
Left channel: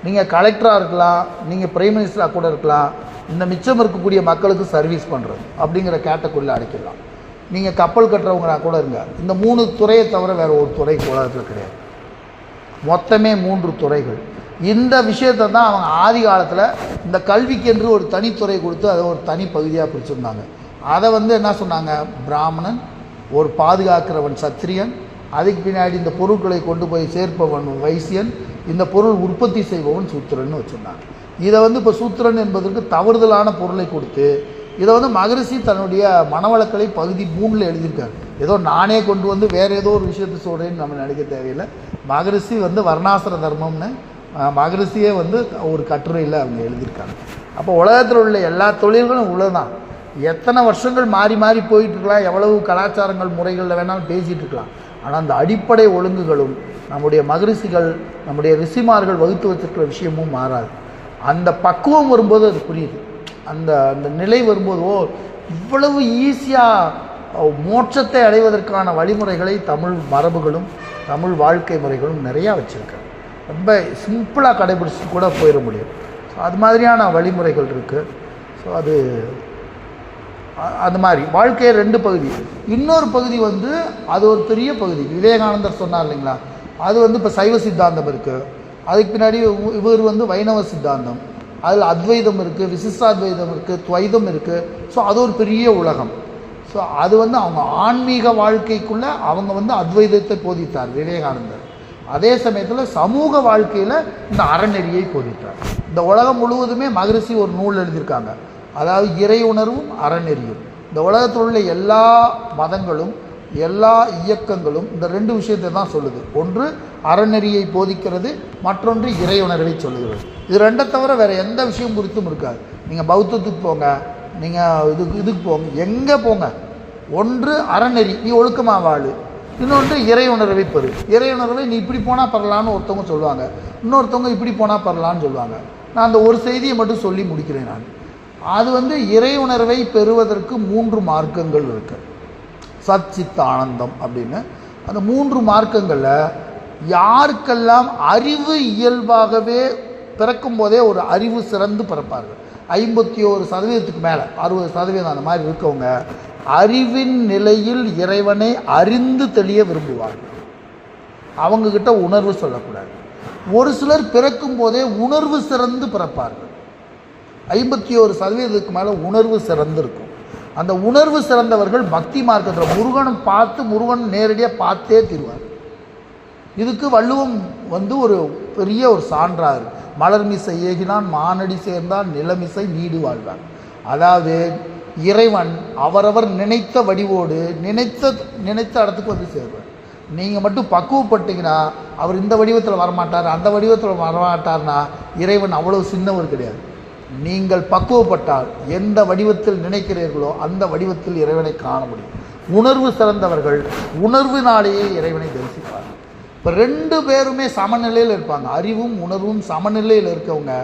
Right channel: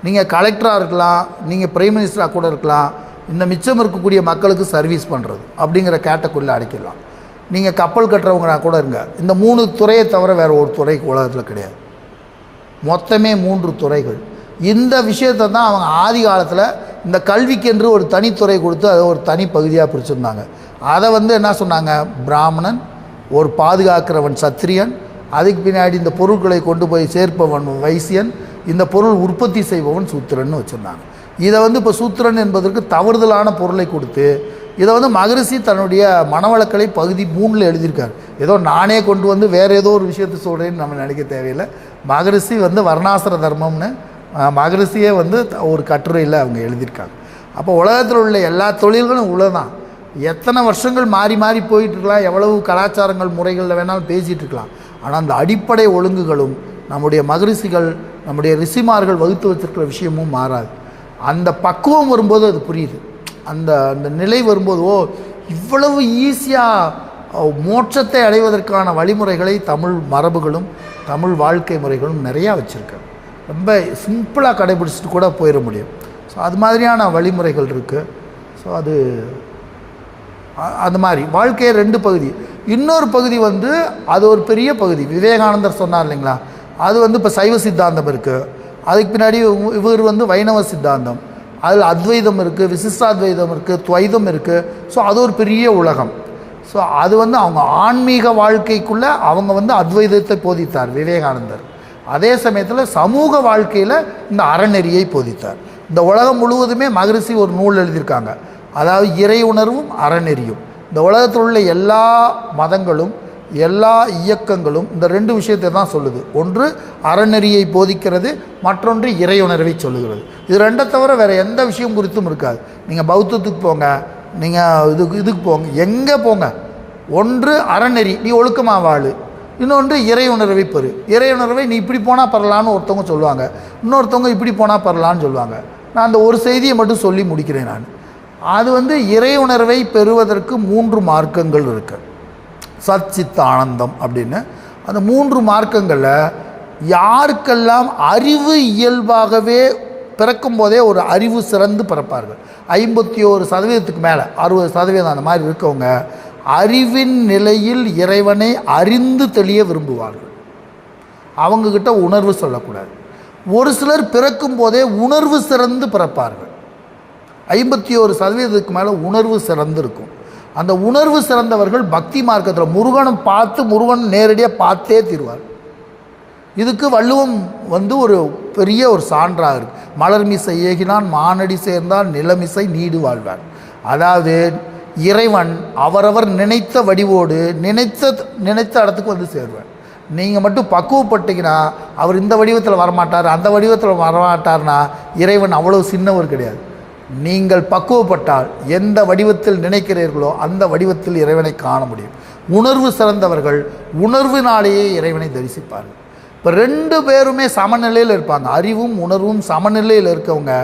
நீங்கள் கலெக்டராக இருக்கலாம், நீங்கள் பிரைம் மினிஸ்டராக கூட இருக்கலாம், இந்த மிச்சம் இருக்கக்கூடிய மக்களுக்கு சர்வீஸ் பண்ணுறது அப்படிங்கிற கேட்டகுரியில் அடைக்கலாம். நீங்கள் கப்பல் கட்டுறவங்க கூட இருங்க. இந்த 3 துறையை தவிர வேறு ஒரு துறை உலகத்தில் கிடையாது. மொத்தமே 3 துறைகள். இந்த விஷயத்தை தான் அவங்க ஆதி காலத்தில் இந்த கல்விக்கென்று ஒரு தனித்துறை கொடுத்து அதை ஒரு தனி பகுதியாக பிரிச்சுருந்தாங்க. அதை என்ன சொன்னாங்க, பிராமணன், ஒரு பாதுகாக்கிறவன் சத்திரியன், அதுக்கு பின்னாடி இந்த பொருட்களை கொண்டு போய் சேர்ப்பவன் வைசியன், இந்த பொருள் உற்பத்தி செய்பவன் சூத்திரன்னு வச்சுருந்தாங்க. இதை இப்போ சூத்திரன் என்பதற்கு தவறுதலான பொருளை கொடுத்து இதை மகரிஷி தன்னுடைய மனவளக்கலை பகுதி 3ல் எழுதியிருக்காரு. ஏதோ நானே கொண்டு வேறு ஏதோ ஒரு விஷயத்தை சொல்கிறேன்னு நம்ம நினைக்க தேவையில்லை. மகரிஷி வர்ணாசிர தர்மம்னு மகரிஷியே ஒரு கட்டுரையில் அவங்க எழுதியிருக்காங்க. அப்போ உலகத்தில் உள்ள எல்லா தொழில்களும் உள்ளதான். எத்தனை வருஷங்கள் மாறி மாறி போயிட்டுருக்கலாம், எவ்வளவு கலாச்சாரங்கள் முறைகளில் வேணாலும் பேசிகிட்டு இருக்கலாம். ஆனால் அந்த அடிப்படை ஒழுங்குகளும் நம்முடைய மகரிஷிகள், நம்முடைய ரிஷிமார்கள் வகுத்து வச்சிருக்கிற விஷயமும் மாறாது. அந்த பக்குவம் வரும்போது அது புரியுது. அந்த அந்த நிலை வரும்போது இவ்வளவு ஈஸியாக மோட்சத்தை அடைவதற்கான வழிமுறைகளை தமிழ் மரபுகளும் தமிழ் வாழ்க்கை முறைகளும் நிறையா வச்சுருக்காங்க. ரொம்ப சிம்பிளாக கடைபிடிச்சிட்டு கூட போயிட முடியும். ஸோ அது மாதிரியான வழிமுறைகள் இருக்குது. ஸோ அது அந்த மாதிரி வாழ்க்கையை 2 பகுதி. இன்னொரு பகுதி அது ஒரு பெரிய பகுதி. விவேகானந்தர் சொன்னார் இல்லைங்களா, அது இப்போ சைவ சித்தாந்தம் இருக்குது. அதுக்கு பின்னாடி இவர் வைணவ சித்தாந்தம், அதில் அத்வைதம் இருக்குது, விசிஷ்டாத்வைதம் இருக்குது, துவைதம் இருக்குது. ஸோ அது ஒரு பெரிய உலகம். ஸோ அது அவங்க ஆன்மீக வாழ்க்கைக்குள்ளே அவங்க அத்வைதத்தை போதித்தார் விவேகானந்தர். அதே சமயத்தில் சமூக வாழ்க்கையில் இந்த அறநெறியை போதித்தார். இந்த உலகம் முழுவதுமே மகரிஷி ஒரு நூல் எழுதியிருக்காங்க, அதாவது இறை உணர்வும் அறநெறியும். இந்த உலகத்தில் உள்ள எல்லா மதங்களும் எல்லா இயக்கங்களும் இந்த 2 விஷயத்தை தான் சொல்லுது. ஒன்று அறநெறியை போதிக்கிறது, மற்றொன்று இறையுணர்வை சொல்லுகிறது. இது 2 தவிர வேறு எந்த விஷயம் குறித்தும் இருக்காது. நீங்கள் பௌத்தத்துக்கு போங்க, நீங்கள் இதுக்கு போங்க, எங்கே போங்க, ஒன்று அறநெறி, நீ ஒழுக்கமாக வாழு, இன்னொன்று இறையுணர்வை பெறு. இறையுணர்வை நீ இப்படி போனால் பரலான்னு ஒருத்தவங்க சொல்லுவாங்க, இன்னொருத்தவங்க இப்படி போனால் பரலான்னு சொல்லுவாங்க. நான் அந்த ஒரு செய்தியை மட்டும் சொல்லி முடிக்கிறேன். நான் அது இறையுணர்வை பெறுவதற்கு 3 மார்க்கங்கள் இருக்குது. சத் சித் ஆனந்தம் அப்படின்னு அந்த 3 மார்க்கங்களில் யாருக்கெல்லாம் அறிவு இயல்பாகவே பிறக்கும் போதே ஒரு அறிவு சிறந்து பிறப்பார்கள். 51% மேலே 60% அந்த மாதிரி இருக்கவங்க அறிவின் நிலையில் இறைவனை அறிந்து தெளிய விரும்புவார்கள். அவங்கக்கிட்ட உணர்வு சொல்லக்கூடாது. ஒரு சிலர் பிறக்கும் போதே உணர்வு சிறந்து பிறப்பார்கள். 51% மேலே உணர்வு சிறந்து இருக்கும். அந்த உணர்வு சிறந்தவர்கள் பக்தி மார்க்கத்தில் முருகனை பார்த்து முருகன் நேரடியாக பார்த்தே தீர்வார். இதுக்கு வள்ளுவம் ஒரு பெரிய ஒரு சான்றாக இருக்குது. மலர்மிசை ஏகினான் மானடி சேர்ந்தால் நிலமிசை நீடு வாழ்வார். அதாவது இறைவன் அவரவர் நினைத்த வடிவோடு நினைத்த இடத்துக்கு வந்து சேர்வார். நீங்கள் மட்டும் பக்குவப்பட்டீங்கன்னா அவர் இந்த வடிவத்தில் வரமாட்டார், அந்த வடிவத்தில் வரமாட்டார்னா இறைவன் அவ்வளோ சின்னவர் கிடையாது. நீங்கள் பக்குவப்பட்டால் எந்த வடிவத்தில் நினைக்கிறீர்களோ அந்த வடிவத்தில் இறைவனை காண முடியும். உணர்வு சிறந்தவர்கள் உணர்வினாலேயே இறைவனை தரிசிப்பார்கள். இப்போ 2 பேருமே சமநிலையில் இருப்பாங்க. அறிவும் உணர்வும் சமநிலையில் இருக்கவங்க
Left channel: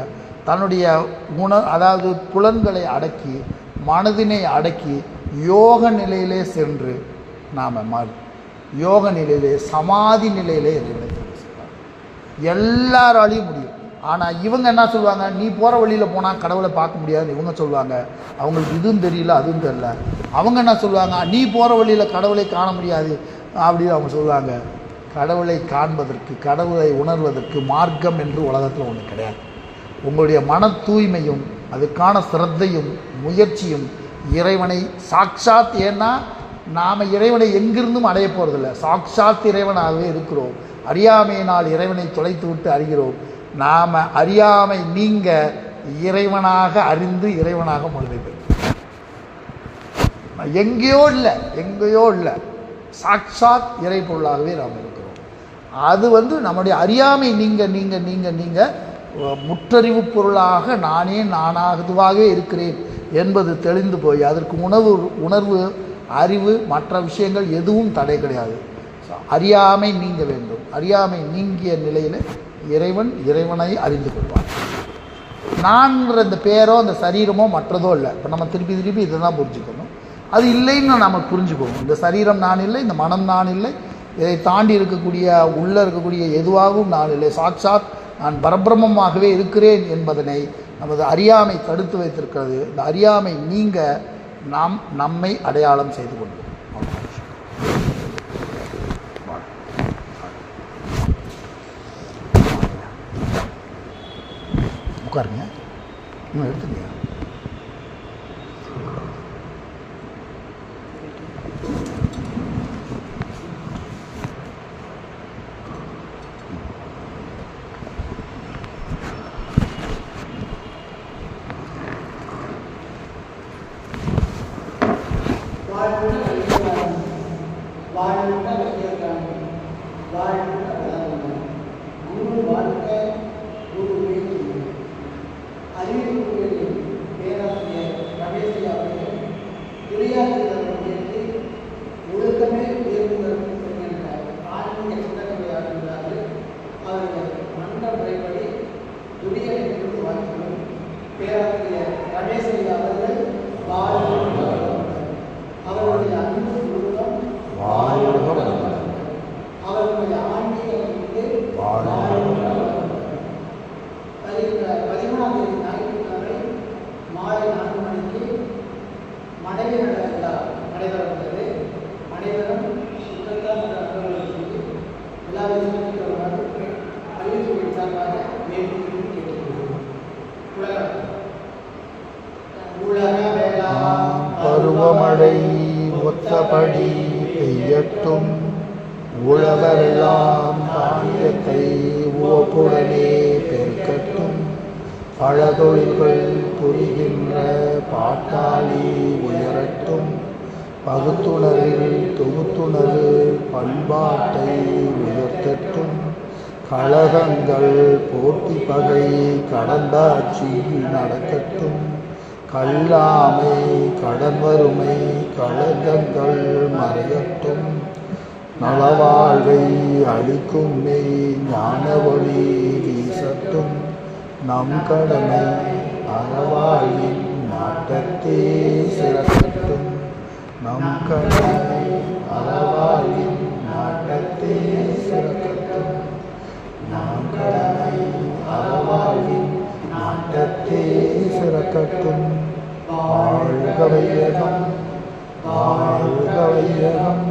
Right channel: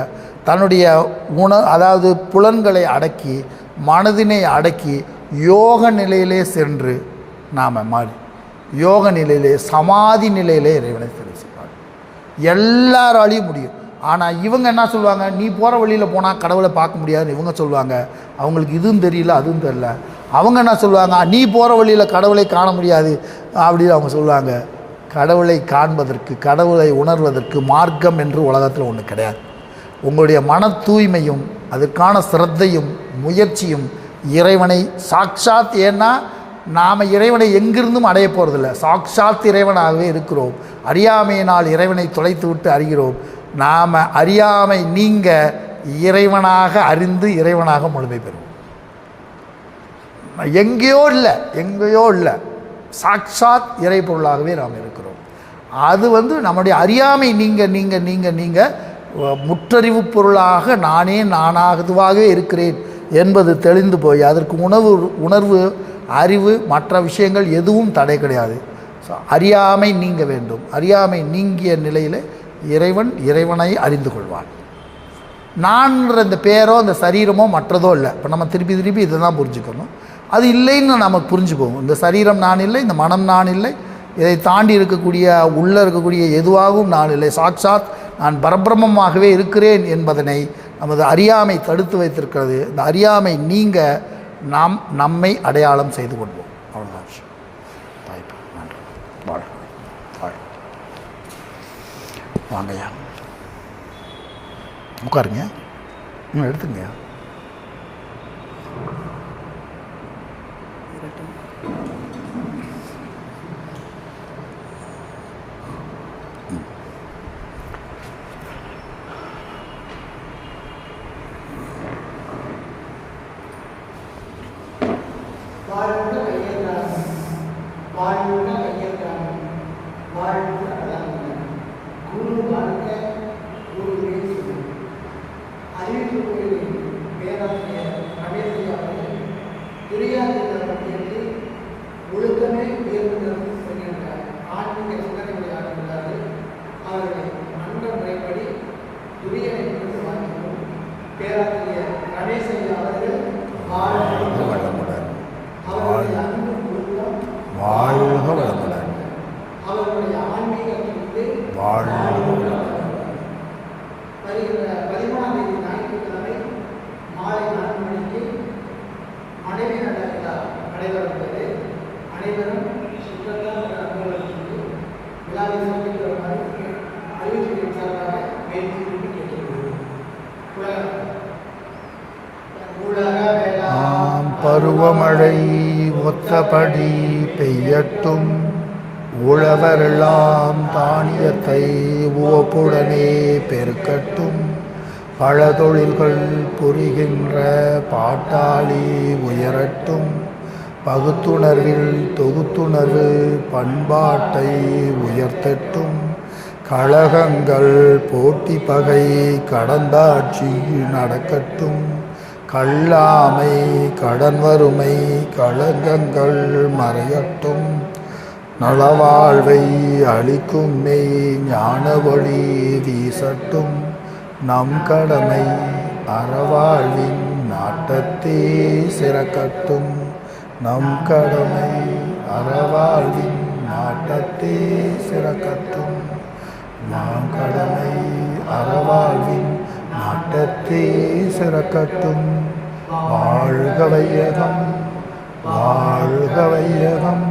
தன்னுடைய அதாவது புலன்களை அடக்கி மனதினை அடக்கி யோக நிலையிலே சென்று நாம் மாறி யோக நிலையிலே சமாதி நிலையிலே இறைவனை தரிசிப்பார். எல்லாராலையும் முடியும். ஆனால் இவங்க என்ன சொல்லுவாங்க, நீ போகிற வழியில் போனால் கடவுளை பார்க்க முடியாதுன்னு இவங்க சொல்லுவாங்க. அவங்களுக்கு இதுவும் தெரியல அதுவும் தெரியல. அவங்க என்ன சொல்லுவாங்க, நீ போகிற வழியில் கடவுளை காண முடியாது அப்படின்னு அவங்க சொல்லுவாங்க. கடவுளை காண்பதற்கு கடவுளை உணர்வதற்கு மார்க்கம் என்று உலகத்தில் ஒன்று கிடையாது. உங்களுடைய மன தூய்மையும் அதற்கான சிரத்தையும் முயற்சியும் இறைவனை சாட்சாத், ஏன்னா நாம் இறைவனை எங்கிருந்தும் அடைய போகிறதில்ல, சாட்சாத் இறைவனாகவே இருக்கிறோம். அறியாமையினால் இறைவனை தொலைத்து விட்டு அறிகிறோம். நாம் அறியாமை நீங்க இறைவனாக அறிந்து இறைவனாக முழுமை பெறும். எங்கேயோ இல்லை சாட்சாத் இறை பொருளாகவே நாம் இருக்கிறோம். அது நம்முடைய அறியாமை நீங்க முற்றறிவு பொருளாக நானாகவே இருக்கிறேன் என்பது தெளிந்து போய் அதற்கு உணர்வு அறிவு மற்ற விஷயங்கள் எதுவும் தடை கிடையாது. அறியாமை நீங்க வேண்டும். அறியாமை நீங்கிய நிலையில் இறைவனை அறிந்து கொள்வான். நான்ன்ற இந்த பேரோ அந்த சரீரமோ மற்றதோ இல்லை. இப்போ நம்ம திருப்பி இதை தான் புரிஞ்சுக்கணும். அது இல்லைன்னு நம்ம புரிஞ்சுக்குவோம். இந்த சரீரம் நான் இல்லை, இந்த மனம் நான் இல்லை, இதை தாண்டி உள்ளே இருக்கக்கூடிய எதுவாகவும் நான் இல்லை, சாட்சாத் நான் பரபிரமமாகவே இருக்கிறேன் என்பதனை நமது அறியாமை தடுத்து வைத்திருக்கிறது. இந்த அறியாமை நீங்க நம்மை அடையாளம் செய்து கொள்வோம். உட்காருங்க, எடுத்துங்க. பருவமழை ஒத்தபடி பெய்யட்டும், உழவரெல்லாம் தானியத்தை உவப்புடனே பெருக்கட்டும், பல தொழில்கள் புரிகின்ற பாட்டாளி உயரட்டும், பகுத்துணர்வில் தொகுத்துணர்வு பண்பாட்டை உயர்த்தட்டும், கழகங்கள் போட்டி பகை கடந்தாட்சி நடக்கட்டும், கல்லாமை கடன் வறுமை களங்கங்கள் மறையட்டும், நலவாழ்வை அளிக்கும் மெய் ஞான ஒளி வீசட்டும், நம் கடமை அறவாழ்வின் நாட்டத்தே சிறக்கட்டும், நம் கடமை அறவாழ்வின் நாட்டத்தே சிறக்கட்டும், நம் கடமை அறவாழ்வின் திறக்கட்டும். வாழ்க வையகம், வாழ்க வையகம்,